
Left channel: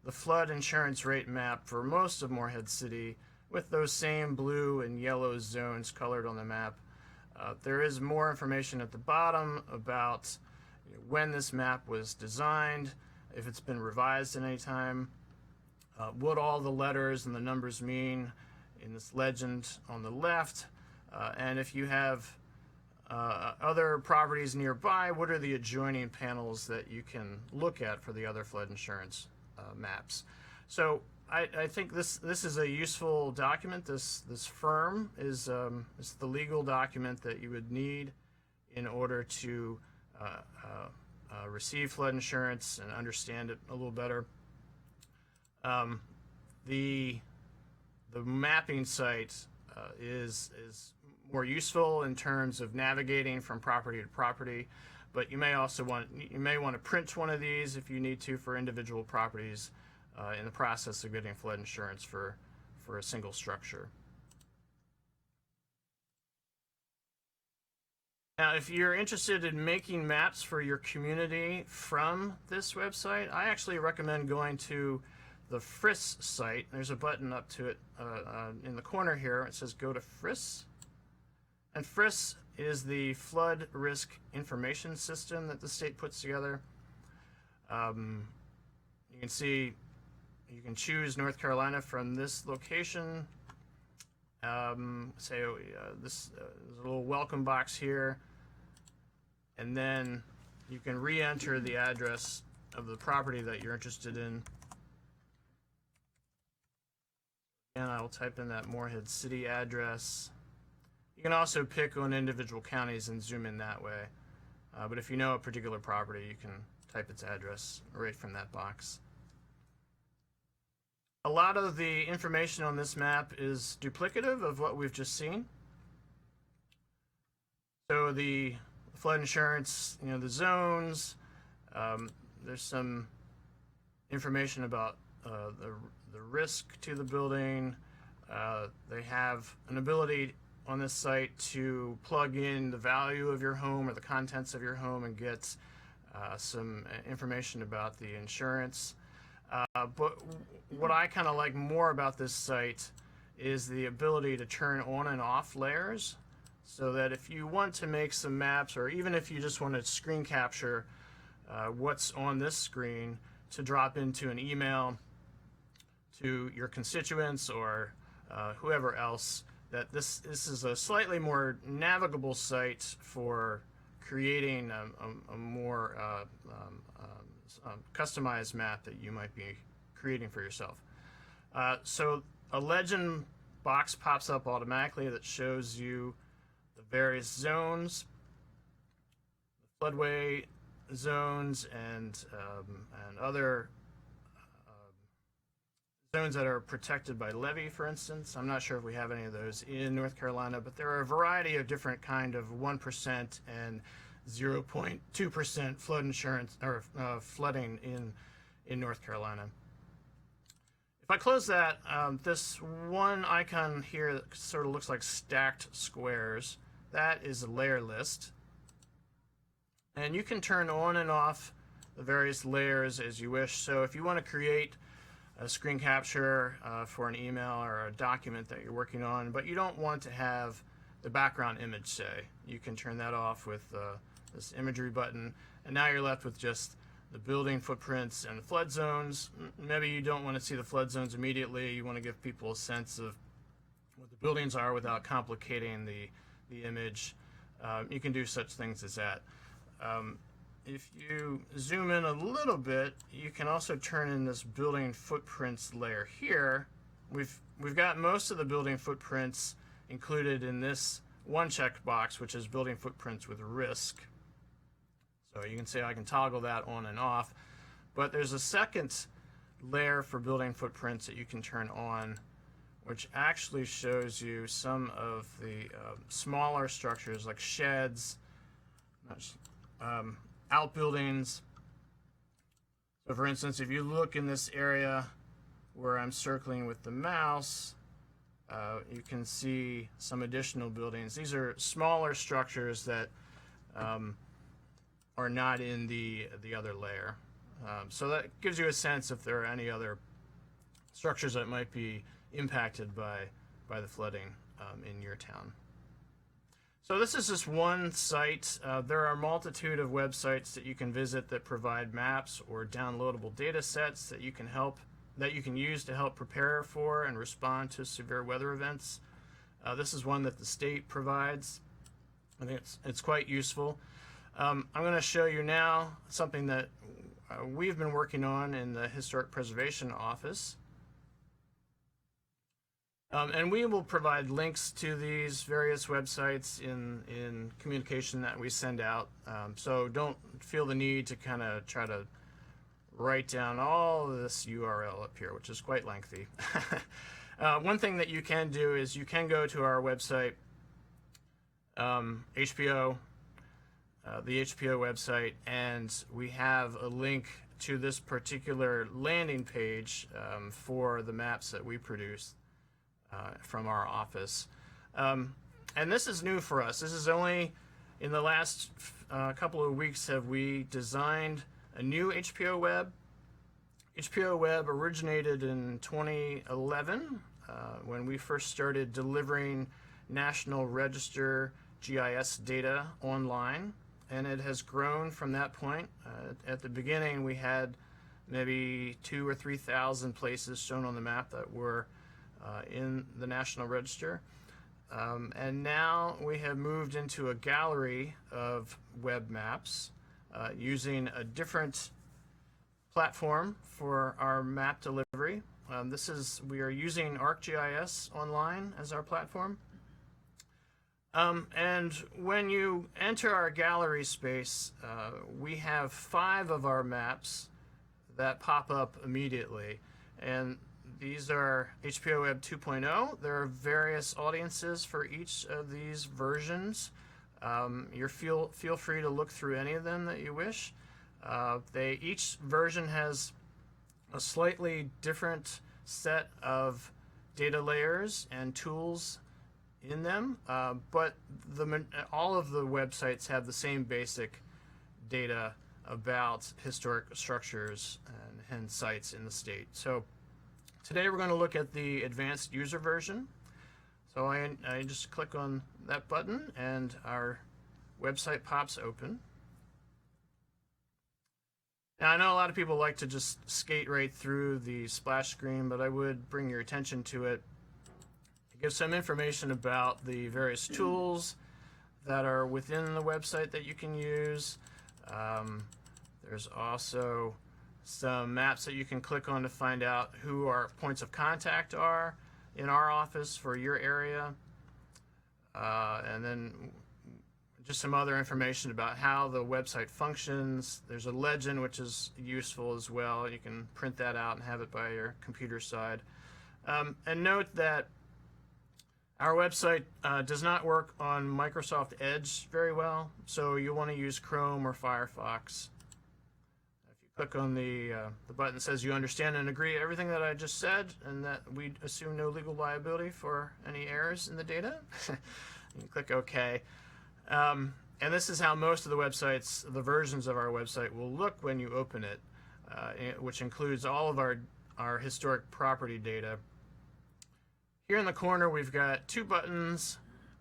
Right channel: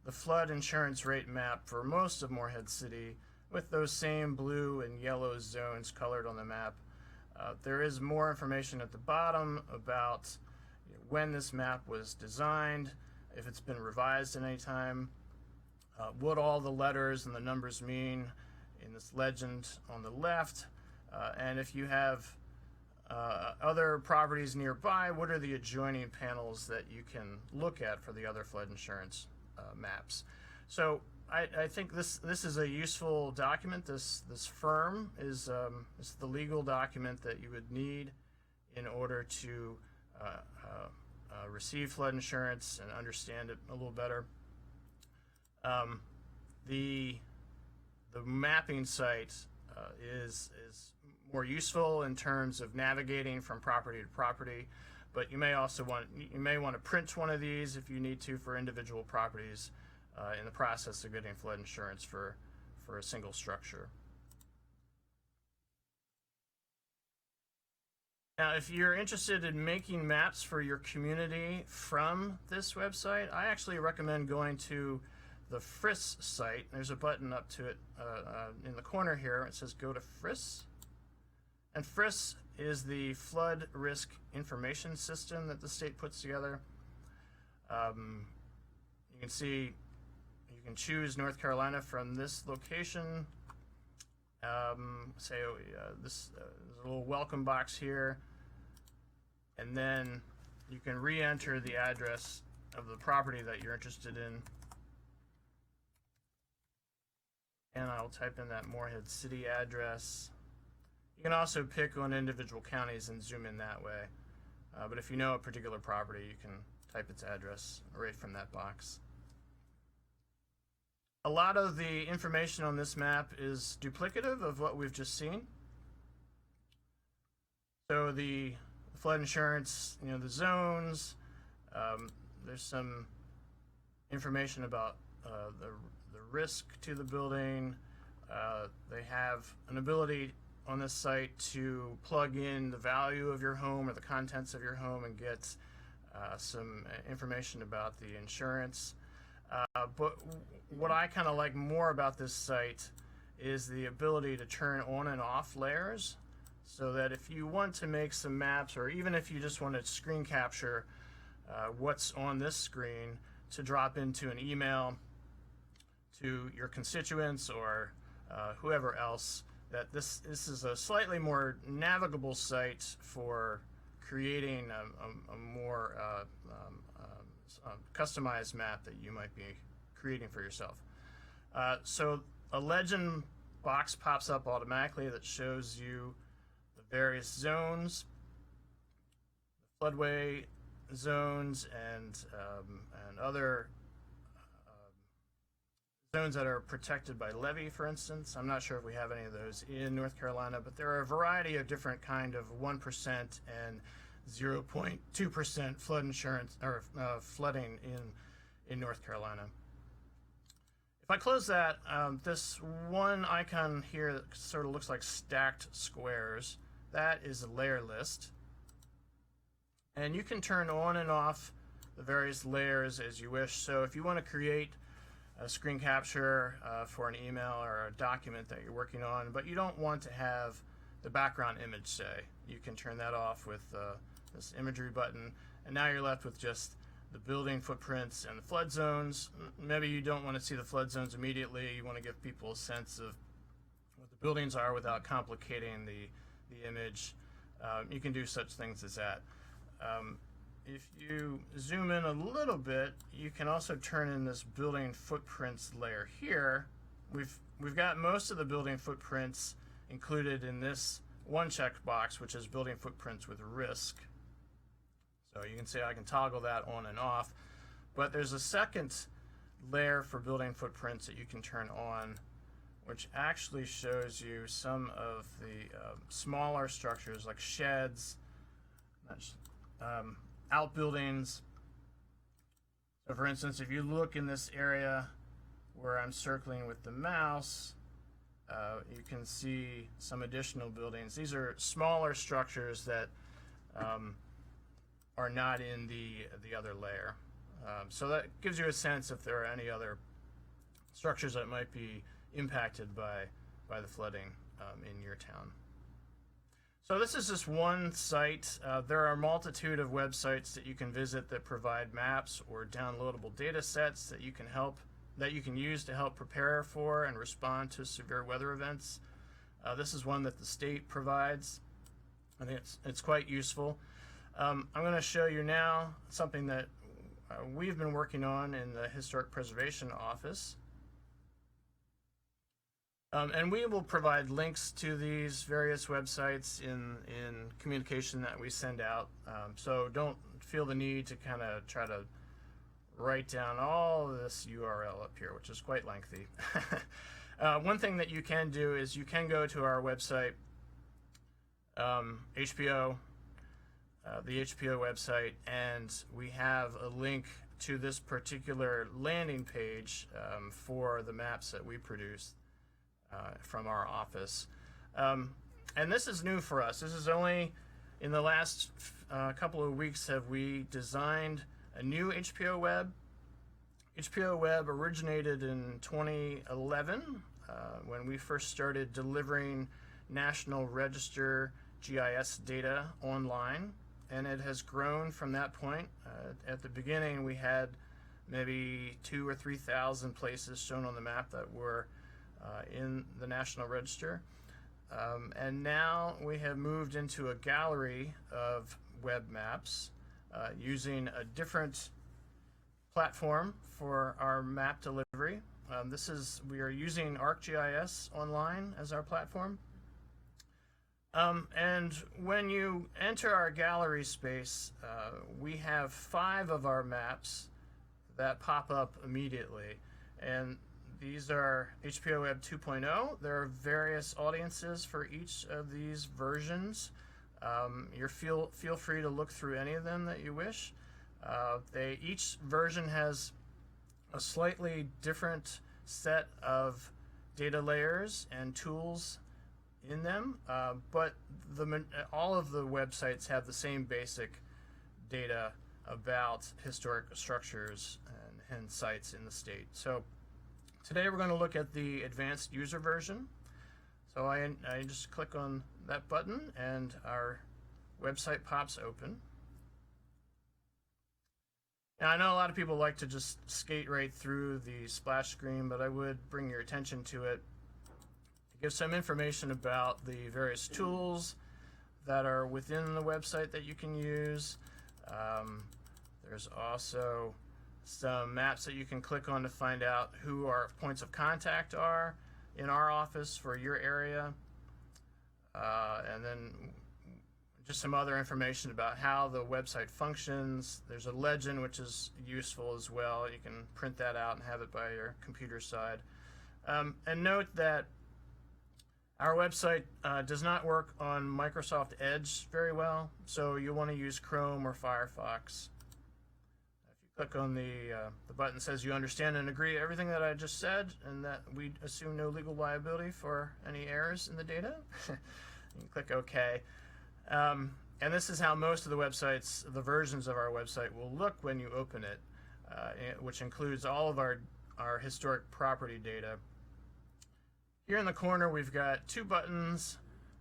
the flood insurance rate map for most of Morehead City with those same blue and yellow zones colored on the map. There is more information at the bottom about when this map was designed, if it's been revised at any time, what all the letters and the numbers mean in this legend on the left, and if you have other properties nearby, what are the adjoining panels that you can look at for the other flood insurance maps. So I think this is a useful document. This firm is the legal document that you would need in order to receive flood insurance and understand it a little better. The mapping site is more useful in terms of navigating from property to property, but you may want to print one of these if you need to for individual properties in the process of getting flood insurance for a single structure. Now, if you're interested in making maps for your community from this website, I actually recommend going to the FRIS site. There's a button up to it in the corner here. It says go to FRIS. And FRIS is the flood risk information system that the state puts together. You can see you can choose North Carolina from this location. There's a little welcome box here, and then you can re-enter the address of the property that you're interested in. And I'll type in that Morehead City address. You can also pick on individual counties and zoom in that way. But if you know a particular property, you can type its address right from that box. A lot of the information on this map is duplicative of what we've just seen. So the flood insurance, the zones, there's some information about the risk to the building. They have an ability on this site to plug in the value of your home or the contents of your home and get some information about the insurance. But what I kind of like more about this site is the ability to turn on and off layers, so that if you want to make some maps, or even if you just want to screen capture what's on this screen to drop into an email to your constituents or whoever else, that this is a slightly more navigable site for creating a more customized map that you might be creating for yourself. So a legend box pops up automatically that shows you the various zones, the floodway zones, and other zones that are protected by levee, for instance. I'm not sure if we have any of those in North Carolina, but there are a variety of different kind of 1% and 0.2% flood insurance or flooding in North Carolina. If I close that, this one icon here that sort of looks like stacked squares, that is a layer list. And you can turn on and off the various layers as you wish. So if you want to create a screen capture for an email or a document that you're working on, but you don't want to have the background image, say, you can turn that off with this imagery button, and now you're left with just the building footprints and the flood zones. Maybe you don't want to see the flood zones immediately. You want to give people a sense of what the buildings are without complicating the image. You can do such things as that. If you zoom in a little bit, you can also turn in this building footprints layer here. We've got most of the building footprints included in this one checkbox, which is building footprints with risk. So you can see I can toggle that on and off, but there's a second layer for building footprints that you can turn on, which actually shows you some of the smaller structures like sheds, outbuildings. So for instance, if you look in this area where I'm circling with the mouse, you can see some additional buildings. These are smaller structures that are not in the other layer. So that gives you a sense if there are any other structures that might be impacted by the flooding in your town. So this is just one site. There are a multitude of websites that you can visit that provide maps or downloadable data sets that you can use to help prepare for and respond to severe weather events. This is one that the state provides. I think it's quite useful. I'm going to show you now something that we've been working on in the Historic Preservation Office. And we will provide links to these various websites in communication that we send out. So don't feel the need to kind of try to write down all of this URL up here, which is quite lengthy. One thing that you can do is you can go to our website, HPO, the HPO website, and we have a link to this particular landing page for the maps that we produce from our office. And this is new for us. This is only in the last couple of weeks have we designed a new HPO web. HPO web originated in 2011 when we first started delivering National Register GIS data online, and it has grown from that point. At the beginning, we had maybe 2,000 or 3,000 places shown on the map that were in the National Register. And now we have moved into a gallery of web maps using a different platform for our map delivery. We are using ArcGIS Online as our platform. And when you enter our gallery space, we have 5 of our maps that pop up immediately. And these are HPO Web 2.0. There are various audiences for each of these versions. Feel free to look through any of them that you wish. Each version has a slightly different set of data layers and tools in them, but all of the websites have the same basic data about historic structures and sites in the state. So today we're going to look at the advanced user version. So I just click on that button and our website pops open. Now I know a lot of people like to just skate right through the splash screen, but I would bring your attention to it. Give some information about the various tools that are within the website that you can use. There's also some maps that you can click on to find out who our points of contact are in our office for your area. And then just some other information about how the website functions. There's a legend, which is useful as well. You can print that out and have it by your computer side. And note that our website does not work on Microsoft Edge very well, so you'll want to use Chrome or Firefox. If you click on the button that says you understand and agree everything that I just said, and that we assume no legal liability for any errors in the data. You click OK. And this is how most of the websites, the versions of our website, will look when you open it, which includes all of our historic property data. Here in the corner, we've got two buttons.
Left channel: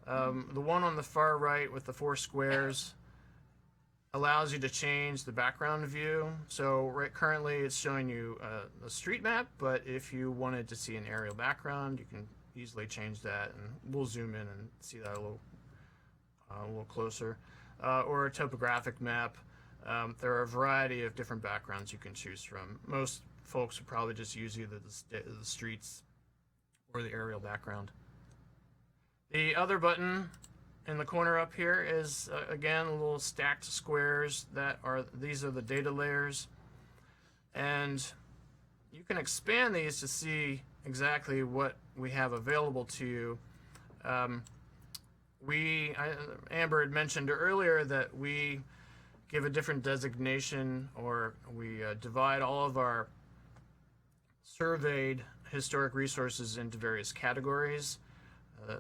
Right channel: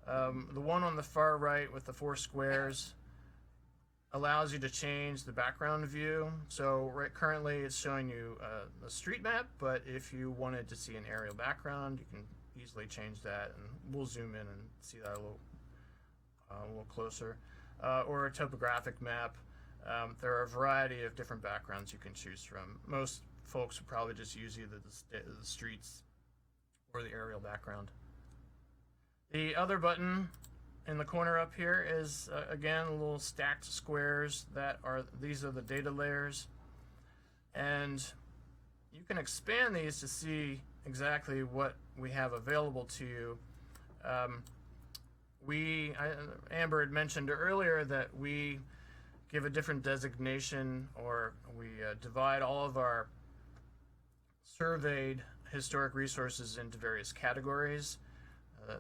The one on the far right with the 4 squares allows you to change the background view. So currently it's showing you a street map, but if you wanted to see an aerial background, you can easily change that, and we'll zoom in and see that a little closer. Or a topographic map. There are a variety of different backgrounds you can choose from. Most folks would probably just use either the streets or the aerial background. The other button in the corner up here is again little stacked squares these are the data layers, and you can expand these to see exactly what we have available to you. Amber had mentioned earlier that we give a different designation, or we divide all of our surveyed historic resources into various categories.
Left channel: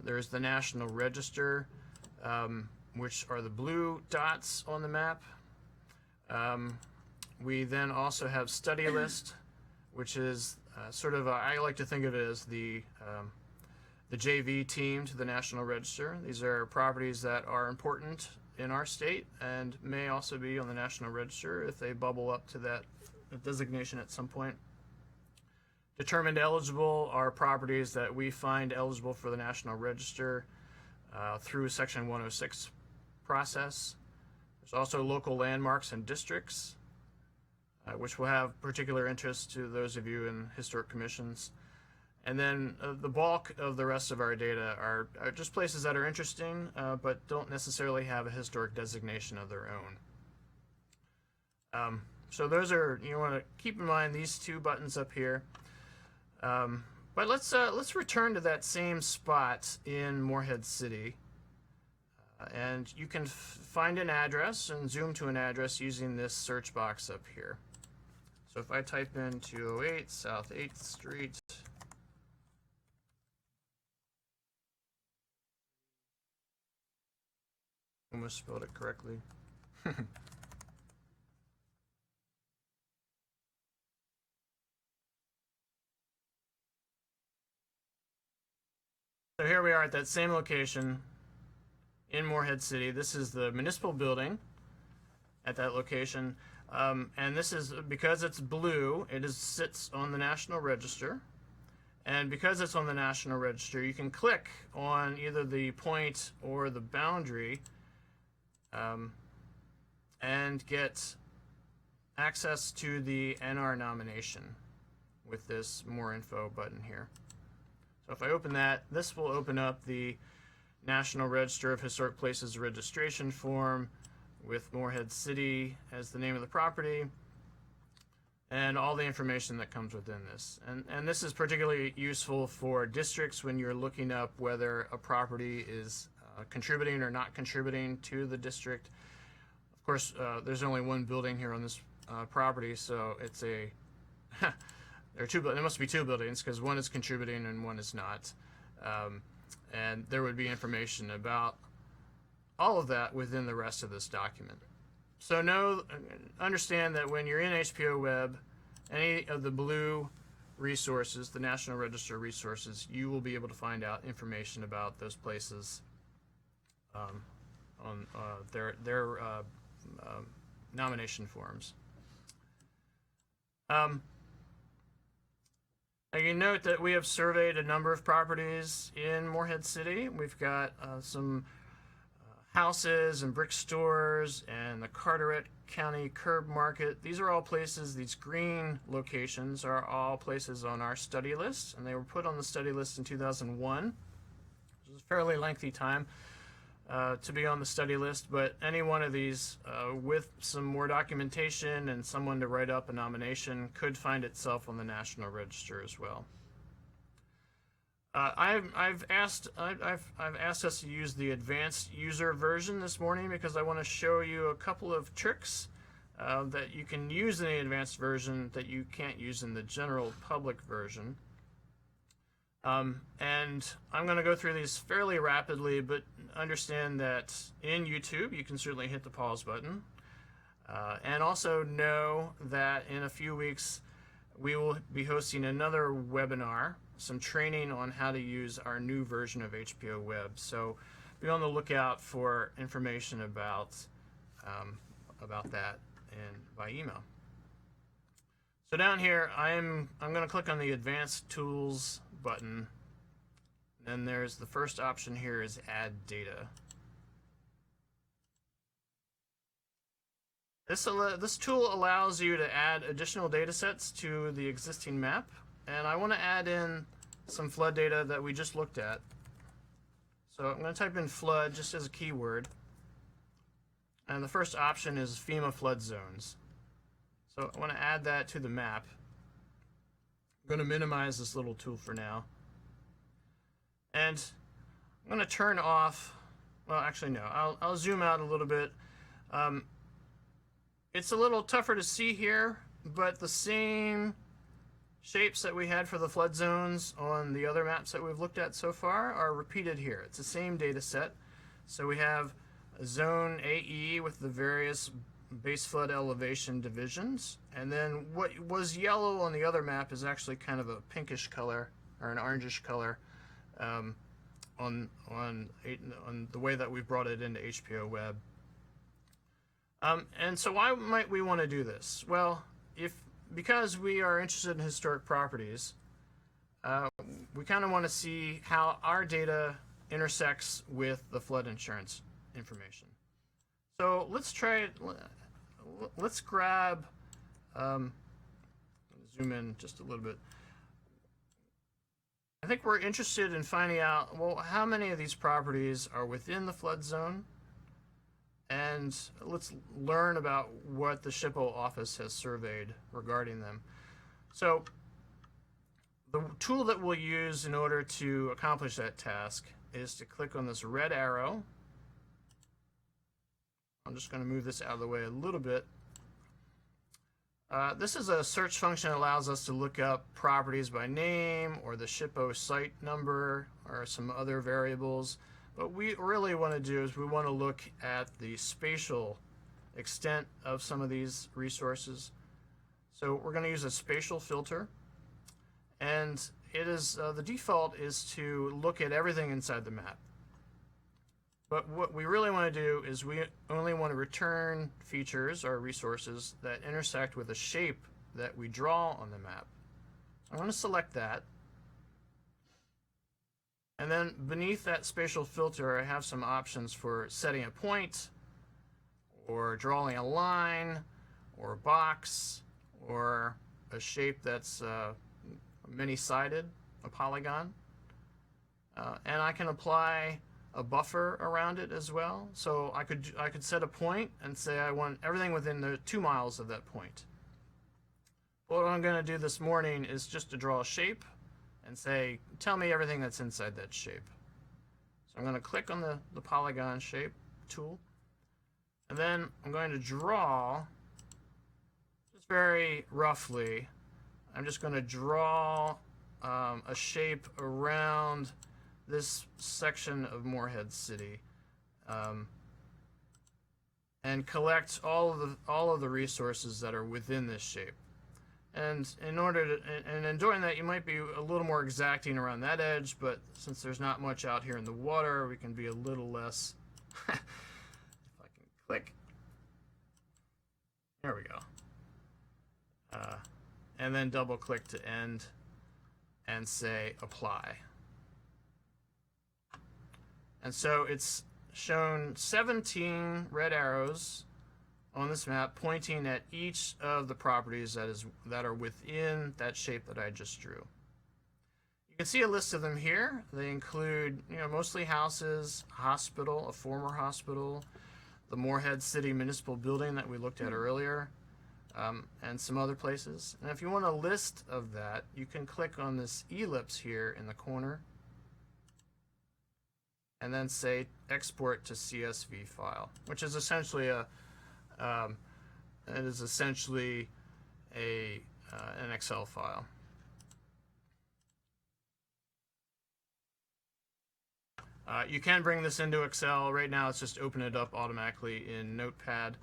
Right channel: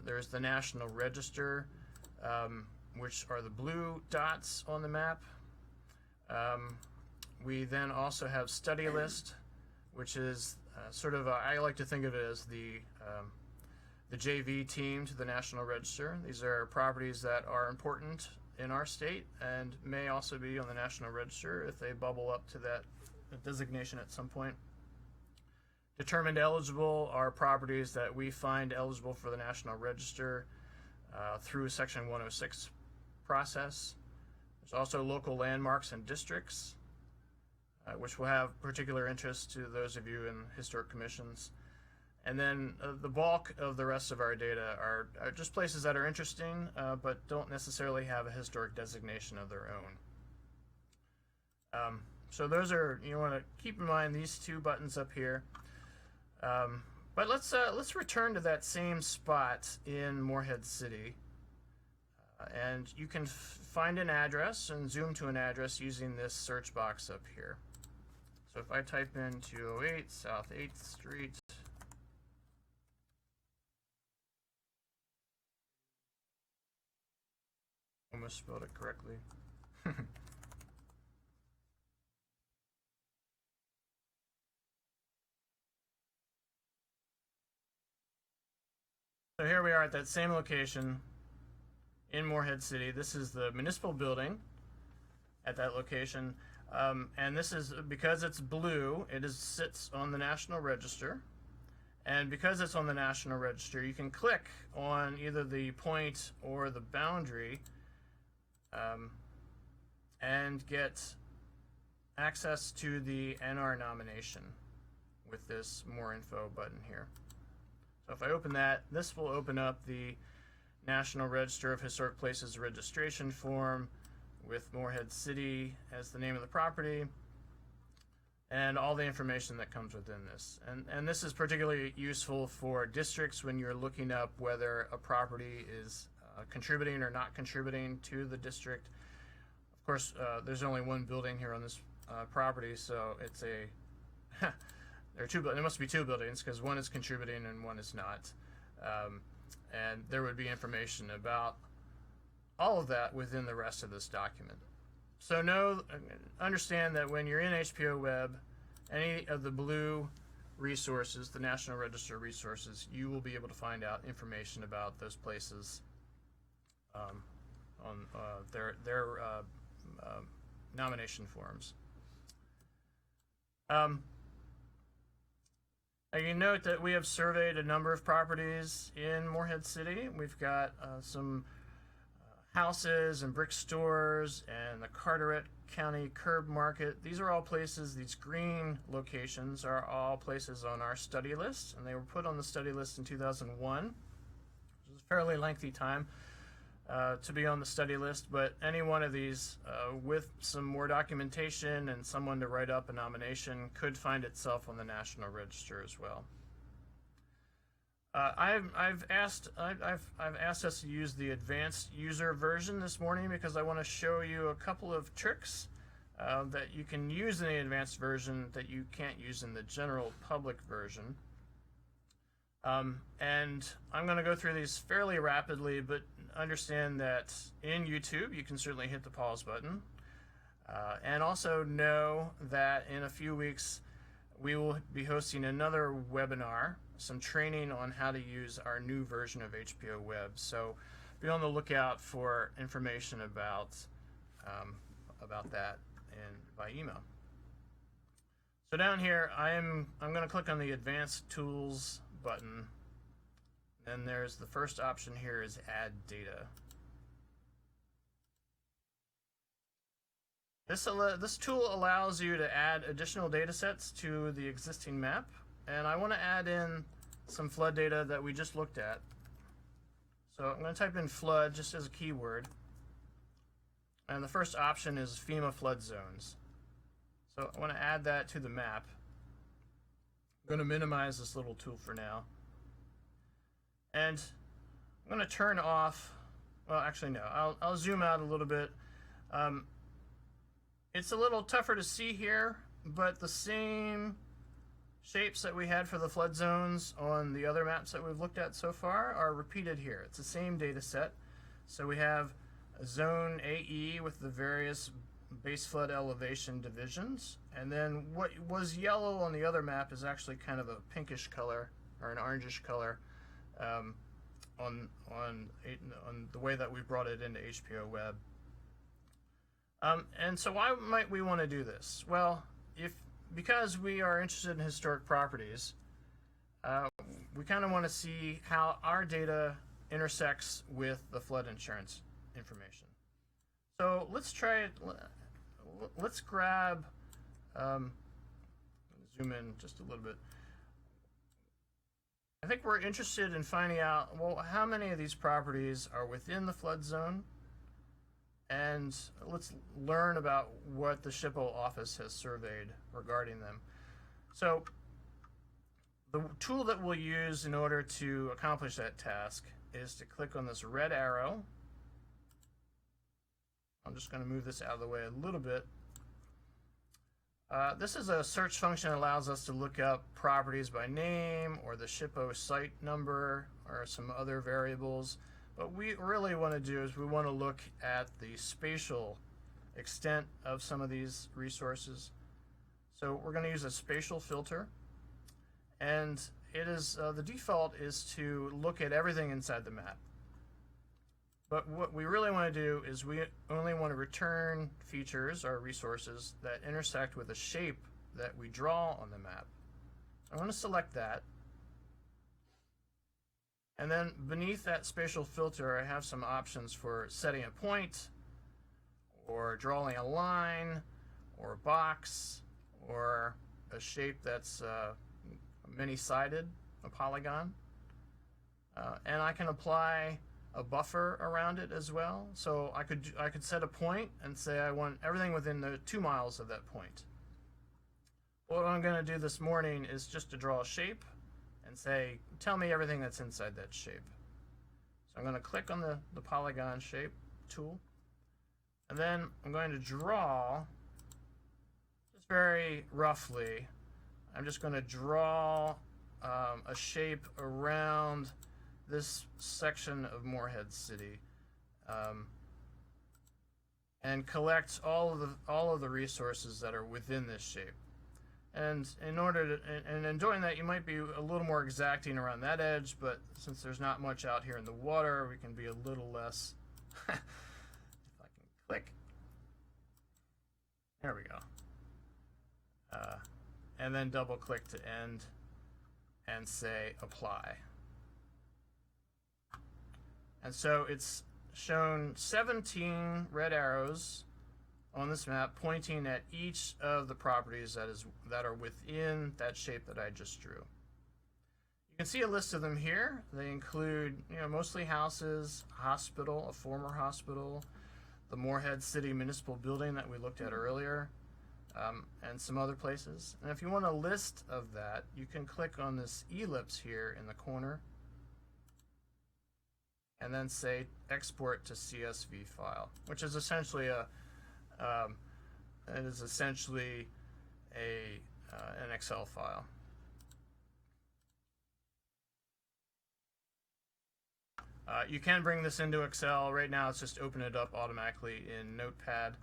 There's the National Register, which are the blue dots on the map. We then also have Study List, which is I like to think of it as the JV team to the National Register. These are properties that are important in our state and may also be on the National Register if they bubble up to that designation at some point. Determined eligible are properties that we find eligible for the National Register through Section 106 process. There's also local landmarks and districts, which will have particular interest to those of you in historic commissions. And then the bulk of the rest of our data are just places that are interesting, but don't necessarily have a historic designation of their own. So those are, you want to keep in mind these two buttons up here. But let's return to that same spot in Morehead City. And you can find an address and zoom to an address using this search box up here. So if I type in 208 South 8th Street, almost spelled it correctly. So here we are at that same location in Morehead City. This is the municipal building at that location. And this is, because it's blue, sits on the National Register. And because it's on the National Register, you can click on either the point or the boundary and get access to the NR nomination with this More Info button here. So if I open that, this will open up the National Register of Historic Places registration form with Morehead City as the name of the property and all the information that comes within this. And this is particularly useful for districts when you're looking up whether a property is contributing or not contributing to the district. Of course, there's only one building here on this property, so it's a there must be two buildings because one is contributing and one is not. And there would be information about all of that within the rest of this document. So understand that when you're in HPO Web, any of the blue resources, the National Register resources, you will be able to find out information about those places on their nomination forms. Now you note that we have surveyed a number of properties in Morehead City. We've got some houses and brick stores and the Carteret County Curb Market. These are all places, these green locations are all places on our study list, and they were put on the study list in 2001, which was a fairly lengthy time to be on the study list, but any one of these with some more documentation and someone to write up a nomination could find itself on the National Register as well. I've asked us to use the advanced user version this morning because I want to show you a couple of tricks that you can use in the advanced version that you can't use in the general public version. And I'm going to go through these fairly rapidly, but understand that in YouTube you can certainly hit the pause button. And also know that in a few weeks we will be hosting another webinar, some training on how to use our new version of HBO Web. So be on the lookout for information about that by email. So down here, I'm going to click on the Advanced Tools button. Then there's the first option here is Add Data. This tool allows you to add additional data sets to the existing map, and I want to add in some flood data that we just looked at. So I'm going to type in flood just as a keyword, and the first option is FEMA flood zones. So I want to add that to the map. I'm going to minimize this little tool for now, and I'm going to turn off, well actually no, I'll zoom out a little bit. It's a little tougher to see here, but the same shapes that we had for the flood zones on the other maps that we've looked at so far are repeated here. It's the same data set. So we have zone AE with the various base flood elevation divisions, and then what was yellow on the other map is actually kind of a pinkish color or an orangish color on the way that we've brought it into HBO Web. And so why might we want to do this? Well, because we are interested in historic properties, we kind of want to see how our data intersects with the flood insurance information. So let's try it. Let's grab, zoom in just a little bit. I think we're interested in finding out, well, how many of these properties are within the flood zone? And let's learn about what the SHPO office has surveyed regarding them. So the tool that we'll use in order to accomplish that task is to click on this red arrow. I'm just going to move this out of the way a little bit. This is a search function that allows us to look up properties by name or the SHPO site number or some other variables. What we really want to do is we want to look at the spatial extent of some of these resources. So we're going to use a spatial filter, and it is the default is to look at everything inside the map. But what we really want to do is we only want to return features or resources that intersect with the shape that we draw on the map. I'm going to select that. And then beneath that spatial filter, I have some options for setting a point, or drawing a line, or a box, or a shape that's many-sided, a polygon. And I can apply a buffer around it as well. So I could set a point and say I want everything within the 2 miles of that point. What I'm going to do this morning is just to draw a shape and say, tell me everything that's inside that shape. So I'm going to click on the polygon shape tool, and then I'm going to draw, just very roughly, I'm just going to draw a shape around this section of Morehead City, and collect all of the resources that are within this shape. And in doing that, you might be a little more exacting around that edge, but since there's not much out here in the water, we can be a little less. If I can click. There we go. And then double click to end and say apply. And so it's shown 17 red arrows on this map pointing at each of the properties that are within that shape that I just drew. You can see a list of them here. They include, mostly houses, hospital, a former hospital, the Morehead City Municipal Building that we looked at earlier, and some other places. And if you want a list of that, you can click on this ellipse here in the corner and then say export to CSV file, which is essentially it is essentially an Excel file. You can bring this into Excel. Right now it's just open it up automatically in Notepad.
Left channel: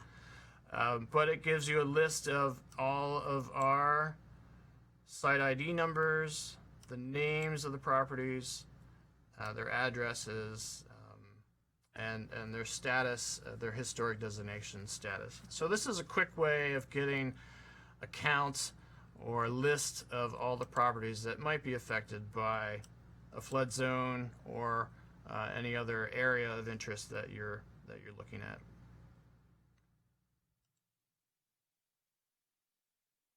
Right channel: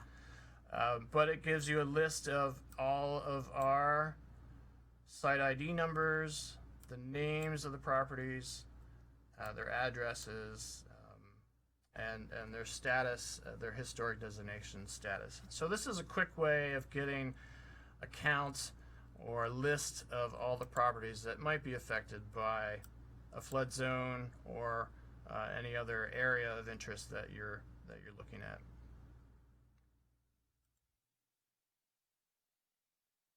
But it gives you a list of all of our site ID numbers, the names of the properties, their addresses, and their status, their historic designation status. So this is a quick way of getting a count or a list of all the properties that might be affected by a flood zone or any other area of interest that you're looking at.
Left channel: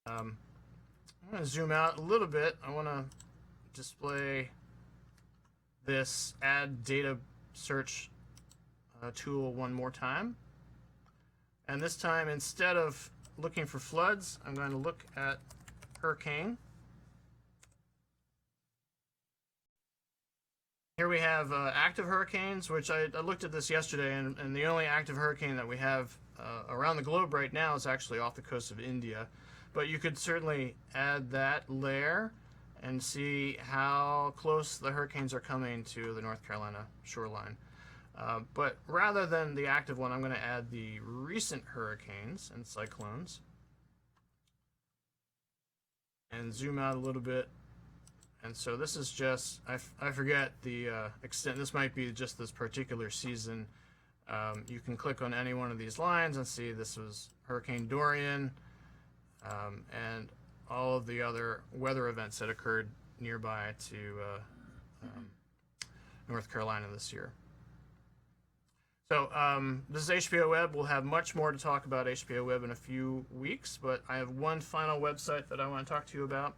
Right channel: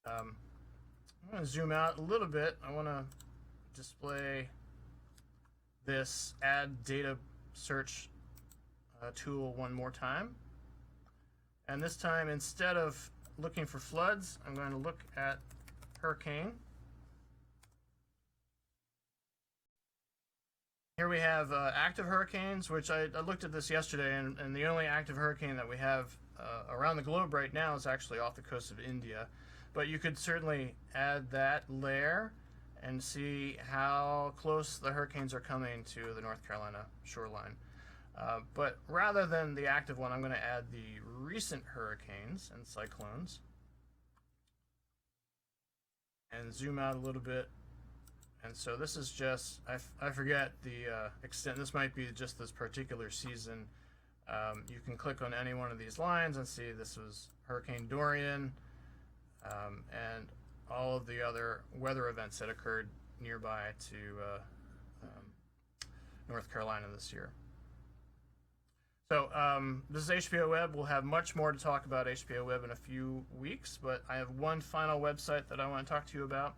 I'm going to zoom out a little bit. I want to display this add data search tool one more time. And this time, instead of looking for floods, I'm going to look at hurricane. Here we have active hurricanes, which I looked at this yesterday, and the only active hurricane that we have around the globe right now is actually off the coast of India. But you could certainly add that layer and see how close the hurricanes are coming to the North Carolina shoreline. But rather than the active one, I'm going to add the recent hurricanes and cyclones. And zoom out a little bit. And so this is just, I forget the extent, this might be just this particular season. You can click on any one of these lines and see this was Hurricane Dorian, and all of the other weather events that occurred nearby to North Carolina this year. So this is HBO Web. We'll have much more to talk about HBO Web in a few weeks, but I have one final website that I want to talk to you about.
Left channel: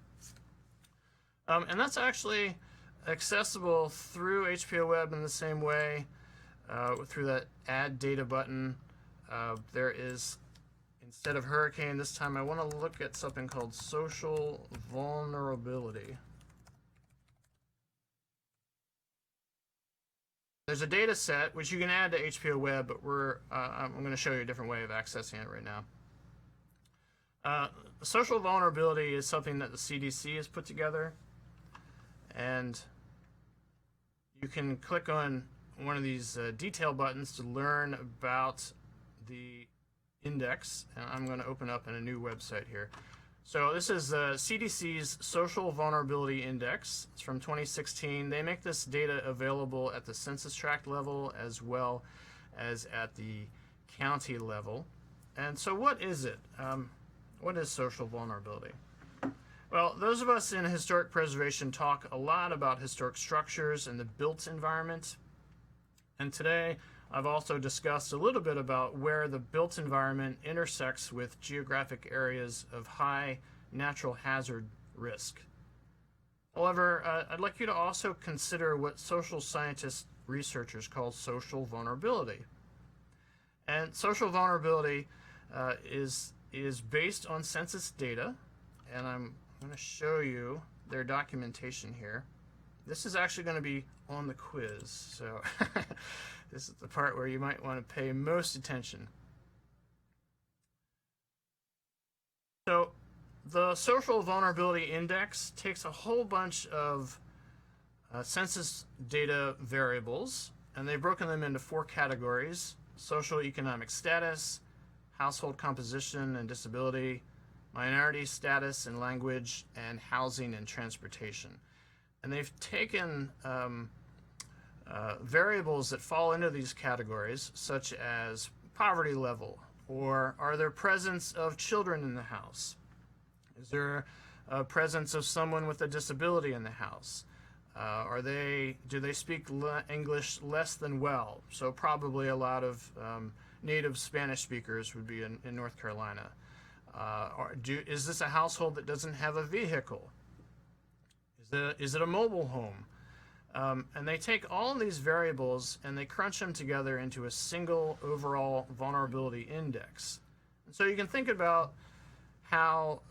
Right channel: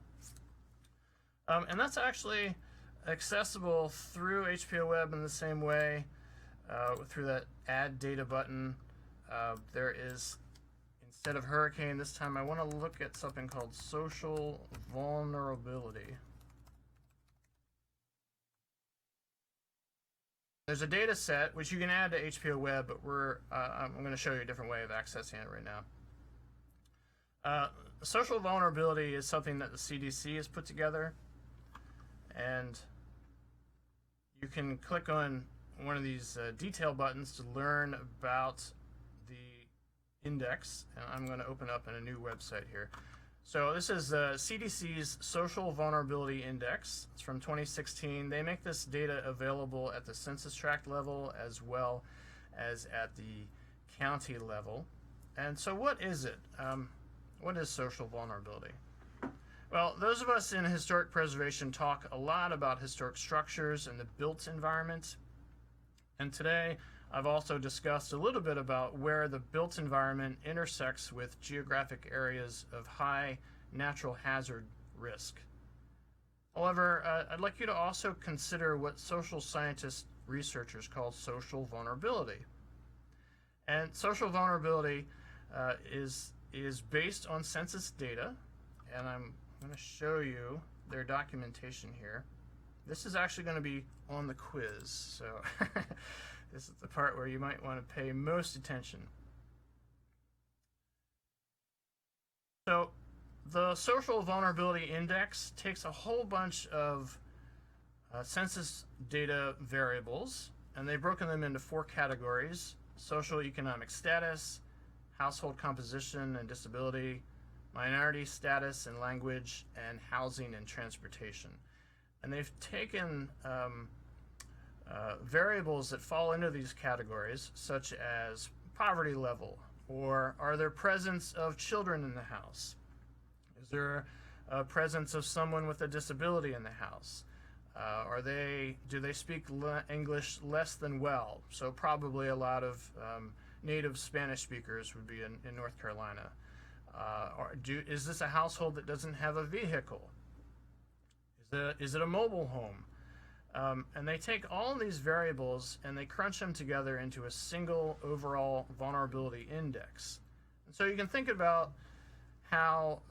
And that's actually accessible through HBO Web in the same way, through that Add Data button. There is, instead of hurricane, this time I want to look at something called social vulnerability. There's a data set which you can add to HBO Web, but I'm going to show you a different way of accessing it right now. Social vulnerability is something that the CDC has put together, and you can click on one of these detail buttons to learn about the index. And I'm going to open up in a new website here. So this is the CDC's Social Vulnerability Index. It's from 2016. They make this data available at the census tract level as well as at the county level. And so what is it? What is social vulnerability? Well, those of us in historic preservation talk a lot about historic structures and the built environment. And today, I've also discussed a little bit about where the built environment intersects with geographic areas of high natural hazard risk. However, I'd like you to also consider what social scientist researchers call social vulnerability. And social vulnerability is based on census data, and I'm going to show you their documentation here. This is actually going to be on the quiz, so this is the part where you might want to pay most attention. So the Social Vulnerability Index takes a whole bunch of census data variables, and they've broken them into 4 categories: social economic status, household composition and disability, minority status and language, and housing and transportation. And they've taken variables that fall into these categories, such as poverty level, or are there presence of children in the house? Is there a presence of someone with a disability in the house? Do they speak English less than well? So probably a lot of native Spanish speakers would be in North Carolina. Is this a household that doesn't have a vehicle? Is it a mobile home? And they take all these variables and they crunch them together into a single overall vulnerability index. And so you can think about how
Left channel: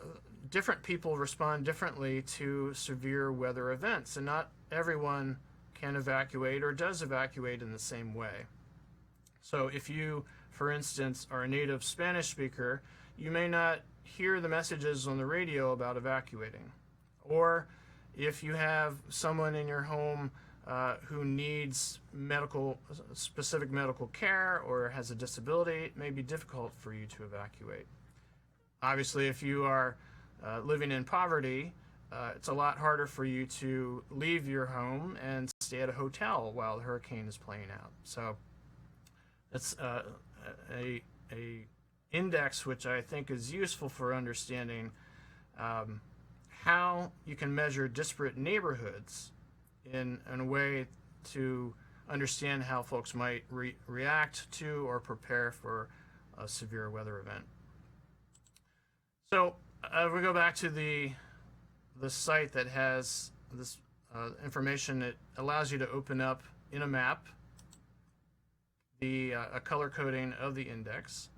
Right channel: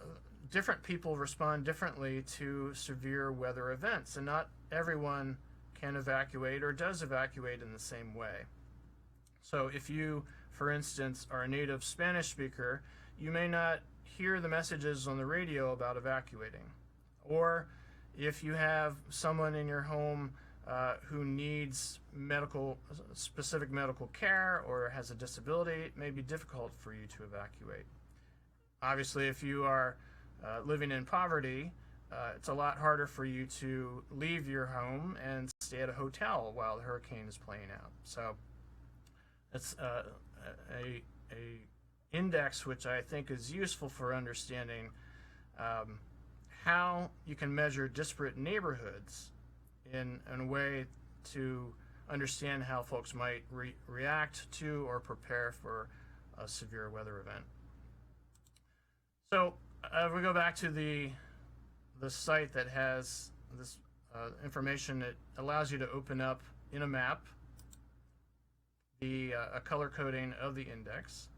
different people respond differently to severe weather events, and not everyone can evacuate or does evacuate in the same way. So if you for instance, are a native Spanish speaker, you may not hear the messages on the radio about evacuating. Or if you have someone in your home who needs specific medical care or has a disability, it may be difficult for you to evacuate. Obviously, if you are living in poverty, it's a lot harder for you to leave your home and stay at a hotel while the hurricane is playing out. So that's a index which I think is useful for understanding how you can measure disparate neighborhoods in a way to understand how folks might react to or prepare for a severe weather event. So if we go back to the site that has this information, it allows you to open up in a map a color coding of the index.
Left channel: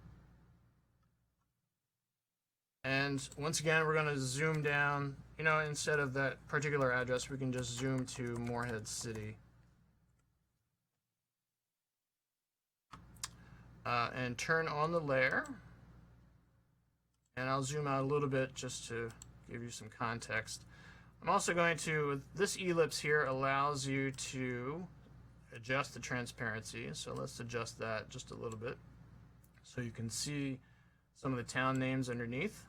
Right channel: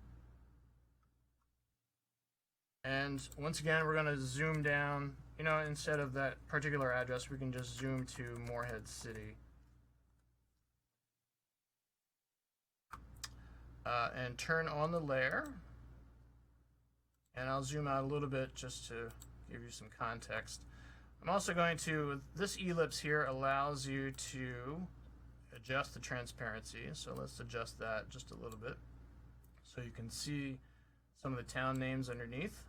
And once again, we're going to zoom down. You know, instead of that particular address, we can just zoom to Morehead City. And turn on the layer. And I'll zoom out a little bit just to give you some context. I'm also going to, this ellipse here allows you to adjust the transparency. So let's adjust that just a little bit so you can see some of the town names underneath.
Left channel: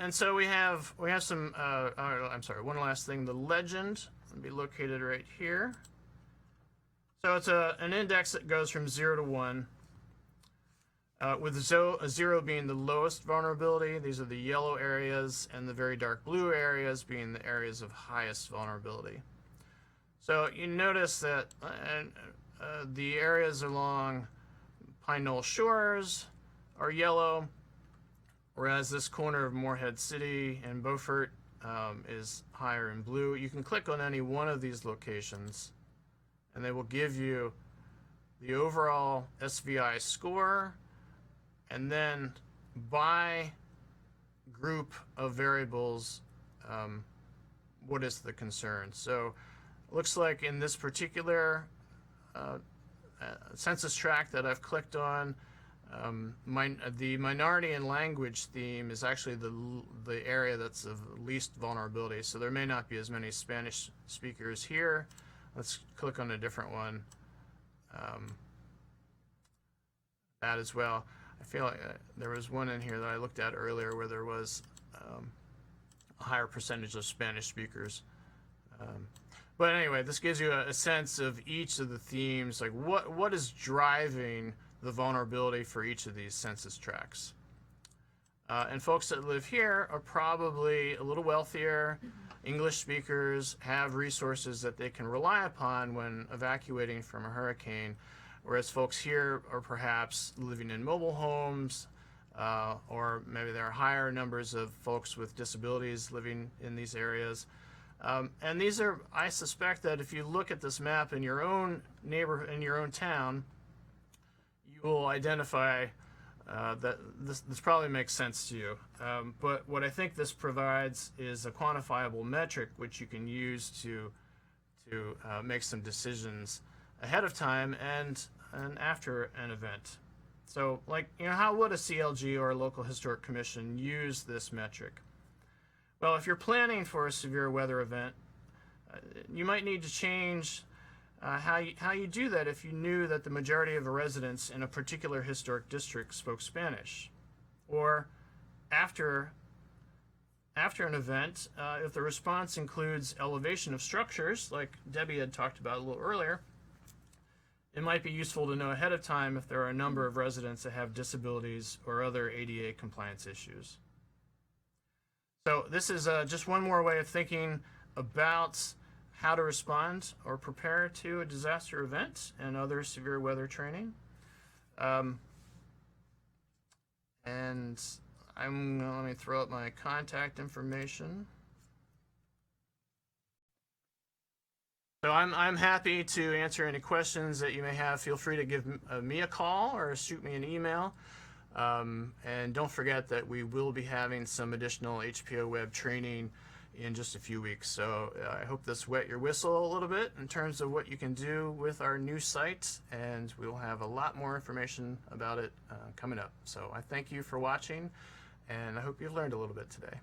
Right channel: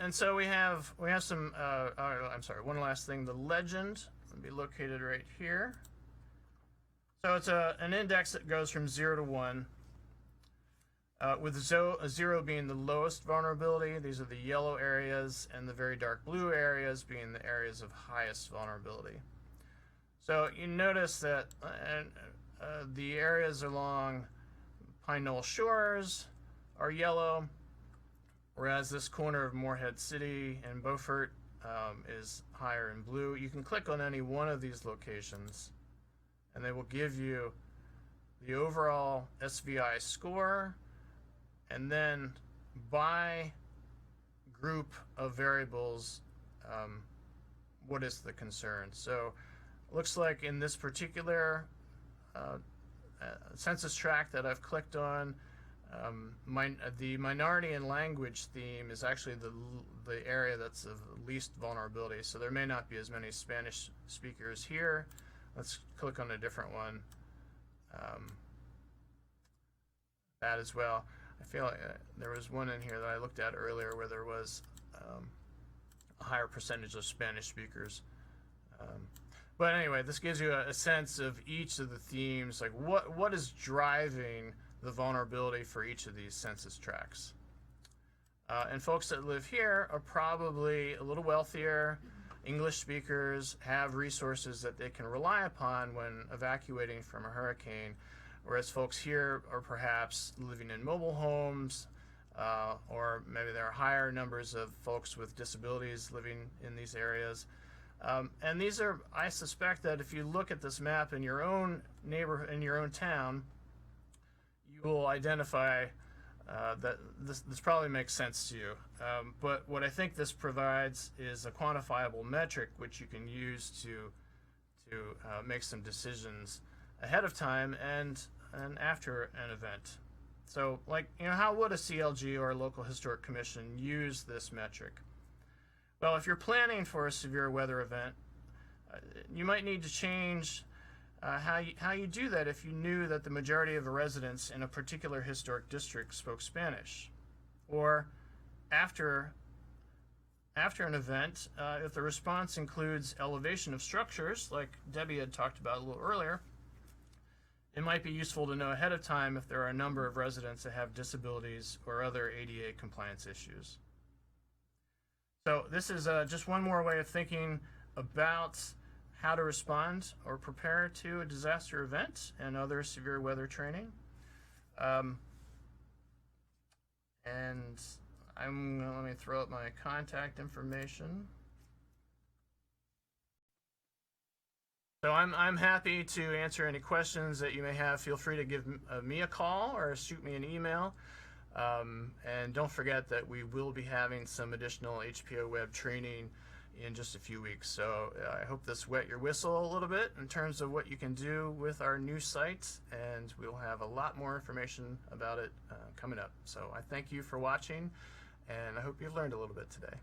And so we have some, I'm sorry, one last thing. The legend will be located right here. So it's an index that goes from 0 to 1, with 0 being the lowest vulnerability. These are the yellow areas, and the very dark blue areas being the areas of highest vulnerability. So you notice that the areas along Pine Knoll Shores are yellow, whereas this corner of Morehead City and Beaufort is higher in blue. You can click on any one of these locations and they will give you the overall SVI score and then by group of variables what is the concern. So it looks like in this particular census tract that I've clicked on, the minority and language theme is actually the area that's of least vulnerability. So there may not be as many Spanish speakers here. Let's click on a different one. That as well. I feel like there was one in here that I looked at earlier where there was a higher percentage of Spanish speakers. But anyway, this gives you a sense of each of the themes, like what is driving the vulnerability for each of these census tracts. And folks that live here are probably a little wealthier, English speakers, have resources that they can rely upon when evacuating from a hurricane, whereas folks here are perhaps living in mobile homes, or maybe there are higher numbers of folks with disabilities living in these areas. And these are, I suspect that if you look at this map in your own neighborhood, in your own town, you will identify that this probably makes sense to you. But what I think this provides is a quantifiable metric which you can use to make some decisions ahead of time and after an event. So, like, you know, how would a CLG or a local historic commission use this metric? Well, if you're planning for a severe weather event, you might need to change how you do that if you knew that the majority of the residents in a particular historic district spoke Spanish. Or after an event, if the response includes elevation of structures, like Debbie had talked about a little earlier, it might be useful to know ahead of time if there are a number of residents that have disabilities or other ADA compliance issues. So this is just one more way of thinking about how to respond or prepare to a disaster event and other severe weather training. And let me throw up my contact information. So I'm happy to answer any questions that you may have. Feel free to give me a call or shoot me an email. And don't forget that we will be having some additional HPO web training in just a few weeks. So I hope this wet your whistle a little bit in terms of what you can do with our new site, and we'll have a lot more information about it coming up. So I thank you for watching, and I hope you've learned a little bit today.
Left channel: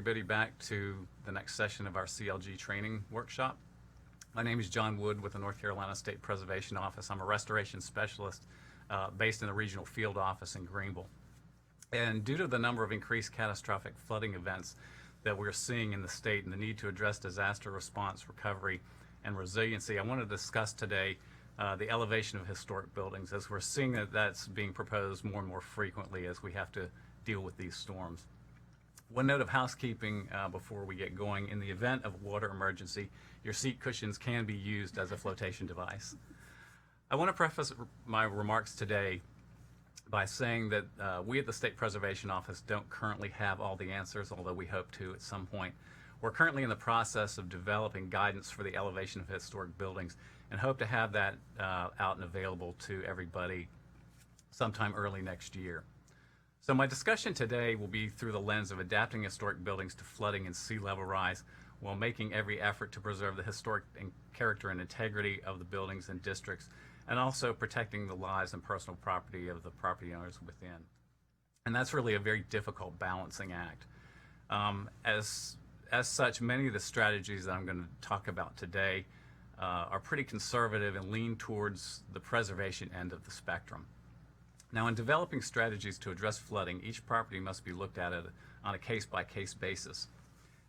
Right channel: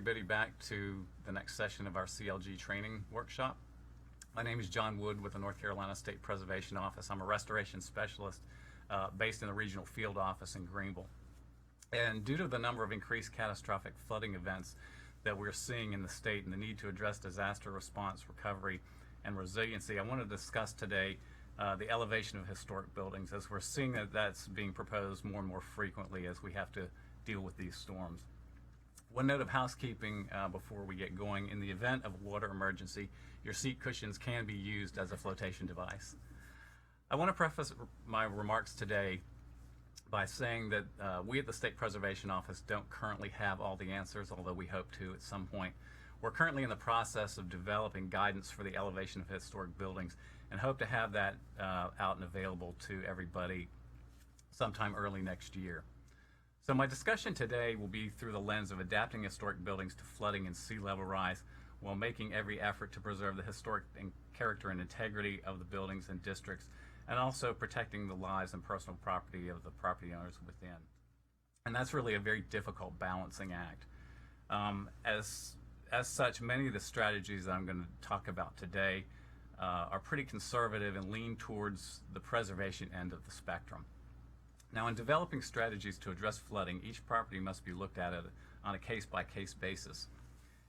Everybody back to the next session of our CLG training workshop. My name is John Wood with the North Carolina State Preservation Office. I'm a restoration specialist based in the regional field office in Greenville. And due to the number of increased catastrophic flooding events that we're seeing in the state and the need to address disaster response, recovery, and resiliency, I want to discuss today the elevation of historic buildings, as we're seeing that that's being proposed more and more frequently as we have to deal with these storms. One note of housekeeping before we get going: in the event of water emergency, your seat cushions can be used as a flotation device. I want to preface my remarks today by saying that we at the State Preservation Office don't currently have all the answers, although we hope to at some point. We're currently in the process of developing guidance for the elevation of historic buildings and hope to have that out and available to everybody sometime early next year. So my discussion today will be through the lens of adapting historic buildings to flooding and sea level rise, while making every effort to preserve the historic and character and integrity of the buildings and districts, and also protecting the lives and personal property of the property owners within. And that's really a very difficult balancing act. As such, many of the strategies that I'm going to talk about today are pretty conservative and lean towards the preservation end of the spectrum. Now, in developing strategies to address flooding, each property must be looked at on a case-by-case basis.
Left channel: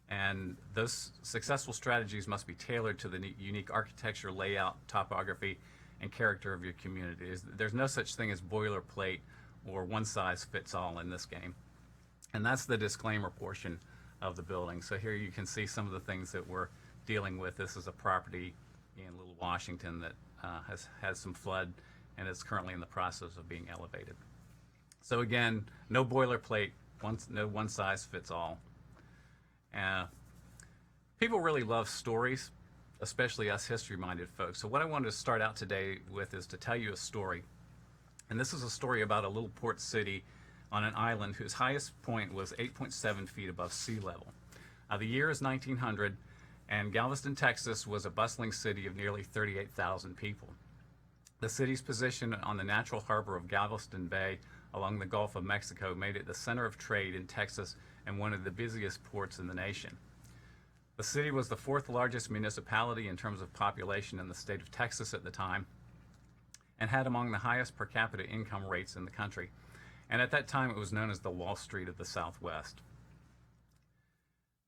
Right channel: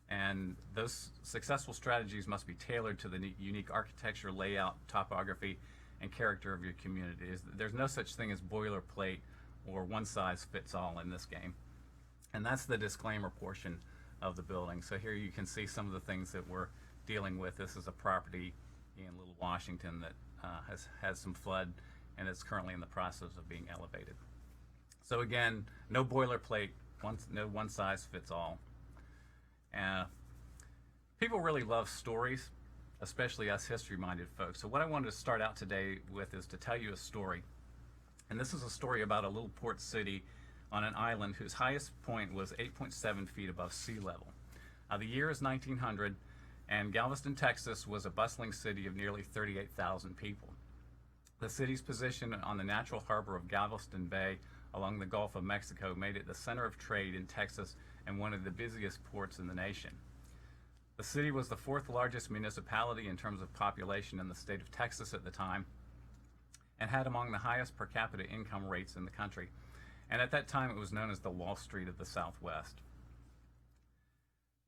And those successful strategies must be tailored to the unique architecture, layout, topography, and character of your community. There's no such thing as boilerplate or one-size-fits-all in this game. And that's the disclaimer portion of the building. So here you can see some of the things that we're dealing with. This is a property in Little Washington that has had some flood, and it's currently in the process of being elevated. So again, no boilerplate, no one size fits all. People really love stories, especially us history-minded folks. So what I wanted to start out today with is to tell you a story. And this is a story about a little port city on an island whose highest point was 8.7 feet above sea level. The year is 1900, and Galveston, Texas was a bustling city of nearly 38,000 people. The city's position on the natural harbor of Galveston Bay along the Gulf of Mexico made it the center of trade in Texas and one of the busiest ports in the nation. The city was the fourth largest municipality in terms of population in the state of Texas at the time, and had among the highest per capita income rates in the country. And at that time, it was known as the Wall Street of the Southwest.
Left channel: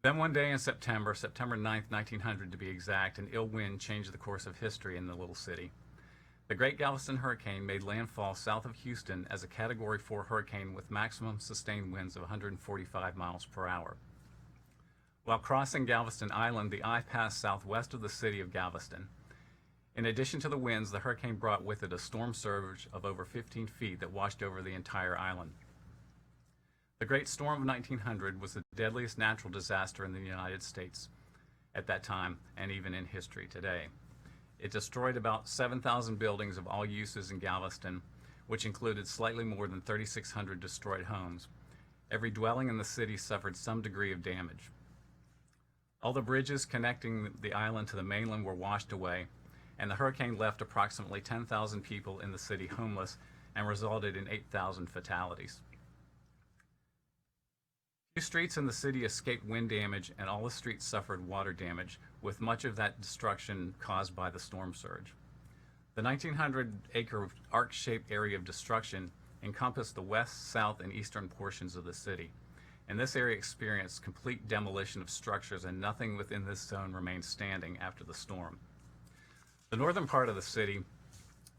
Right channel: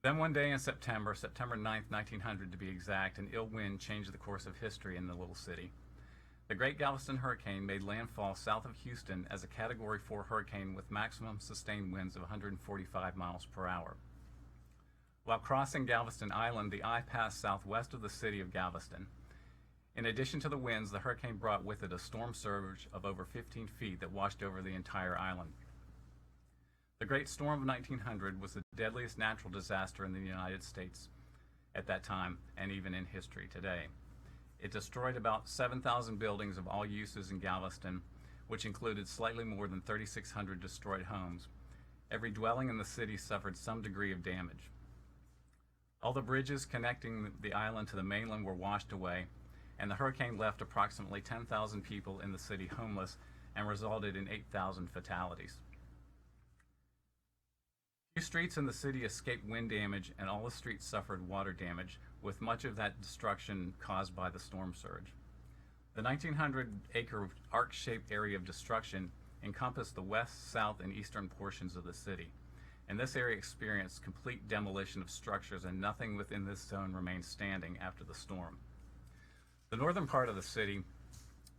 Then one day in September 9th, 1900 to be exact, an ill wind changed the course of history in the little city. The Great Galveston Hurricane made landfall south of Houston as a Category 4 hurricane with maximum sustained winds of 145 miles per hour. While crossing Galveston Island, the eye passed southwest of the city of Galveston. In addition to the winds, the hurricane brought with it a storm surge of over 15 feet that washed over the entire island. The Great Storm of 1900 was the deadliest natural disaster in the United States at that time, and even in history today. It destroyed about 7,000 buildings of all uses in Galveston, which included slightly more than 3,600 destroyed homes. Every dwelling in the city suffered some degree of damage. All the bridges connecting the island to the mainland were washed away, and the hurricane left approximately 10,000 people in the city homeless and resulted in 8,000 fatalities. Few streets in the city escaped wind damage, and all the streets suffered water damage, with much of that destruction caused by the storm surge. The 1,900-acre arc-shaped area of destruction encompassed the west, south, and eastern portions of the city, and this area experienced complete demolition of structures, and nothing within this zone remained standing after the storm. The northern part of the city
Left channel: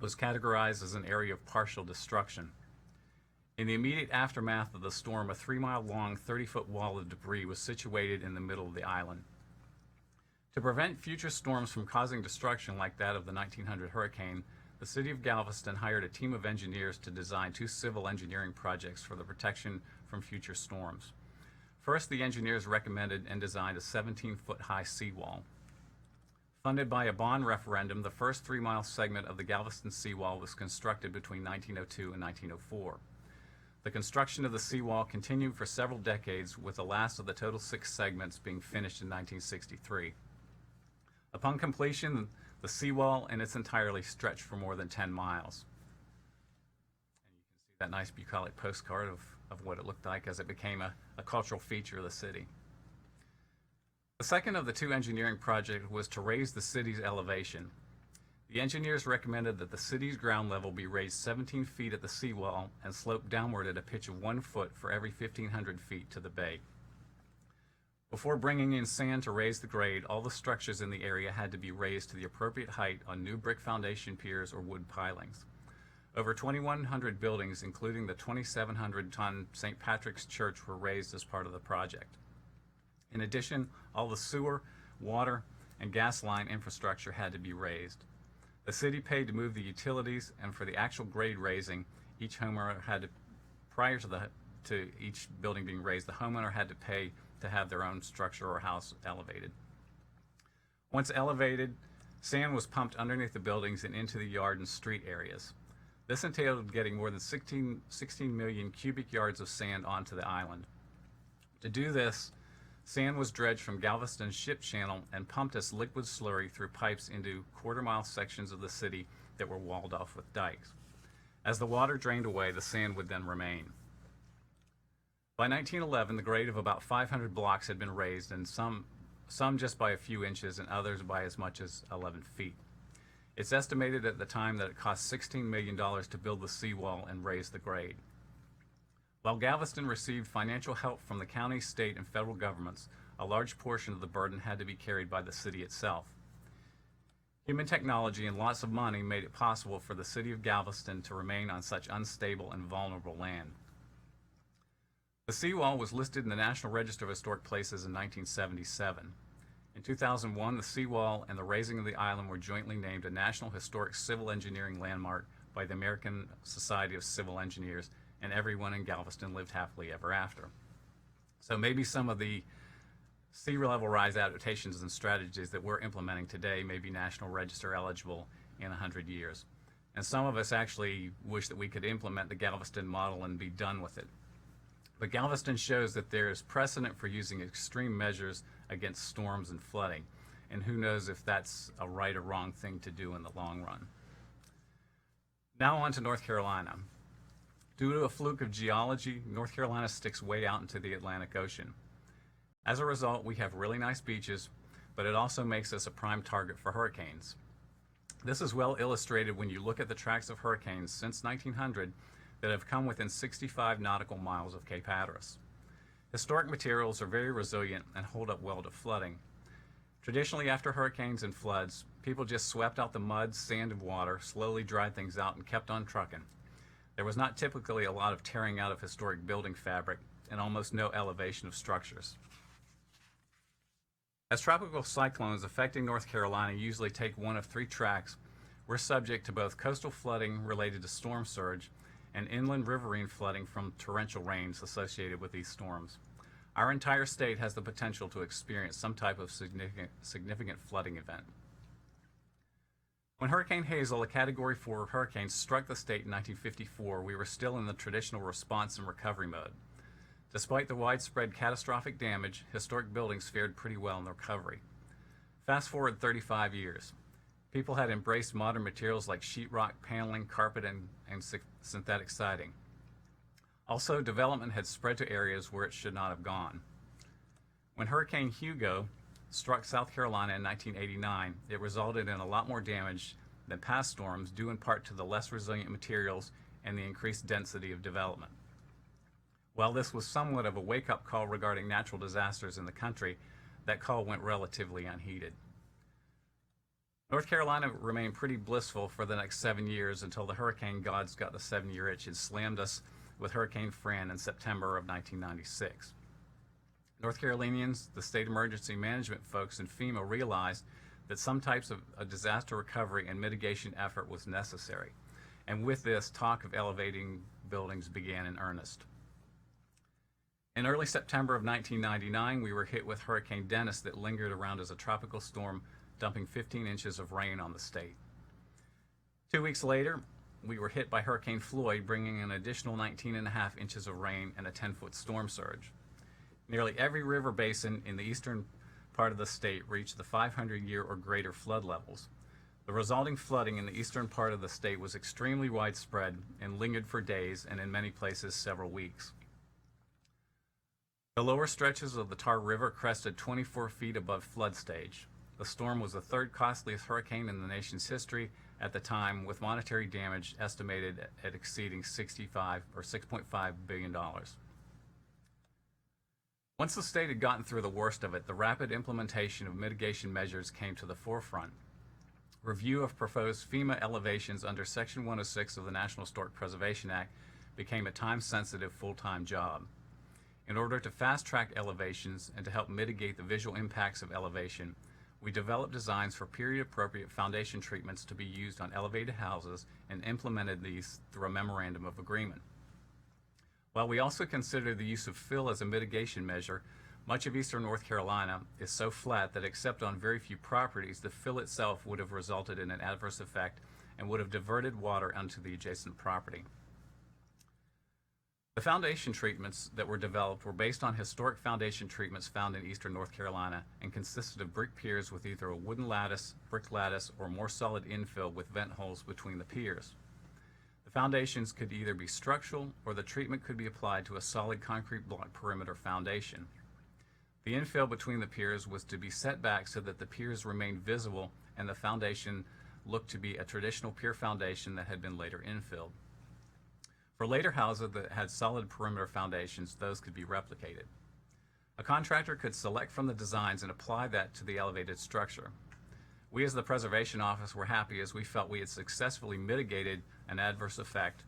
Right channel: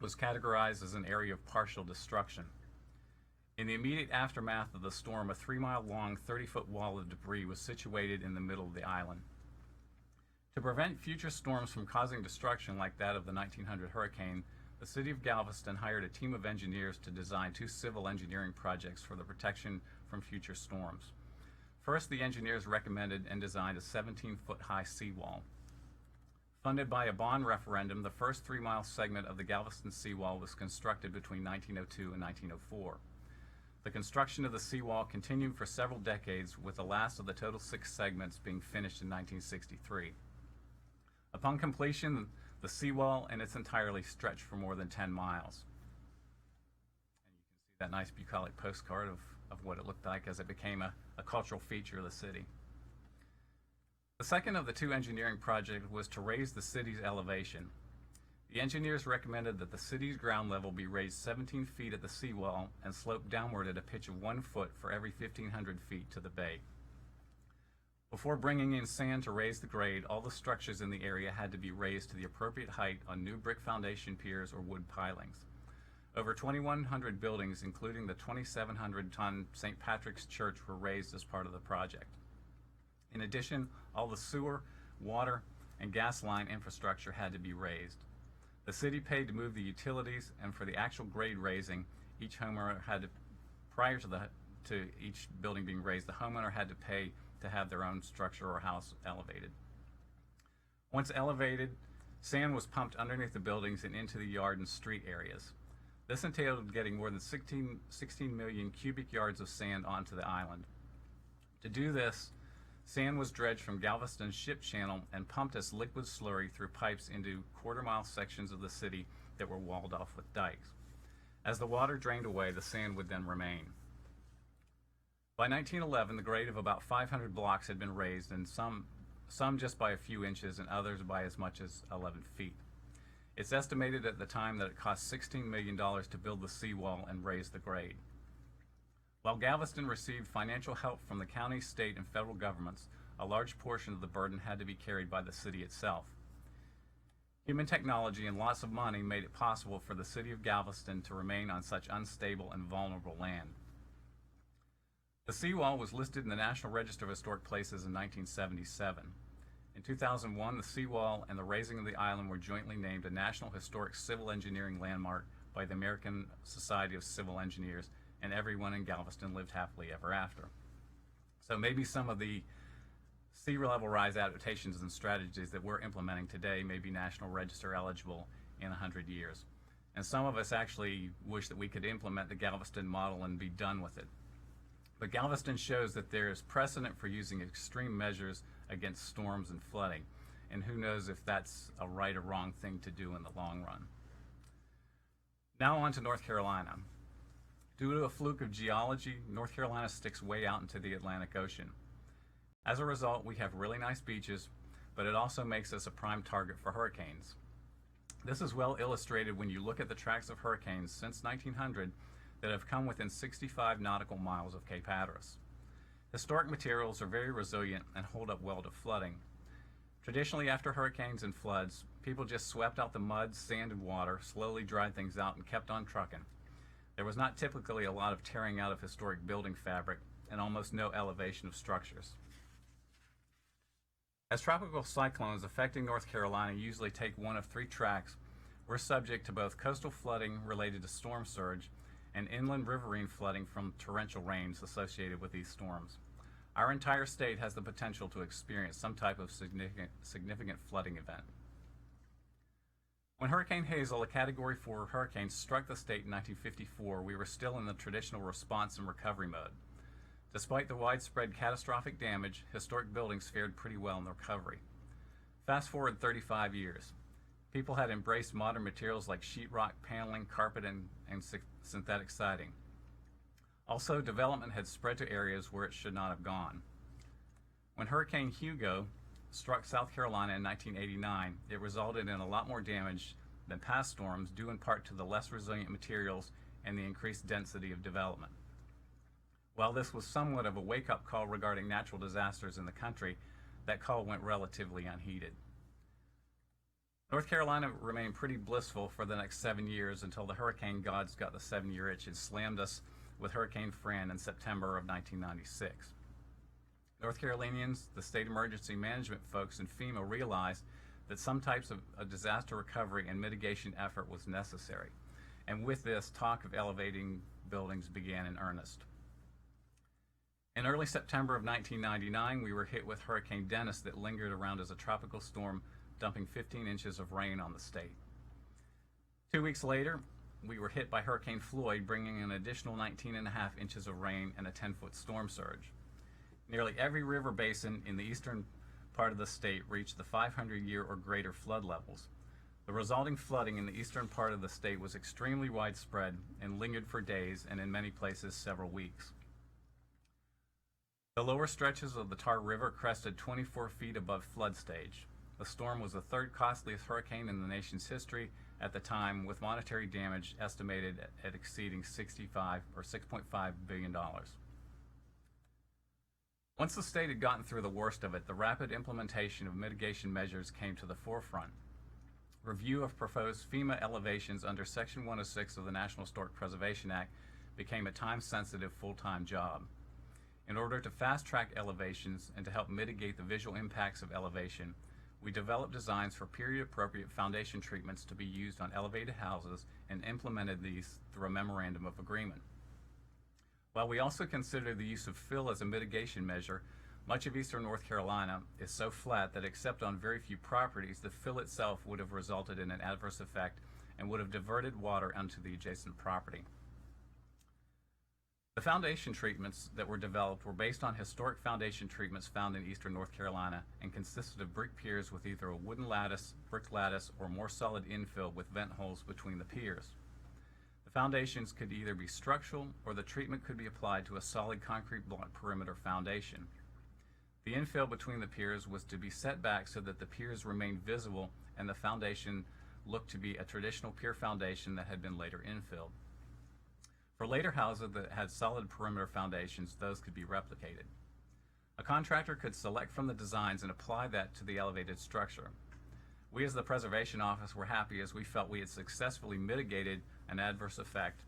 was categorized as an area of partial destruction. In the immediate aftermath of the storm, a 3-mile-long, 30-foot wall of debris was situated in the middle of the island. To prevent future storms from causing destruction like that of the 1900 hurricane, the city of Galveston hired a team of engineers to design 2 civil engineering projects for the protection from future storms. First, the engineers recommended and designed a 17-foot high seawall. Funded by a bond referendum, the first 3-mile segment of the Galveston seawall was constructed between 1902 and 1904. The construction of the seawall continued for several decades, with the last of the total 6 segments being finished in 1963. Upon completion, the seawall in its entirety stretched for more than 10 miles. And you can see that nice bucolic postcard of what it looked like as it became a cultural feature of the city. The second of the two engineering projects was to raise the city's elevation. The engineers recommended that the city's ground level be raised 17 feet at the seawall and sloped downward at a pitch of 1 foot for every 1,500 feet to the bay. Before bringing in sand to raise the grade, all the structures in the area had to be raised to the appropriate height on new brick foundation piers or wood pilings. Over 2,100 buildings, including the 2,700-ton St. Patrick's Church, were raised as part of the project. In addition, all the sewer, water, and gas line infrastructure had to be raised. The city paid to move the utilities, and for the actual grade raising, each homeowner had to, prior to each building being raised, the homeowner had to pay to have their own structure or house elevated. Once elevated, sand was pumped underneath the buildings and into the yard and street areas. This entailed getting more than 16 million cubic yards of sand onto the island. To do this, sand was dredged from Galveston's ship channel and pumped as liquid slurry through pipes into quarter-mile sections of the city that were walled off with dikes. As the water drained away, the sand would then remain. By 1911, the grade of about 500 blocks had been raised, and some just by a few inches and others by as much as 11 feet. It's estimated at the time that it cost $16 million to build the seawall and raise the grade. While Galveston received financial help from the county, state, and federal governments, a large portion of the burden had to be carried by the city itself. Human technology and lots of money made it possible for the city of Galveston to remain on such unstable and vulnerable land. The seawall was listed in the National Register of Historic Places in 1977. In 2001, the seawall and the raising of the island were jointly named a National Historic Civil Engineering Landmark by the American Society of Civil Engineers, and everyone in Galveston lived happily ever after. So maybe some of the sea level rise adaptations and strategies that we're implementing today may be National Register eligible in 100 years. And some of us actually wish that we could implement the Galveston model and be done with it. But Galveston shows that there is precedent for using extreme measures against storms and flooding, and who knows if that's a right or wrong thing to do in the long run. Now on to North Carolina. Due to a fluke of geology, North Carolina sticks way out into the Atlantic Ocean. As a result, we have really nice beaches, but it also makes us a prime target for hurricanes. This is well illustrated when you look at the tracks of hurricanes since 1900 that have come within 65 nautical miles of Cape Hatteras. Historic materials are very resilient and hold up well to flooding. Traditionally, after hurricanes and floods, people just swept out the mud, sand, and water, slowly dried things out, and kept on trucking. There was not typically a lot of tearing out of historic building fabric and almost no elevation of structures. As tropical cyclones affecting North Carolina usually take one of three tracks, we're subject to both coastal flooding related to storm surge and inland riverine flooding from torrential rains associated with these storms. Our entire state has the potential to experience some type of significant flooding event. When Hurricane Hazel, a Category 4 hurricane, struck the state in 1954, we were still in the traditional response and recovery mode. Despite the widespread catastrophic damage, historic buildings fared pretty well in the recovery. Fast forward 35 years. People had embraced modern materials like sheetrock, paneling, carpet, and synthetic siding. Also, development had spread to areas where it should not have gone. When Hurricane Hugo struck South Carolina in 1989, it resulted in a lot more damage than past storms, due in part to the less resilient materials and the increased density of development. While this was somewhat of a wake-up call regarding natural disasters in the country, that call went relatively unheeded. North Carolina remained pretty blissful for the next 7 years until the hurricane gods got the 7-year itch and slammed us with Hurricane Fran in September of 1996. North Carolinians, the state emergency management folks, and FEMA realized that some types of a disaster recovery and mitigation effort was necessary. And with this, talk of elevating buildings began in earnest. In early September of 1999, we were hit with Hurricane Dennis that lingered around as a tropical storm, dumping 15 inches of rain on the state. 2 weeks later, we were hit by Hurricane Floyd, bringing an additional 19.5 inches of rain and a 10-foot storm surge. Nearly every river basin in the eastern part of the state reached the 500-year or greater flood levels. The resulting flooding in the eastern part of the state was extremely widespread and lingered for days and in many places several weeks. The lower stretches of the Tar River crested 24 feet above flood stage. The storm was the third costliest hurricane in the nation's history at the time, with monetary damage estimated at exceeding $6.5 billion. Once the state had gotten through the worst of it, the rapid implementation of mitigation measures came to the forefront. Review of proposed FEMA elevations under Section 106 of the National Historic Preservation Act became a time-sensitive, full-time job. In order to fast-track elevations and to help mitigate the visual impacts of elevation, we developed designs for period-appropriate foundation treatments to be used on elevated houses and implemented these through a memorandum of agreement. While we also consider the use of fill as a mitigation measure, much of eastern North Carolina is so flat that except on very few properties, the fill itself would have resulted in an adverse effect and would have diverted water onto the adjacent property. The foundation treatments that were developed were based on historic foundation treatments found in eastern North Carolina and consisted of brick piers with either a wooden lattice, brick lattice, or more solid infill with vent holes between the piers. The foundations could either be structural or the treatment could be applied to a solid concrete block perimeter foundation. The infill between the piers was to be set back so that the piers remained visible and the foundation looked to be a traditional pier foundation that had been later infilled. For later houses that had solid perimeter foundations, those could be replicated. A contractor could select from the designs and apply that to the elevated structure. We as the Preservation Office were happy as we felt we had successfully mitigated an adverse effect.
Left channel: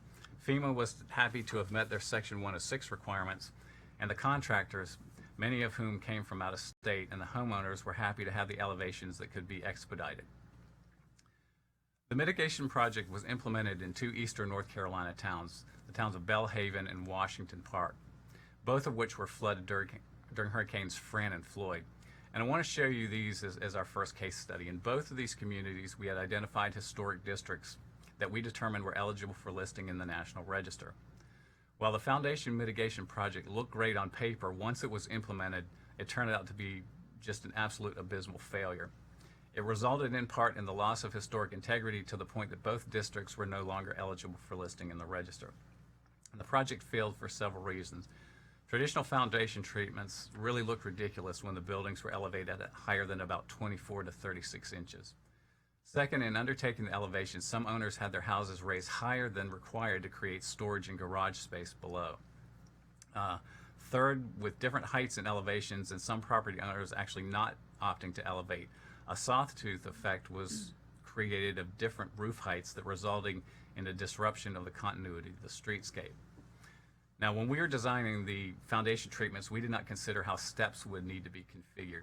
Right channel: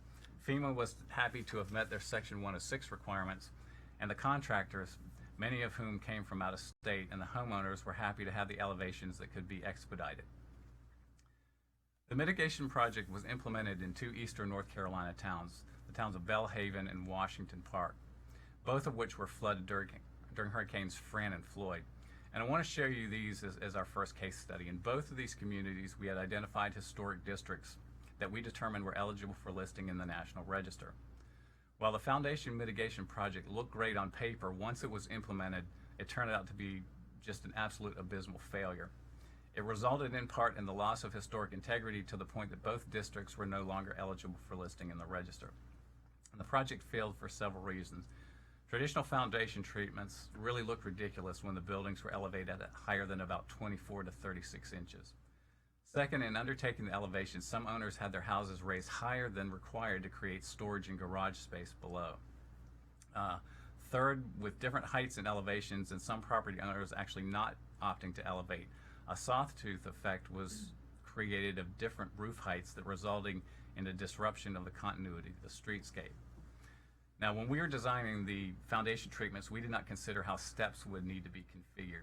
FEMA was happy to have met their Section 106 requirements, and the contractors, many of whom came from out of state, and the homeowners were happy to have the elevations that could be expedited. The mitigation project was implemented in two eastern North Carolina towns, the towns of Belhaven and Washington Park, both of which were flooded during Hurricanes Fran and Floyd. And I want to show you these as our first case study. In both of these communities, we had identified historic districts that we determined were eligible for listing in the National Register. While the foundation mitigation project looked great on paper, once it was implemented, it turned out to be just an absolute abysmal failure. It resulted in part in the loss of historic integrity to the point that both districts were no longer eligible for listing in the register. And the project failed for several reasons. Traditional foundation treatments really looked ridiculous when the buildings were elevated at higher than about 24 to 36 inches. Second, in undertaking the elevation, some owners had their houses raised higher than required to create storage and garage space below. Third, with different heights and elevations and some property owners actually not opting to elevate, a sawtooth effect was created of different roof heights that resulting in a disruption of the continuity of the streetscape. Now, when we were designing the foundation treatments, we did not consider how steps would need to be configured.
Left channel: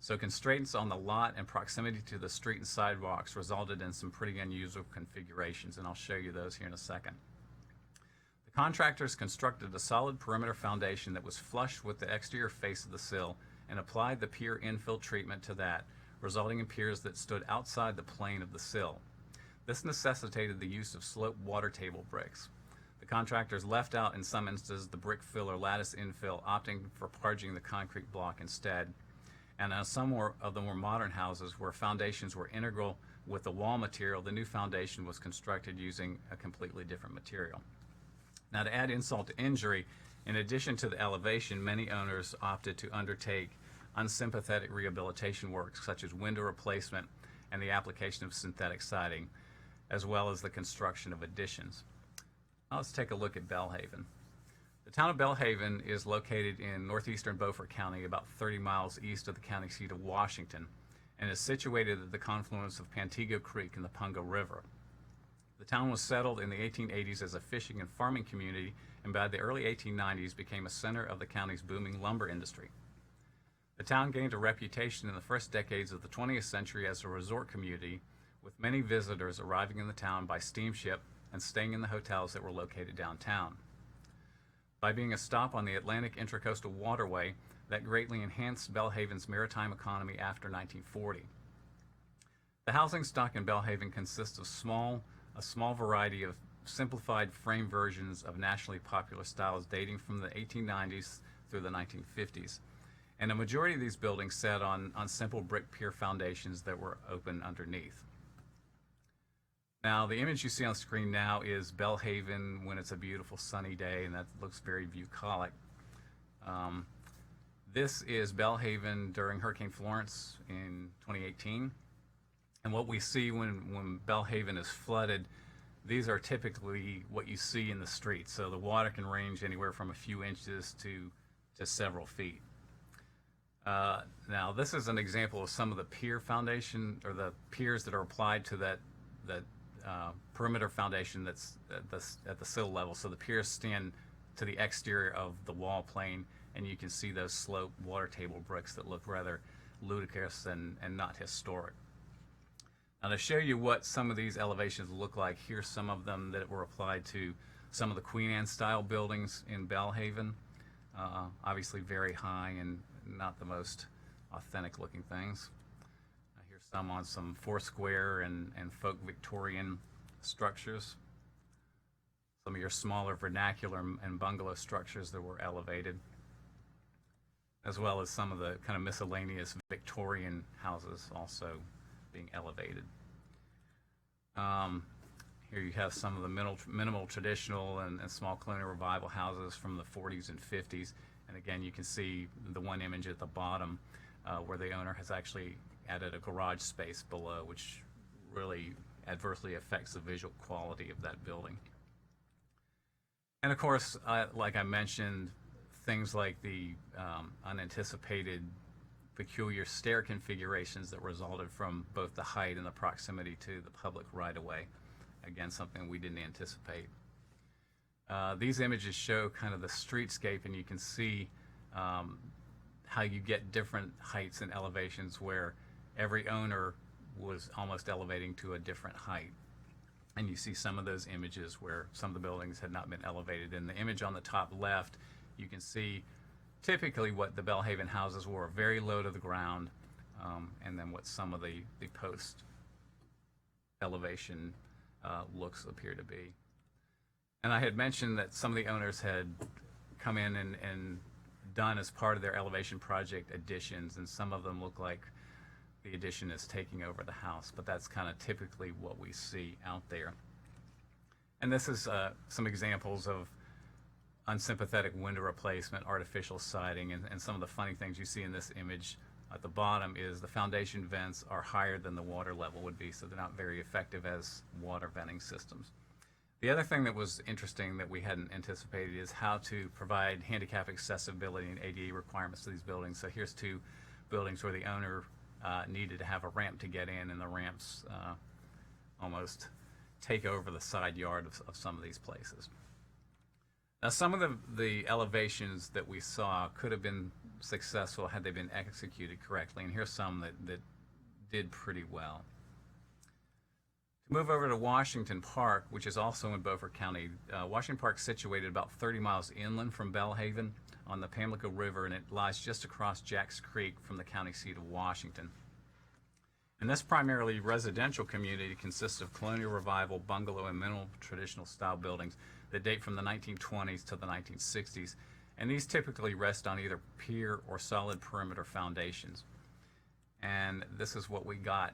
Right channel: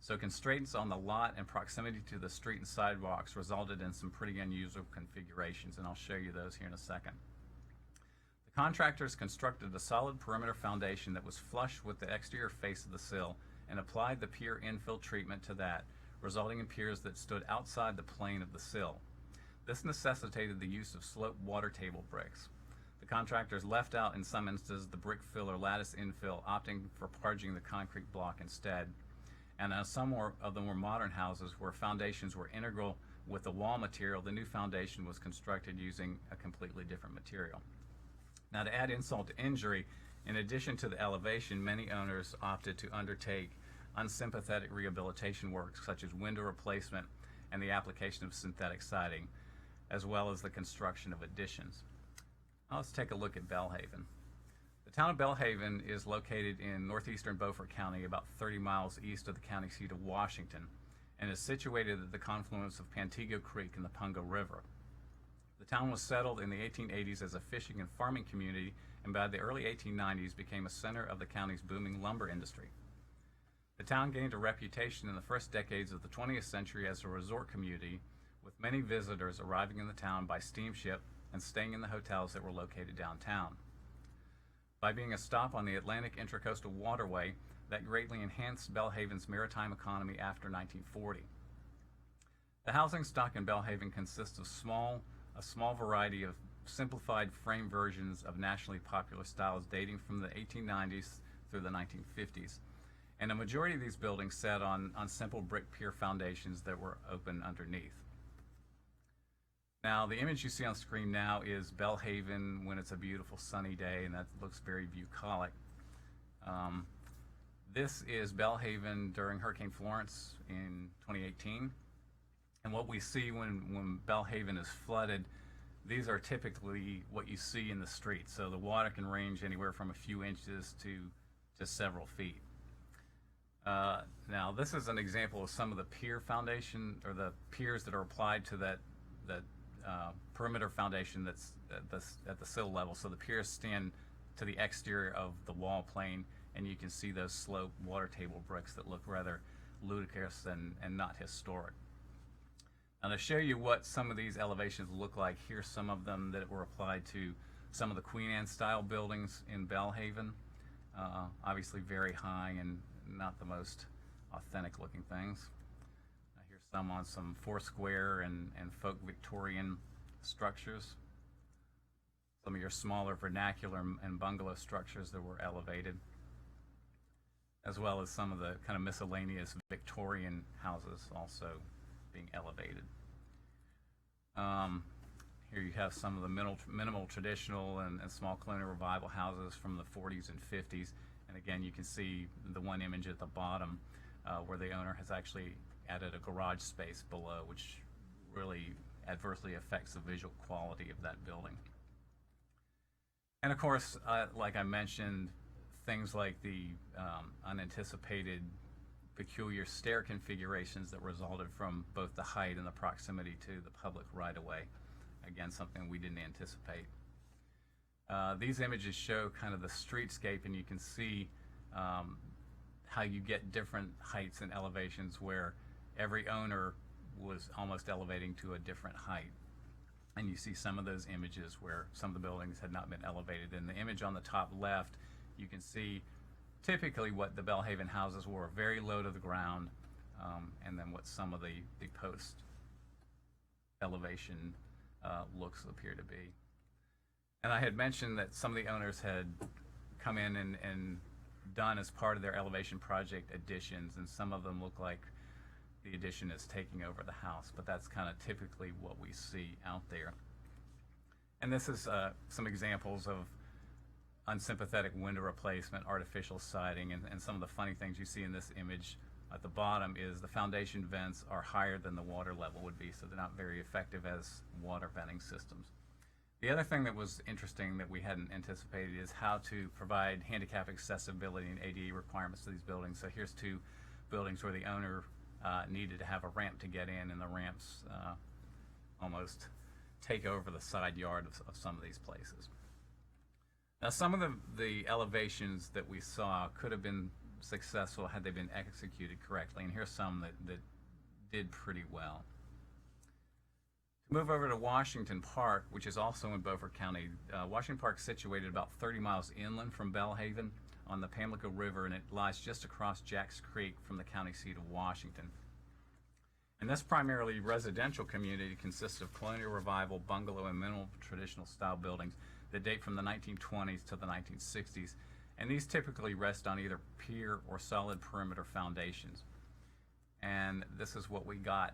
So constraints on the lot and proximity to the street and sidewalks resulted in some pretty unusual configurations, and I'll show you those here in a second. The contractors constructed a solid perimeter foundation that was flush with the exterior face of the sill and applied the pier infill treatment to that, resulting in piers that stood outside the plane of the sill. This necessitated the use of sloped water table bricks. The contractors left out, in some instances, the brick fill or lattice infill, opting for parging the concrete block instead. And on some of the more modern houses where foundations were integral with the wall material, the new foundation was constructed using a completely different material. Now, to add insult to injury, in addition to the elevation, many owners opted to undertake unsympathetic rehabilitation work such as window replacement and the application of synthetic siding, as well as the construction of additions. Let's take a look at Belhaven. The town of Belhaven is located in northeastern Beaufort County, about 30 miles east of the county seat of Washington, and is situated at the confluence of Pantego Creek and the Pungo River. The town was settled in the 1880s as a fishing and farming community, and by the early 1890s became a center of the county's booming lumber industry. The town gained a reputation in the first decades of the 20th century as a resort community, with many visitors arriving in the town by steamship and staying in the hotels that were located downtown. By being a stop on the Atlantic Intracoastal Waterway, that greatly enhanced Belhaven's maritime economy after 1940. The housing stock in Belhaven consists of a small variety of simplified frame versions of nationally popular styles dating from the 1890s through the 1950s. And a majority of these buildings sat on simple brick pier foundations that were open underneath. Now, the image you see on the screen now is Belhaven when it's a beautiful sunny day, and that looks very bucolic. This is Belhaven during Hurricane Florence in 2018. And what we see when Belhaven is flooded, these are typically what you see in the streets. So the water can range anywhere from a few inches to several feet. Now, this is an example of some of the pier foundation, or the piers that are applied to that perimeter foundation that's at the sill level. So the piers stand to the exterior of the wall plane, and you can see those sloped water table bricks that look rather ludicrous and not historic. Now, to show you what some of these elevations look like, here's some of them that were applied to some of the Queen Anne style buildings in Belhaven. Obviously very high and not the most authentic looking things. Here's some on some Foursquare and folk Victorian structures. Some of your smaller vernacular and bungalow structures that were elevated, as well as some of the kind of miscellaneous Victorian houses also being elevated. Here you have some of the minimal traditional and small colonial revival houses from the 40s and 50s. And again, you can see the one image at the bottom where the owner has actually added a garage space below, which really adversely affects the visual quality of that building. And of course, like I mentioned, things like the unanticipated peculiar stair configurations that resulted from both the height and the proximity to the public right-of-way. Again, something we didn't anticipate. These images show kind of the streetscape, and you can see how you get different heights and elevations where every owner was almost elevating to a different height. And you see some of those images where some of the buildings had not been elevated. In the image on the top left, you can see typically what the Belhaven houses were, very low to the ground, and then what some of the post elevation looks appear to be. And I had mentioned that some of the owners had come in and done as part of their elevation project additions, and some of them look like the addition is taking over the house, but that's kind of typically what we see out there. And this is some examples of unsympathetic window replacement, artificial siding, and some of the funny things you see in this image at the bottom is the foundation vents are higher than the water level would be, so they're not very effective as water venting systems. The other thing that was interesting that we hadn't anticipated is how to provide handicap accessibility and ADA requirements to these buildings. So here's two buildings where the owner needed to have a ramp to get in, and the ramps almost take over the side yard of some of these places. Now, some of the elevations that we saw could have been successful had they been executed correctly, and here's some that did pretty well. To move over to Washington Park, which is also in Beaufort County, Washington Park is situated about 30 miles inland from Belhaven on the Pamlico River, and it lies just across Jacks Creek from the county seat of Washington. And this primarily residential community consists of colonial revival, bungalow, and minimal traditional style buildings that date from the 1920s to the 1960s. And these typically rest on either pier or solid perimeter foundations. And this is what we got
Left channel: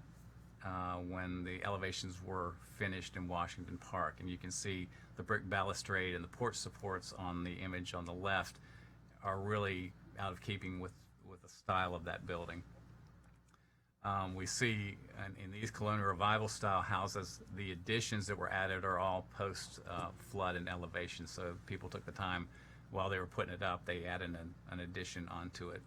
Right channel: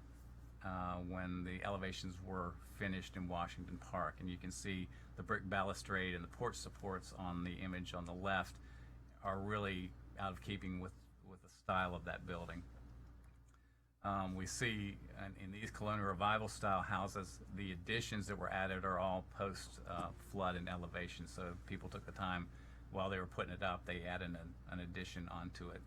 when the elevations were finished in Washington Park. And you can see the brick balustrade and the porch supports on the image on the left are really out of keeping with the style of that building. We see in these colonial revival style houses, the additions that were added are all post flood and elevation. So people took the time while they were putting it up, they added an addition onto it.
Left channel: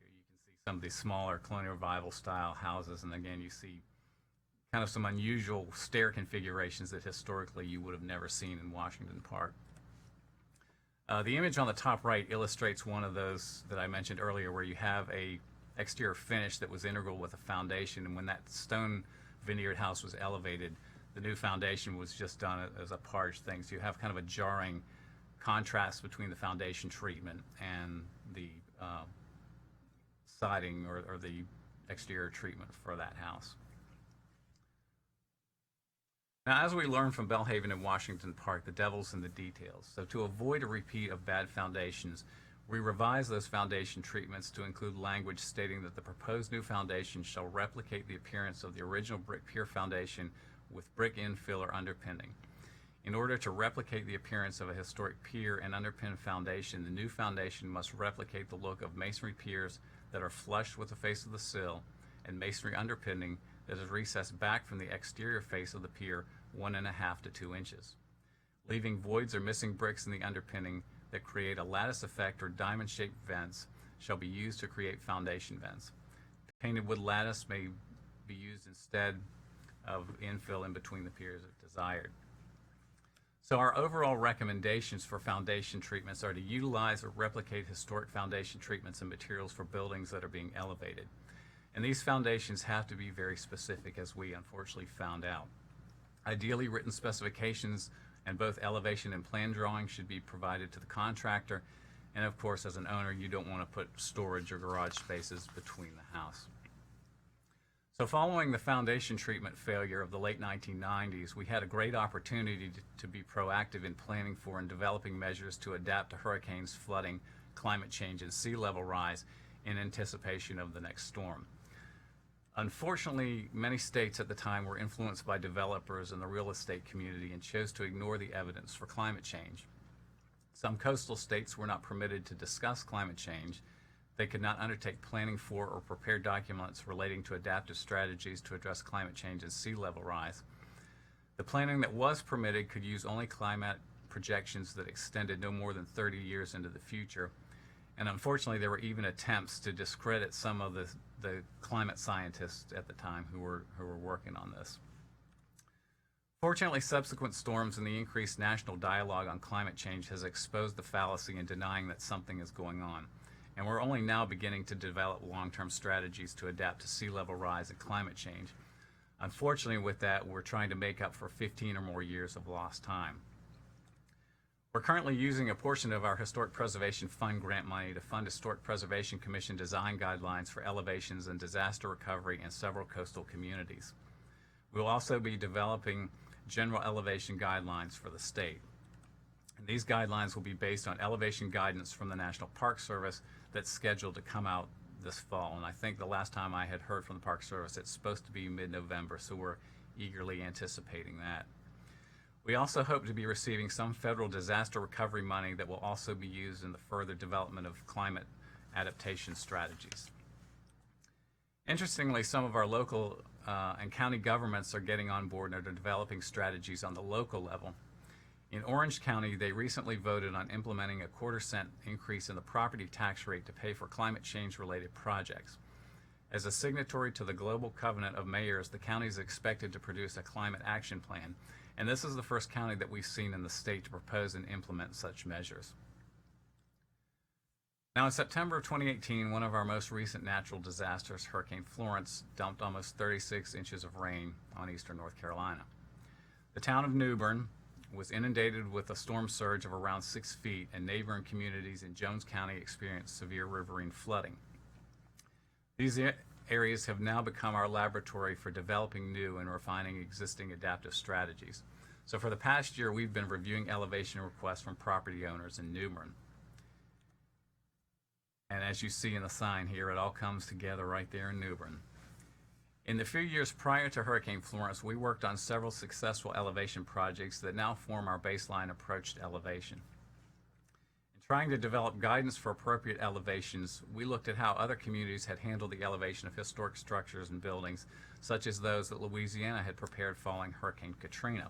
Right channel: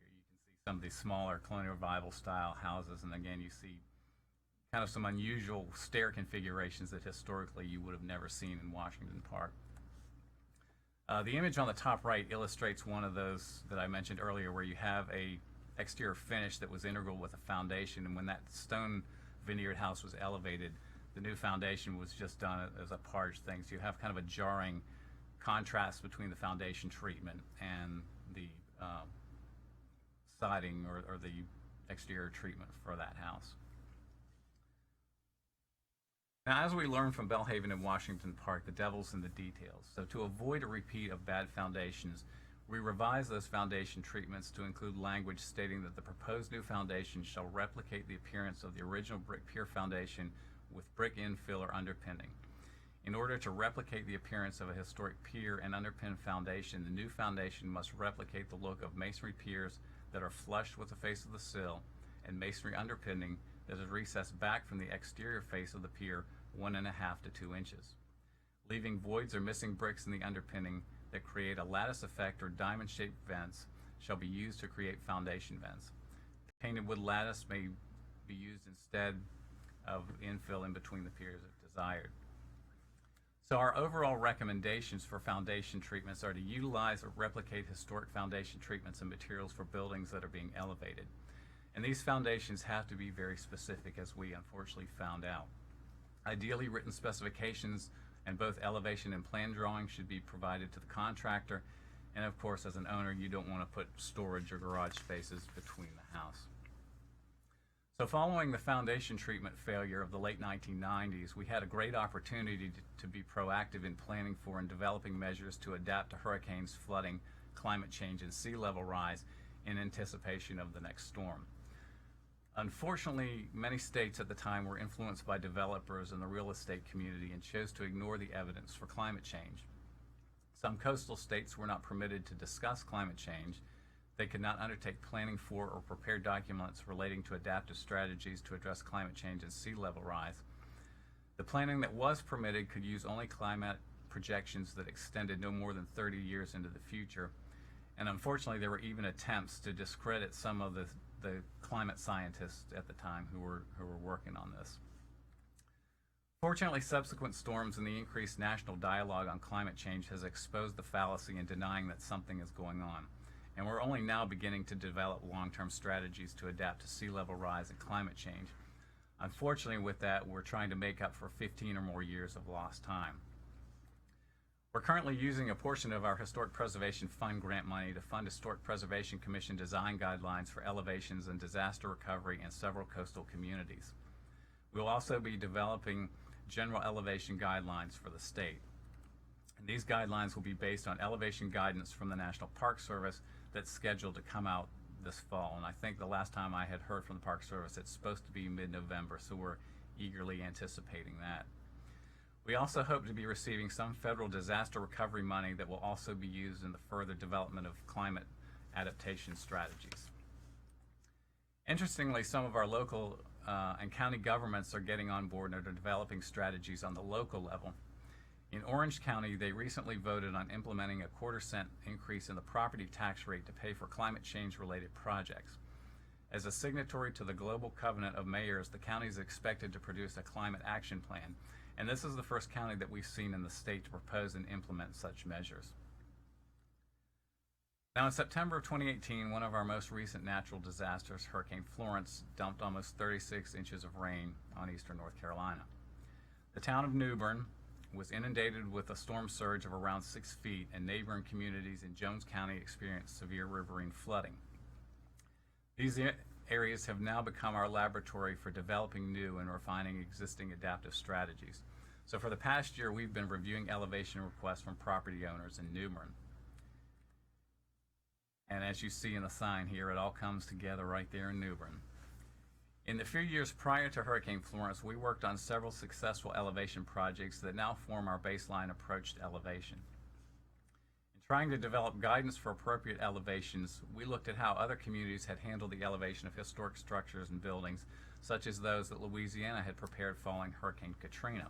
Here you can see some of these smaller colonial revival style houses, and again you see kind of some unusual stair configurations that historically you would have never seen in Washington Park. The image on the top right illustrates one of those that I mentioned earlier, where you have a exterior finish that was integral with the foundation, and when that stone veneered house was elevated, the new foundation was just done as a parge thing. So you have kind of a jarring contrast between the foundation treatment and the siding or the exterior treatment for that house. Now, as we learned from Belhaven and Washington Park, the devil's in the details. So to avoid a repeat of bad foundations, we revised those foundation treatments to include language stating that the proposed new foundation shall replicate the appearance of the original brick pier foundation with brick infill or underpinning. In order to replicate the appearance of a historic pier and underpin foundation, the new foundation must replicate the look of masonry piers that are flush with the face of the sill and masonry underpinning that is recessed back from the exterior face of the pier 1.5 to 2 inches. Leaving voids or missing bricks in the underpinning that create a lattice effect or diamond-shaped vents shall be used to create foundation vents. Painted wood lattice may be used instead of infill in between the piers if desired. So our overall recommendations for foundation treatments are to utilize or replicate historic foundation treatments and materials for buildings that are being elevated. And these foundations have to be very specific, as we unfortunately found out. Ideally, written specifications and both elevation and plan drawings should be provided to the contractor. And of course, as an owner, you don't want to put storage or garage spaces between the house. So following the foundation treatment failure of the late 1990s, we had a great opportunity to be proactive in planning for and developing measures to adapt to hurricanes, flooding, climate change, and sea level rise in anticipation of the next storm. Unfortunately, many states at the time were influenced by developers and the real estate community and chose to ignore the evidence for climate change. Some coastal states were not permitted to discuss climate change. They could not undertake planning for or prepare documents relating to adaptive strategies to address climate change and sea level rise. The planning that was permitted could use only climate projections that extended no more than 30 years into the future. And unfortunately, there were even attempts to discredit some of the climate scientists at the time who were working on this. Fortunately, subsequent storms and the increased national dialogue on climate change has exposed the fallacy in denying that something is going on. And we're only now beginning to develop long-term strategies to adapt to sea level rise and climate change. Unfortunately, with that, we're trying to make up for 15 or more years of lost time. We're currently using a portion of our Historic Preservation Fund grant money to fund Historic Preservation Commission design guidelines for elevations and disaster recovery in several coastal communities. We'll also be developing general elevation guidelines for the state. And these guidelines will be based on elevation guidance from the National Park Service that's scheduled to come out this fall. And I think the last time I had heard from the Park Service, it's supposed to be mid-November, so we're eagerly anticipating that. We also hope to be receiving some federal disaster recovery money that will also be used in the further development of climate adaptation strategies. Interestingly, some of our local and county governments are getting on board and are developing strategies on the local level. In Orange County, they recently voted on implementing a 1/4-cent increase in the property tax rate to pay for climate change-related projects. As a signatory to the Global Covenant of Mayors, the county is expected to produce a climate action plan, and this is the first county that we've seen in the state to propose and implement such measures. Now, in September of 2018, one of our most recent natural disasters, Hurricane Florence, dumped almost 36 inches of rain on eastern North Carolina. The town of New Bern was inundated with a storm surge of around 6 feet, and neighboring communities in Jones County experienced severe riverine flooding. These areas have now become our laboratory for developing new and refining existing adaptive strategies. So for the past year, we've been reviewing elevation requests from property owners in New Bern. And as you see in the sign here, it all comes together right there in New Bern. In the few years prior to Hurricane Florence, we worked on several successful elevation projects that now form our baseline approach to elevation. In trying to develop guidance for appropriate elevations, we looked at how other communities had handled the elevation of historic structures and buildings, such as those that Louisiana had prepared following Hurricane Katrina.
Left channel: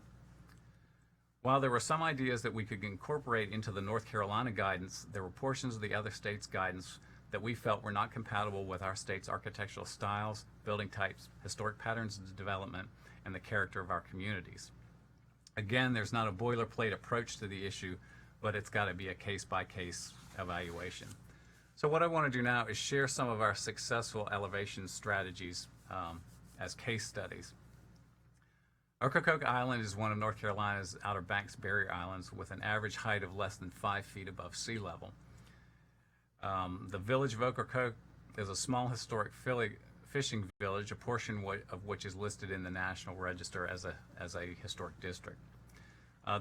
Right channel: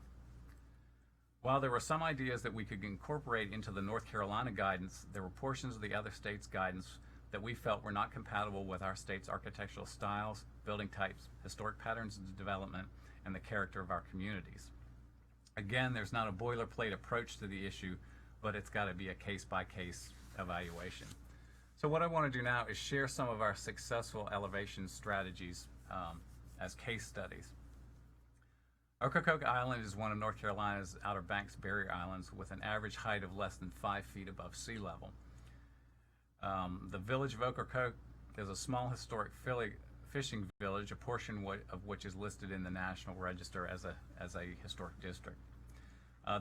While there were some ideas that we could incorporate into the North Carolina guidance, there were portions of the other states' guidance that we felt were not compatible with our state's architectural styles, building types, historic patterns of development, and the character of our communities. Again, there's not a boilerplate approach to the issue, but it's got to be a case-by-case evaluation. So what I want to do now is share some of our successful elevation strategies as case studies. Ocracoke Island is one of North Carolina's Outer Banks barrier islands with an average height of less than 5 feet above sea level. The village of Ocracoke is a small historic fishing village, a portion of which is listed in the National Register as a historic district.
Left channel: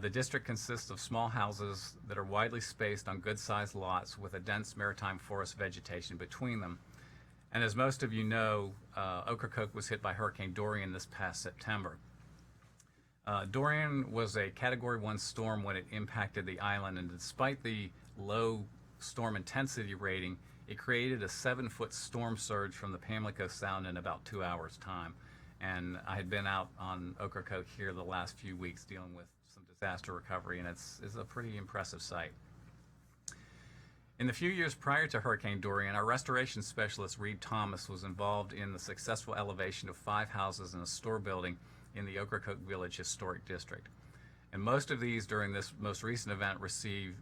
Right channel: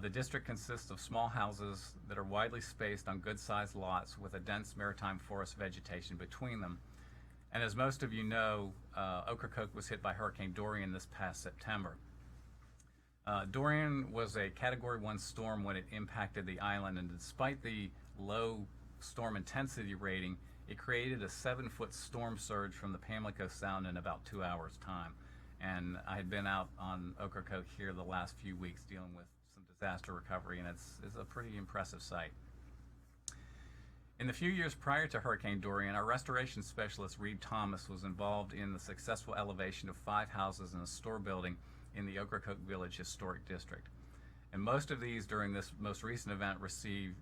The district consists of small houses that are widely spaced on good-sized lots with a dense maritime forest vegetation between them. And as most of you know, Ocracoke was hit by Hurricane Dorian this past September. Dorian was a Category 1 storm when it impacted the island, and despite the low storm intensity rating, it created a 7-foot storm surge from the Pamlico Sound in about 2 hours' time. And I had been out on Ocracoke here the last few weeks dealing with some disaster recovery, and it's a pretty impressive sight. In the few years prior to Hurricane Dorian, our restoration specialist, Reed Thomas, was involved in the successful elevation of 5 houses and a store building in the Ocracoke Village Historic District. And most of these during this most recent event received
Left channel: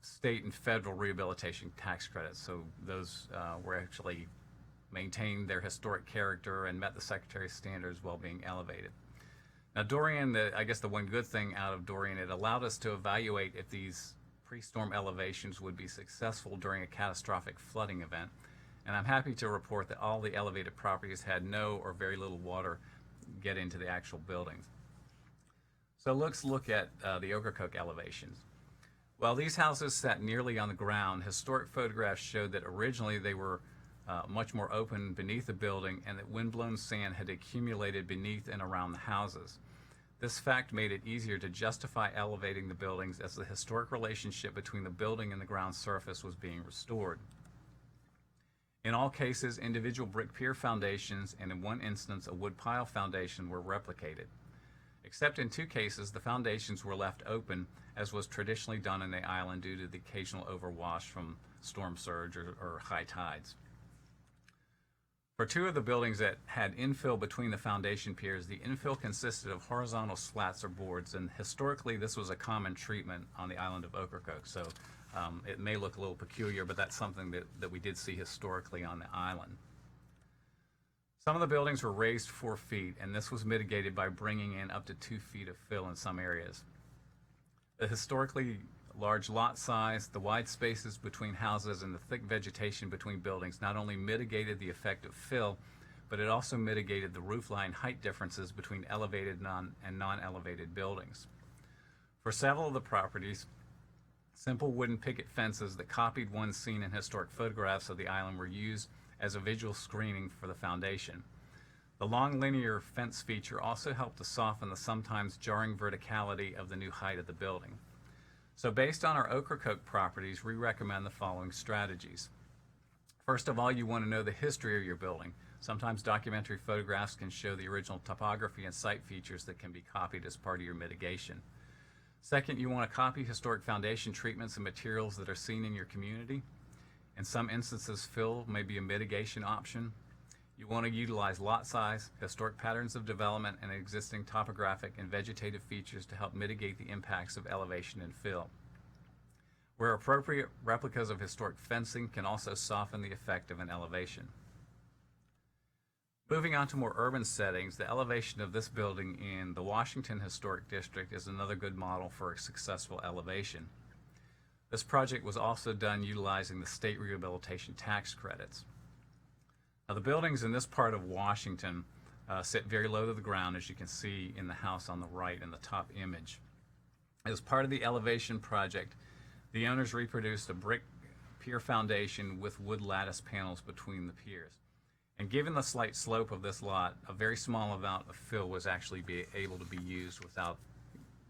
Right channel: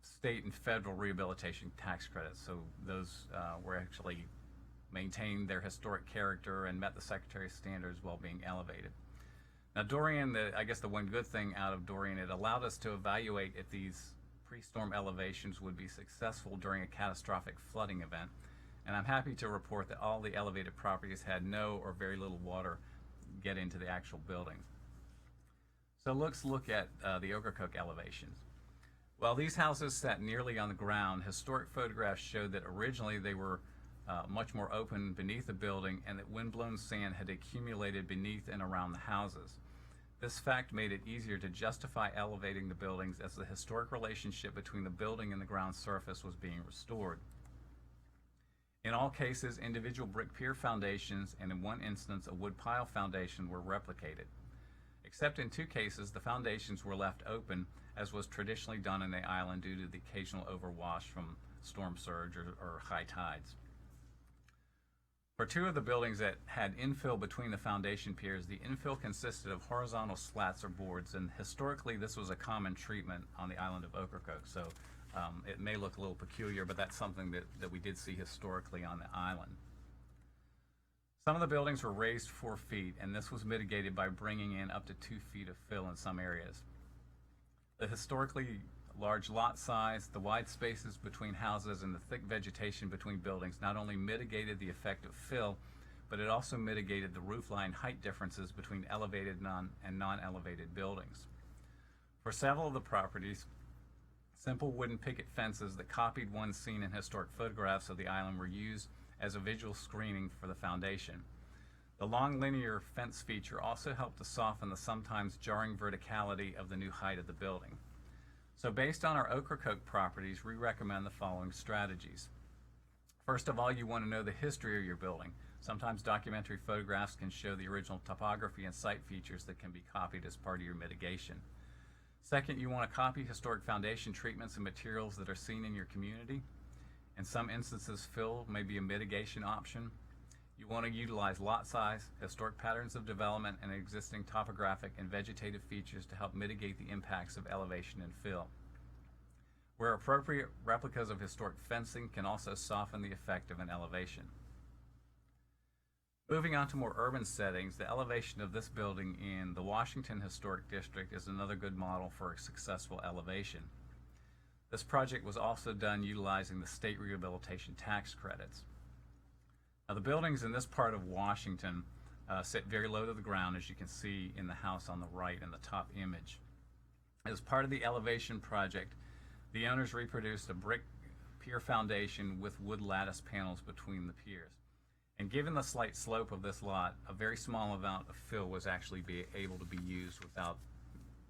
state and federal rehabilitation tax credits. So those were actually maintained their historic character and met the Secretary's standards while being elevated. Now Dorian, I guess the one good thing out of Dorian, it allowed us to evaluate if these pre-storm elevations would be successful during a catastrophic flooding event. And I'm happy to report that all the elevated properties had no or very little water get into the actual buildings. So let's look at the Ocracoke elevations. While these houses sat nearly on the ground, historic photographs showed that originally they were much more open beneath the building and that windblown sand had accumulated beneath and around the houses. This fact made it easier to justify elevating the buildings as the historic relationship between the building and the ground surface was being restored. In all cases, individual brick pier foundations and in one instance a wood pile foundation were replicated. Except in 2 cases, the foundations were left open as was traditionally done in the island due to the occasional overwash from storm surge or high tides. For 2 of the buildings that had infill between the foundation piers, the infill consisted of horizontal slats or boards, and historically this was a common treatment on the island of Ocracoke. So it may look a little peculiar, but that's something that we did see historically on the island. Some of the buildings were raised 4 feet, and this was mitigated by bringing in up to 2 feet of fill in some areas. The historically large lot size, the wide spaces between houses, and the thick vegetation between buildings not only mitigated the effect of fill, but it also mitigated the roofline height differences between elevated and non-elevated buildings. For several of the properties, simple wooden picket fences that copied one seen in historic photographs of the island were used as a visual screening for the foundation. The long linear fence feature also helped to soften the sometimes jarring verticality of the new height of the building. So based on our Ocracoke properties, we recommend the following strategies. First of all, you want to know the history of your building. Sometimes documentary photographs can show the original topography and site features that can be copied as part of your mitigation. Second, you want to copy historic foundation treatments and materials that are seen in your community. In some instances, fill may be a mitigation option. You want to utilize lot size, historic patterns of development, and existing topographic and vegetative features to help mitigate the impacts of elevation and fill. Where appropriate, replicas of historic fencing can also soften the effect of an elevation. Moving on to more urban settings, the elevation of this building in the Washington Historic District is another good model for a successful elevation. This project was also done utilizing the state rehabilitation tax credits. Now, the buildings in this part of Washington sit very low to the ground, as you can see in the house on the right in the top image. As part of the elevation project, the owners reproduced a brick pier foundation with wood lattice panels between the piers. And given the slight slope of this lot, a very small amount of fill was actually able to be used without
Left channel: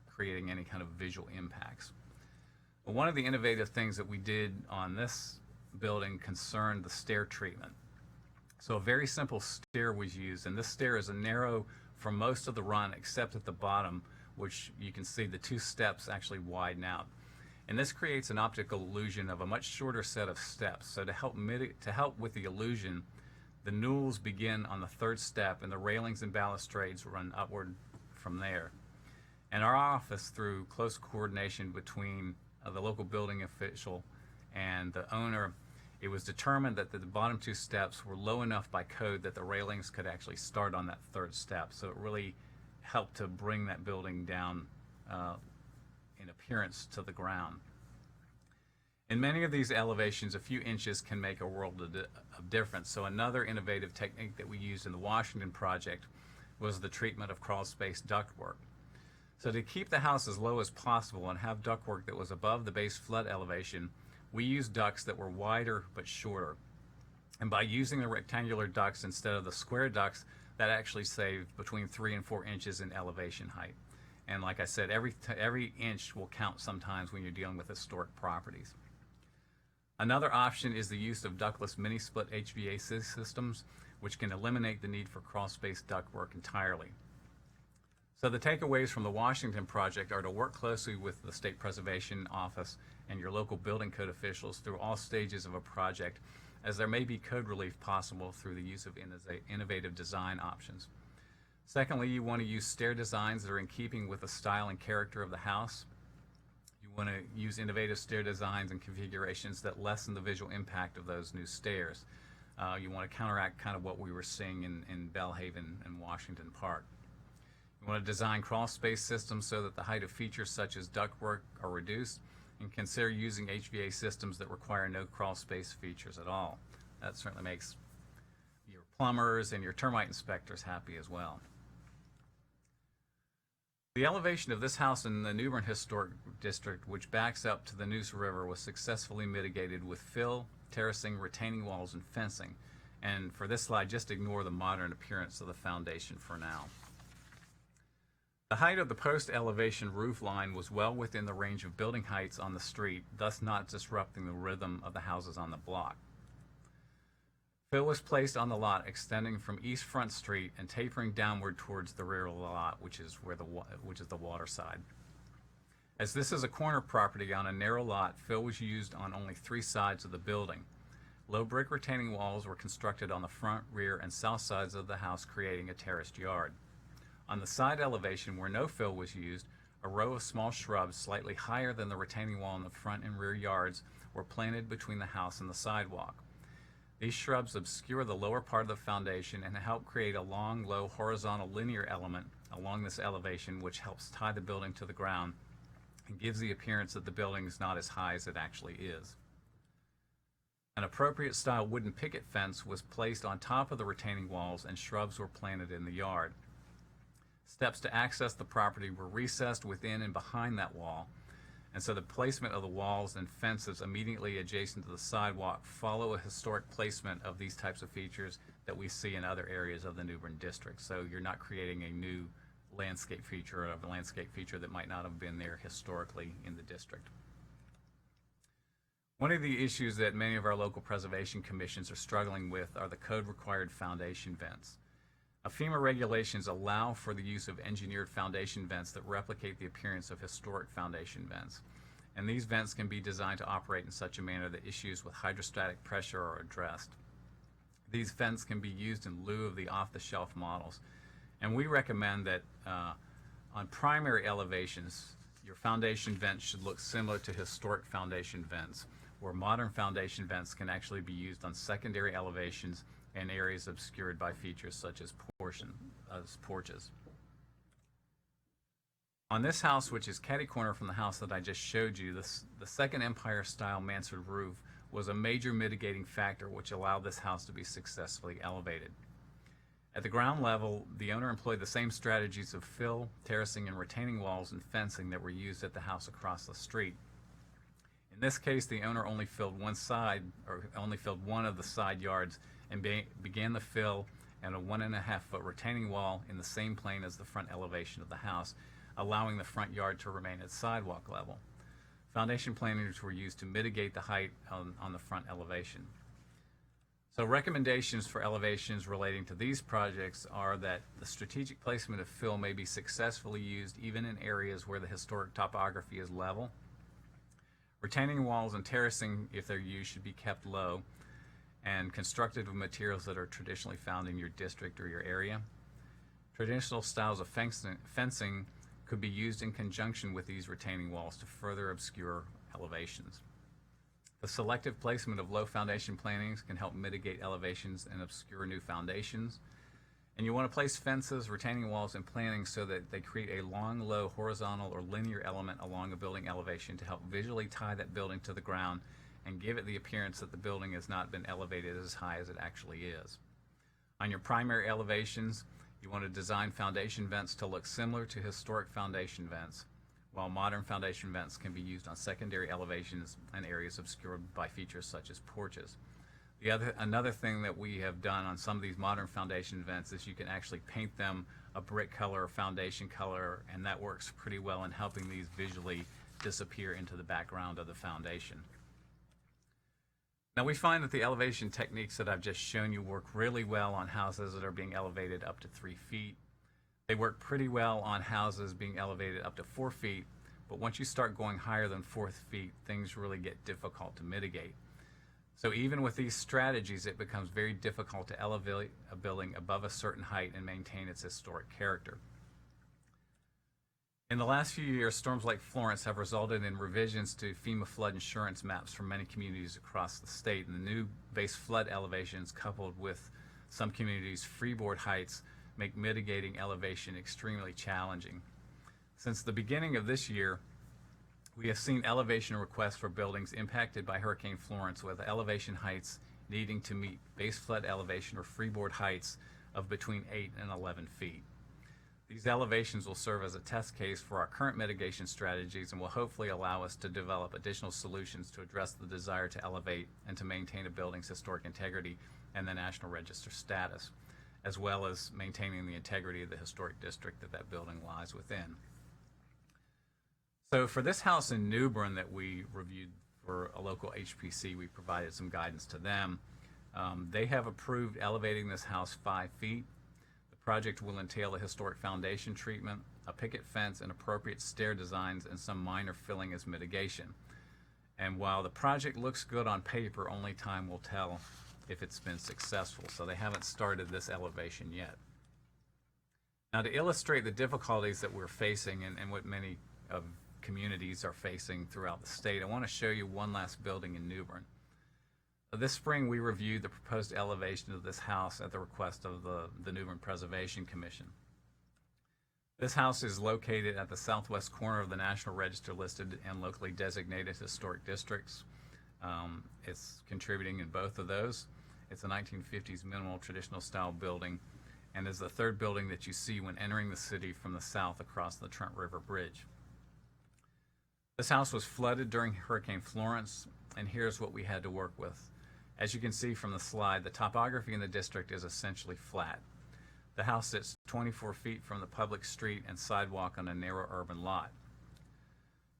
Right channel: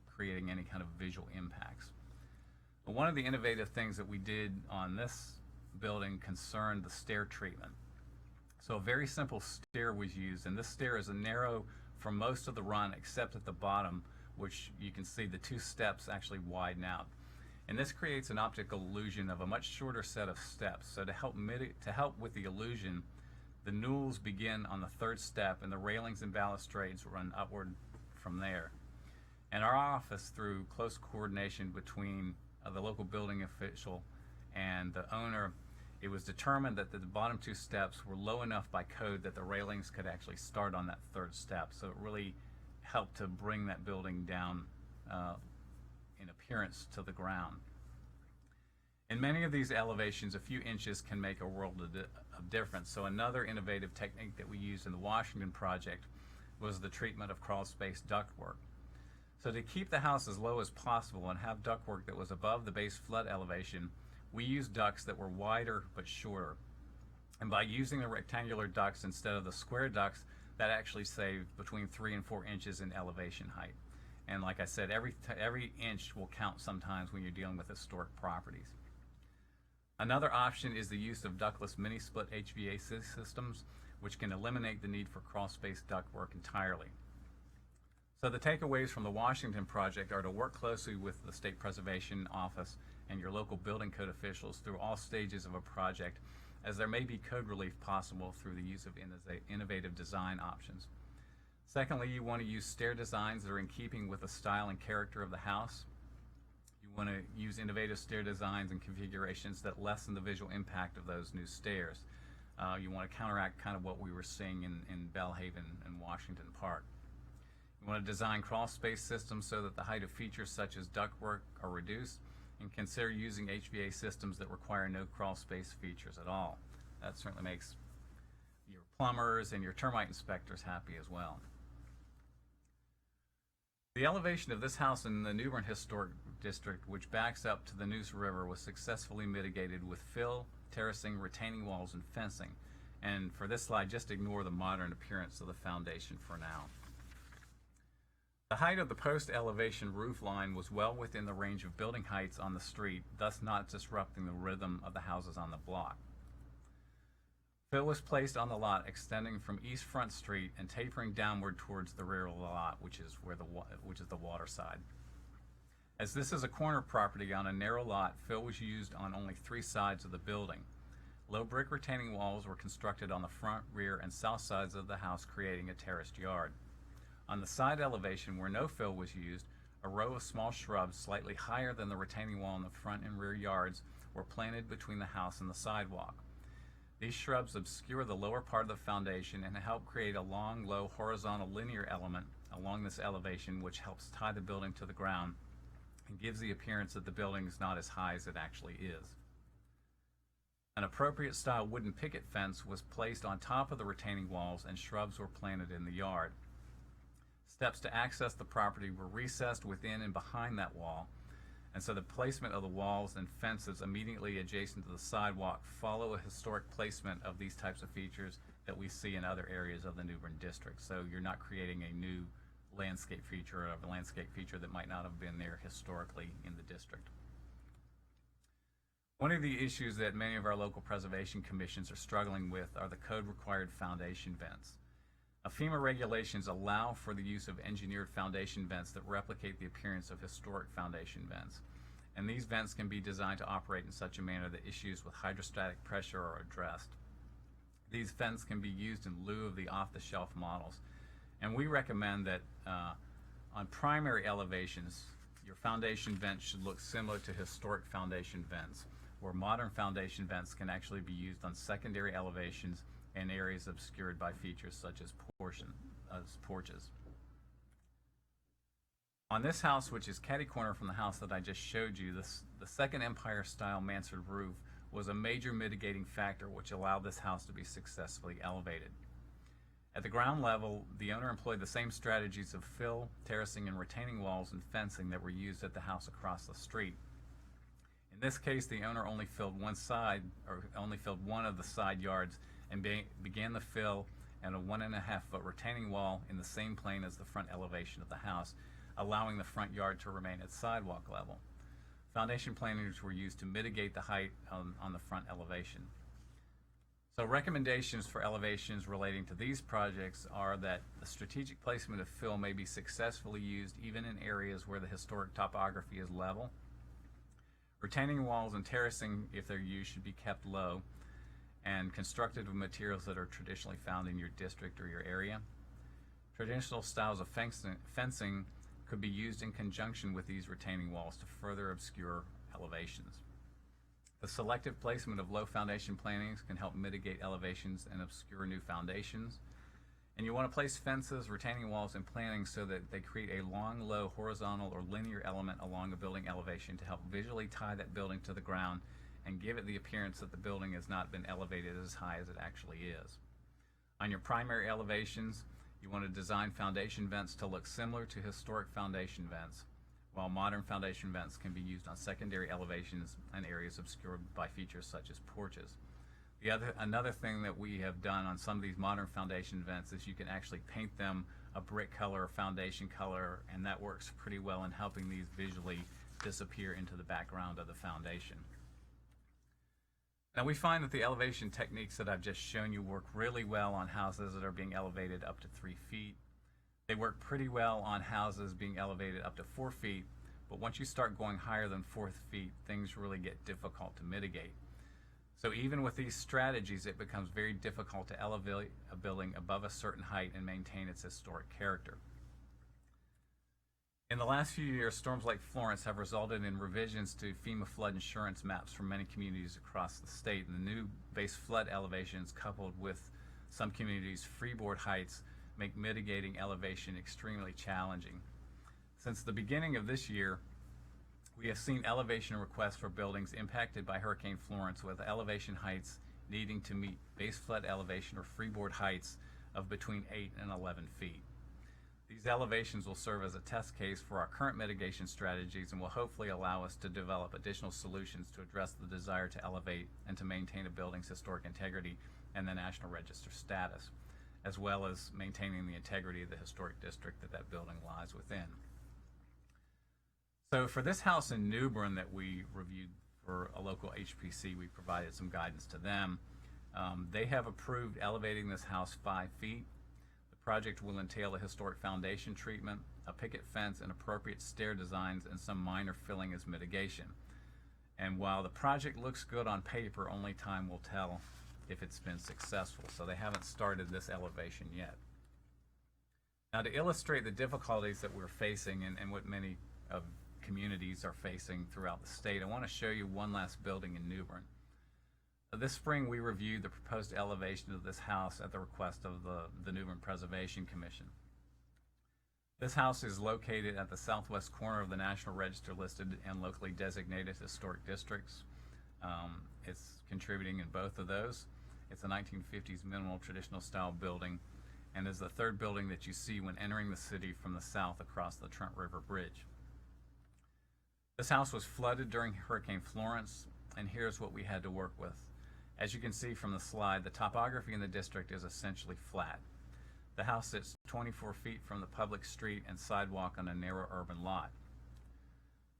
creating any kind of visual impacts. One of the innovative things that we did on this building concerned the stair treatment. So a very simple stair was used, and this stair is narrow for most of the run except at the bottom, which you can see the 2 steps actually widen out. And this creates an optical illusion of a much shorter set of steps. So to help with the illusion, the newels begin on the 3rd step and the railings and balustrades run upward from there. And our office, through close coordination between the local building official and the owner, it was determined that the bottom 2 steps were low enough by code that the railings could actually start on that 3rd step. So it really helped to bring that building down in appearance to the ground. In many of these elevations, a few inches can make a world of difference. So another innovative technique that we used in the Washington project was the treatment of crawl space ductwork. So to keep the house as low as possible and have ductwork that was above the base flood elevation, we used ducts that were wider but shorter. And by using the rectangular ducts instead of the square ducts that actually save between 3 and 4 inches in elevation height. And like I said, every inch will count sometimes when you're dealing with historic properties. Another option is the use of ductless mini-split HVAC systems, which can eliminate the need for crawl-space ductwork entirely. So the takeaways from the Washington project are to work closely with the State Preservation Office and your local building code officials through all stages of a project, as there may be code relief possible through the use of innovative design options. Secondly, you want to use stair designs that are in keeping with the style and character of the house. You want to use innovative stair designs and configurations that lessen the visual impact of those new stairs. You want to counteract kind of what we were seeing in Bellhaven and Washington Park. You want to design crawl space systems so that the height of features such as ductwork are reduced, and consider using HVAC systems that require no crawl space features at all. That certainly makes your plumbers and your termite inspectors happy as well. The elevation of this house in the New Bern Historic District, which backs up to the Neuse River, was successfully mitigated with fill, terracing, retaining walls, and fencing. And for this slide, just ignore the modern appearance of the foundation for now. The height of the post elevation roof line was well within the range of building heights on the street, thus not disrupting the rhythm of the houses on the block. Fill was placed on the lot extending from East Front Street and tapering downward towards the rear of the lot, which is the water side. As this is a corner property on a narrow lot, fill was used on only 3 sides of the building. Low brick retaining walls were constructed on the front, rear, and south sides of the house, creating a terraced yard. On the side elevation where no fill was used, a row of small shrubs slightly higher than the retaining wall in the front and rear yards were planted between the house and the sidewalk. These shrubs obscure the lower part of the foundation and help create a long, low, horizontal linear element along this elevation, which helps tie the building to the ground and gives the appearance that the building is not as high as it actually is. An appropriate style wooden picket fence was placed on top of the retaining walls, and shrubs were planted in the yard. Steps to access the property were recessed within and behind that wall, and so the placement of the walls and fences immediately adjacent to the sidewalk follow a historic placement of these types of features that we see in other areas of the New Bern District. So you're not creating a new landscape feature or a landscape feature that might not have been there historically in the district. One of the issues that many of our local preservation commissions are struggling with are the code-required foundation vents. FEMA regulations allow for the use of engineered foundation vents that replicate the appearance of historic foundation vents. And these vents can be designed to operate in such a manner that issues with hydrostatic pressure are addressed. These vents can be used in lieu of the off-the-shelf models. And we recommend that on primary elevations, your foundation vents should look similar to historic foundation vents, where modern foundation vents can actually be used on secondary elevations and areas obscured by features such as porches. On this house, which is catty-corner from the house that I just showed you, the second Empire-style mansard roof was a major mitigating factor which allowed this house to be successfully elevated. At the ground level, the owner employed the same strategies of fill, terracing, and retaining walls and fencing that were used at the house across the street. In this case, the owner only filled one of the side yards and began the fill and a 1.5-foot retaining wall in the same plane as the front elevation of the house, allowing the front yard to remain at sidewalk level. Foundation plantings were used to mitigate the height on the front elevation. So recommendations for elevations relating to these projects are that the strategic placement of fill may be successfully used even in areas where the historic topography is level. Retaining walls and terracing, if they're used, should be kept low and constructed with materials that are traditionally found in your district or your area. Traditional styles of fencing could be used in conjunction with these retaining walls to further obscure elevations. The selective placement of low foundation plantings can help mitigate elevations and obscure new foundations. And you want to place fences, retaining walls, and plantings so that they create a long, low, horizontal, or linear element along a building elevation to help visually tie that building to the ground and give it the appearance that the building has not been elevated as high as it actually is. On your primary elevations, you want to design foundation vents to look similar to historic foundation vents, while modern foundation vents can be used on secondary elevations and areas obscured by features such as porches. Another thing that we have done on some of these modern foundation vents is you can actually paint them a brick color or foundation color, and that works pretty well in helping these visually disappear into the background of the foundation. Now we find that the elevation techniques that I've just shown you work really well on houses that are being elevated up to 3 feet. They work pretty well on houses being elevated up to 4 feet, but once you start going higher than 4 feet, things really get difficult to mitigate. So even with these strategies, it becomes very difficult to elevate a building above a certain height and maintain its historic character. In the last few years, storms like Florence have resulted in revisions to FEMA flood insurance maps for many communities across the state, and the new base flood elevations coupled with some communities' freeboard heights make mitigating elevation extremely challenging. Since the beginning of this year, we have seen elevation requests for buildings impacted by Hurricane Florence with elevation heights needing to meet base flood elevation or freeboard heights of between 8 and 11 feet. These elevations will serve as a test case for our current mitigation strategies and will hopefully allow us to develop additional solutions to address the desire to elevate and to maintain a building's historic integrity and the National Register status, as well as maintaining the integrity of the historic district that that building lies within. So for this house in New Bern that we reviewed for a local HPC, we provided some guidance to them. They have approved elevating this house 5 feet. The project will entail a historic foundation treatment, a picket fence, and appropriate stair designs, and some minor filling as mitigation. And while the project looks good on paper, only time will tell if it's been successful. So they haven't started this elevation yet. Now, to illustrate the difficulties that we're facing and what many of communities are facing throughout the state, I want to show you one last building in New Bern. This spring, we reviewed the proposed elevation of this house at the request of the New Bern Preservation Commission. This house is located at the southwest corner of the National Register listed and locally designated historic districts. It's contributing in both of those. It's a 1950s minimal traditional style building and is the third building that you see when entering the city from the south across the Trent River Bridge. This house was flooded during Hurricane Florence, and here's what we had to work with. As you can see from the slide, the topography in the district is essentially flat. The house sits 24 feet from the public street and sidewalk on a narrow urban lot.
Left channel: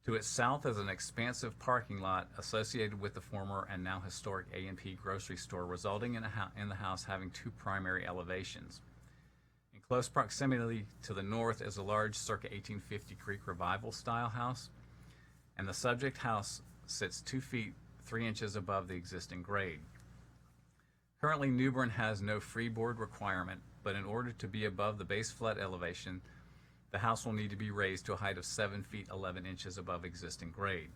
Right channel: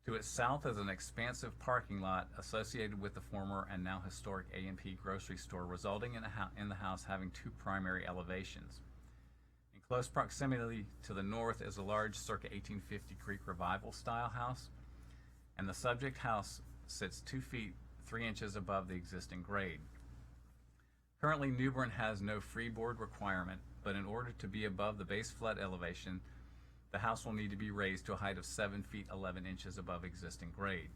To its south is an expansive parking lot associated with the former and now historic A&P grocery store, resulting in the house having 2 primary elevations. In close proximity to the north is a large circa 1850 Creek Revival style house, and the subject house sits 2 feet 3 inches above the existing grade. Currently, New Bern has no freeboard requirement, but in order to be above the base flood elevation, the house will need to be raised to a height of 7 feet 11 inches above existing grade.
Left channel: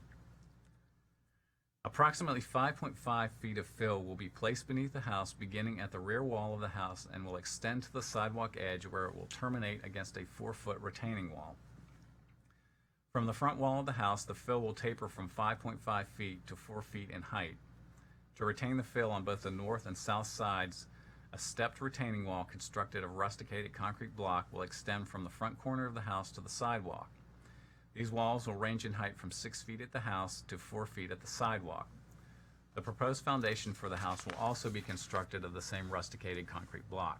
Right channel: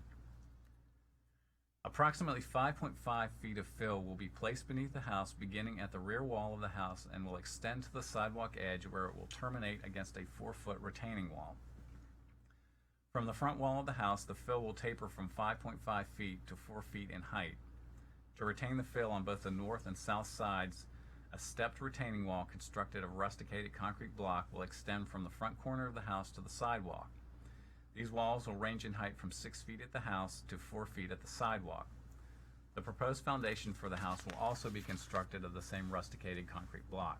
Approximately 5.5 feet of fill will be placed beneath the house beginning at the rear wall of the house and will extend to the sidewalk edge where it will terminate against a 4-foot retaining wall. From the front wall of the house, the fill will taper from 5.5 feet to 4 feet in height. To retain the fill on both the north and south sides, a stepped retaining wall constructed of rusticated concrete block will extend from the front corner of the house to the sidewalk. These walls will range in height from 6 feet at the house to 4 feet at the sidewalk. The proposed foundation for the house will also be constructed of the same rusticated concrete block.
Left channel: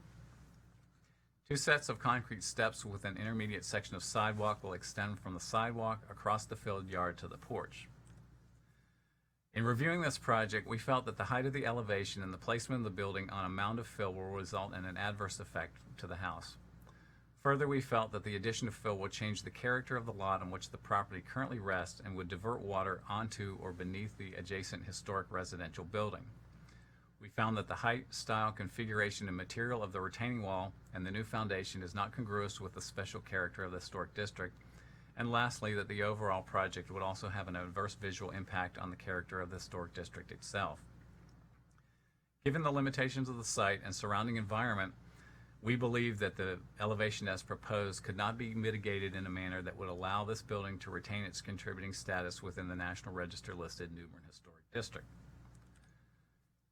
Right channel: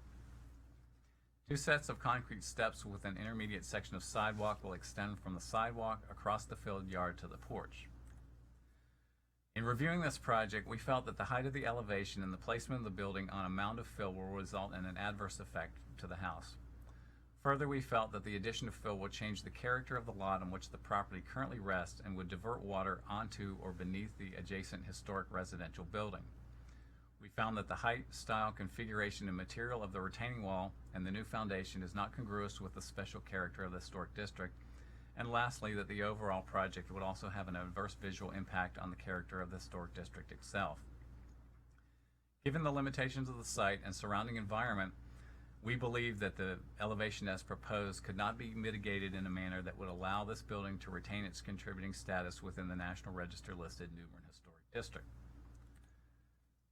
2 sets of concrete steps with an intermediate section of sidewalk will extend from the sidewalk across the filled yard to the porch. In reviewing this project, we felt that the height of the elevation and the placement of the building on a mound of fill will result in an adverse effect to the house. Further, we felt that the addition of fill would change the character of the lot on which the property currently rests and would divert water onto or beneath the adjacent historic residential building. We found that the height, style, configuration, and material of the retaining wall and the new foundation is not congruous with the special character of the historic district. And lastly, that the overall project would also have an adverse visual impact on the character of the historic district itself. Given the limitations of the site and surrounding environment, we believe that the elevation as proposed could not be mitigated in a manner that would allow this building to retain its contributing status within the National Register listed New Bern Historic District.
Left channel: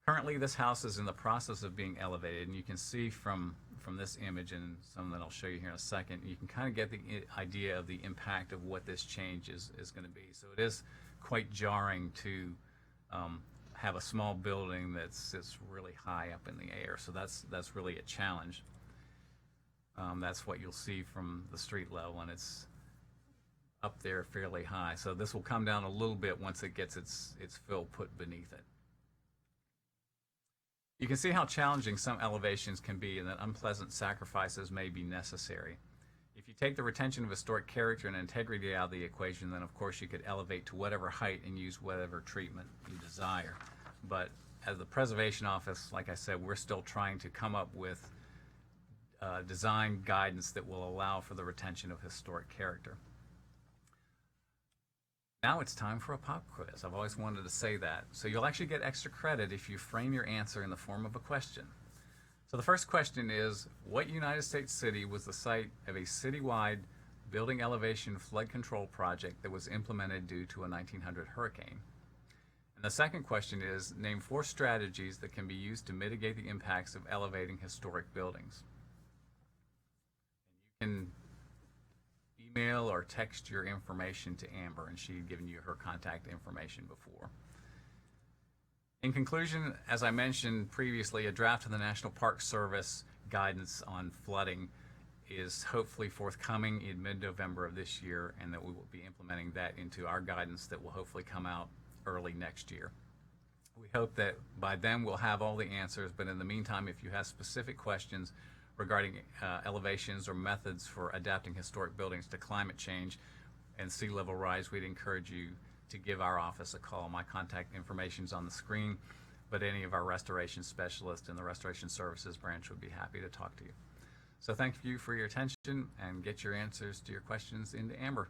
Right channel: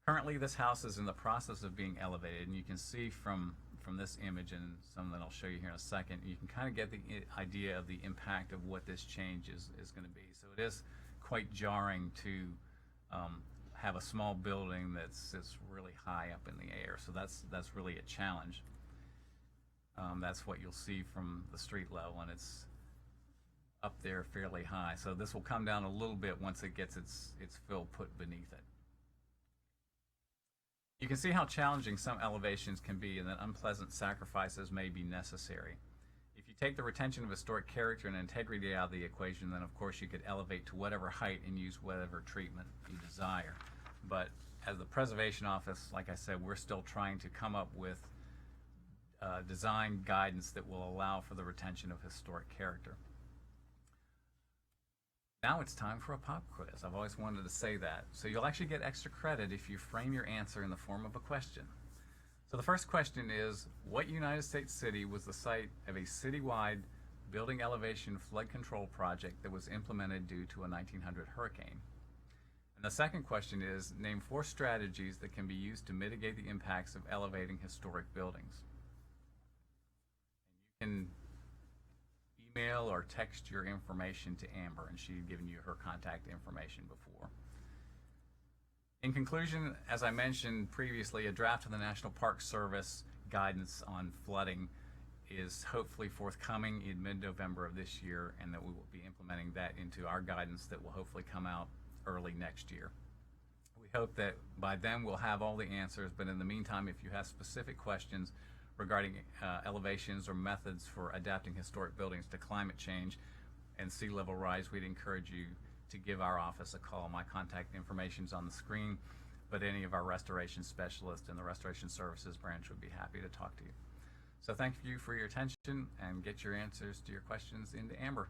Currently, this house is in the process of being elevated, and you can see from this image and some that I'll show you here in a second, you can kind of get the idea of the impact of what this change is going to be. So it is quite jarring to have a small building that sits really high up in the air. So that's really a challenge. That's what you'll see from the street level, and it's up there fairly high. So this will come down a little bit once it gets its fill put beneath it. You can see how challenging some elevations can be and that unpleasant sacrifices may be necessary. If you take the retention of historic character and integrity out of the equation, then of course you could elevate to whatever height and use whatever treatment you desire. But as the Preservation Office, like I said, we're still trying to come up with design guidance that will allow for the retention of historic character. Now it's time for a pop quiz. I've always wanted to say that. So you'll actually get extra credit if you frame your answer in the form of a question. So the first question is, what United States city was the site of a citywide building elevation flood control project that was implemented due to a 1900 hurricane? And the second question is, name 4 strategies that can be used to mitigate the impacts of elevating historic buildings. And you can email or text your information to Amber, and she had given you her contact information before. In conclusion, as I mentioned previously, a draft of the National Park Service guidance on flooding is hopefully forthcoming in mid-November of this year, and that we will be implementing that into our guidance that will hopefully come out early next year. We hope that by then we'll have all the answers, but in the meantime, if you have specific questions regarding elevations or methods for adapting historic buildings to climate change and sea level rise, we'd encourage you to give our office a call. My contact information is on the screen, but any of our restoration specialists in the Restoration Services branch would be happy to talk to you. So thank you for your attention, and get your answers to your questions into Amber.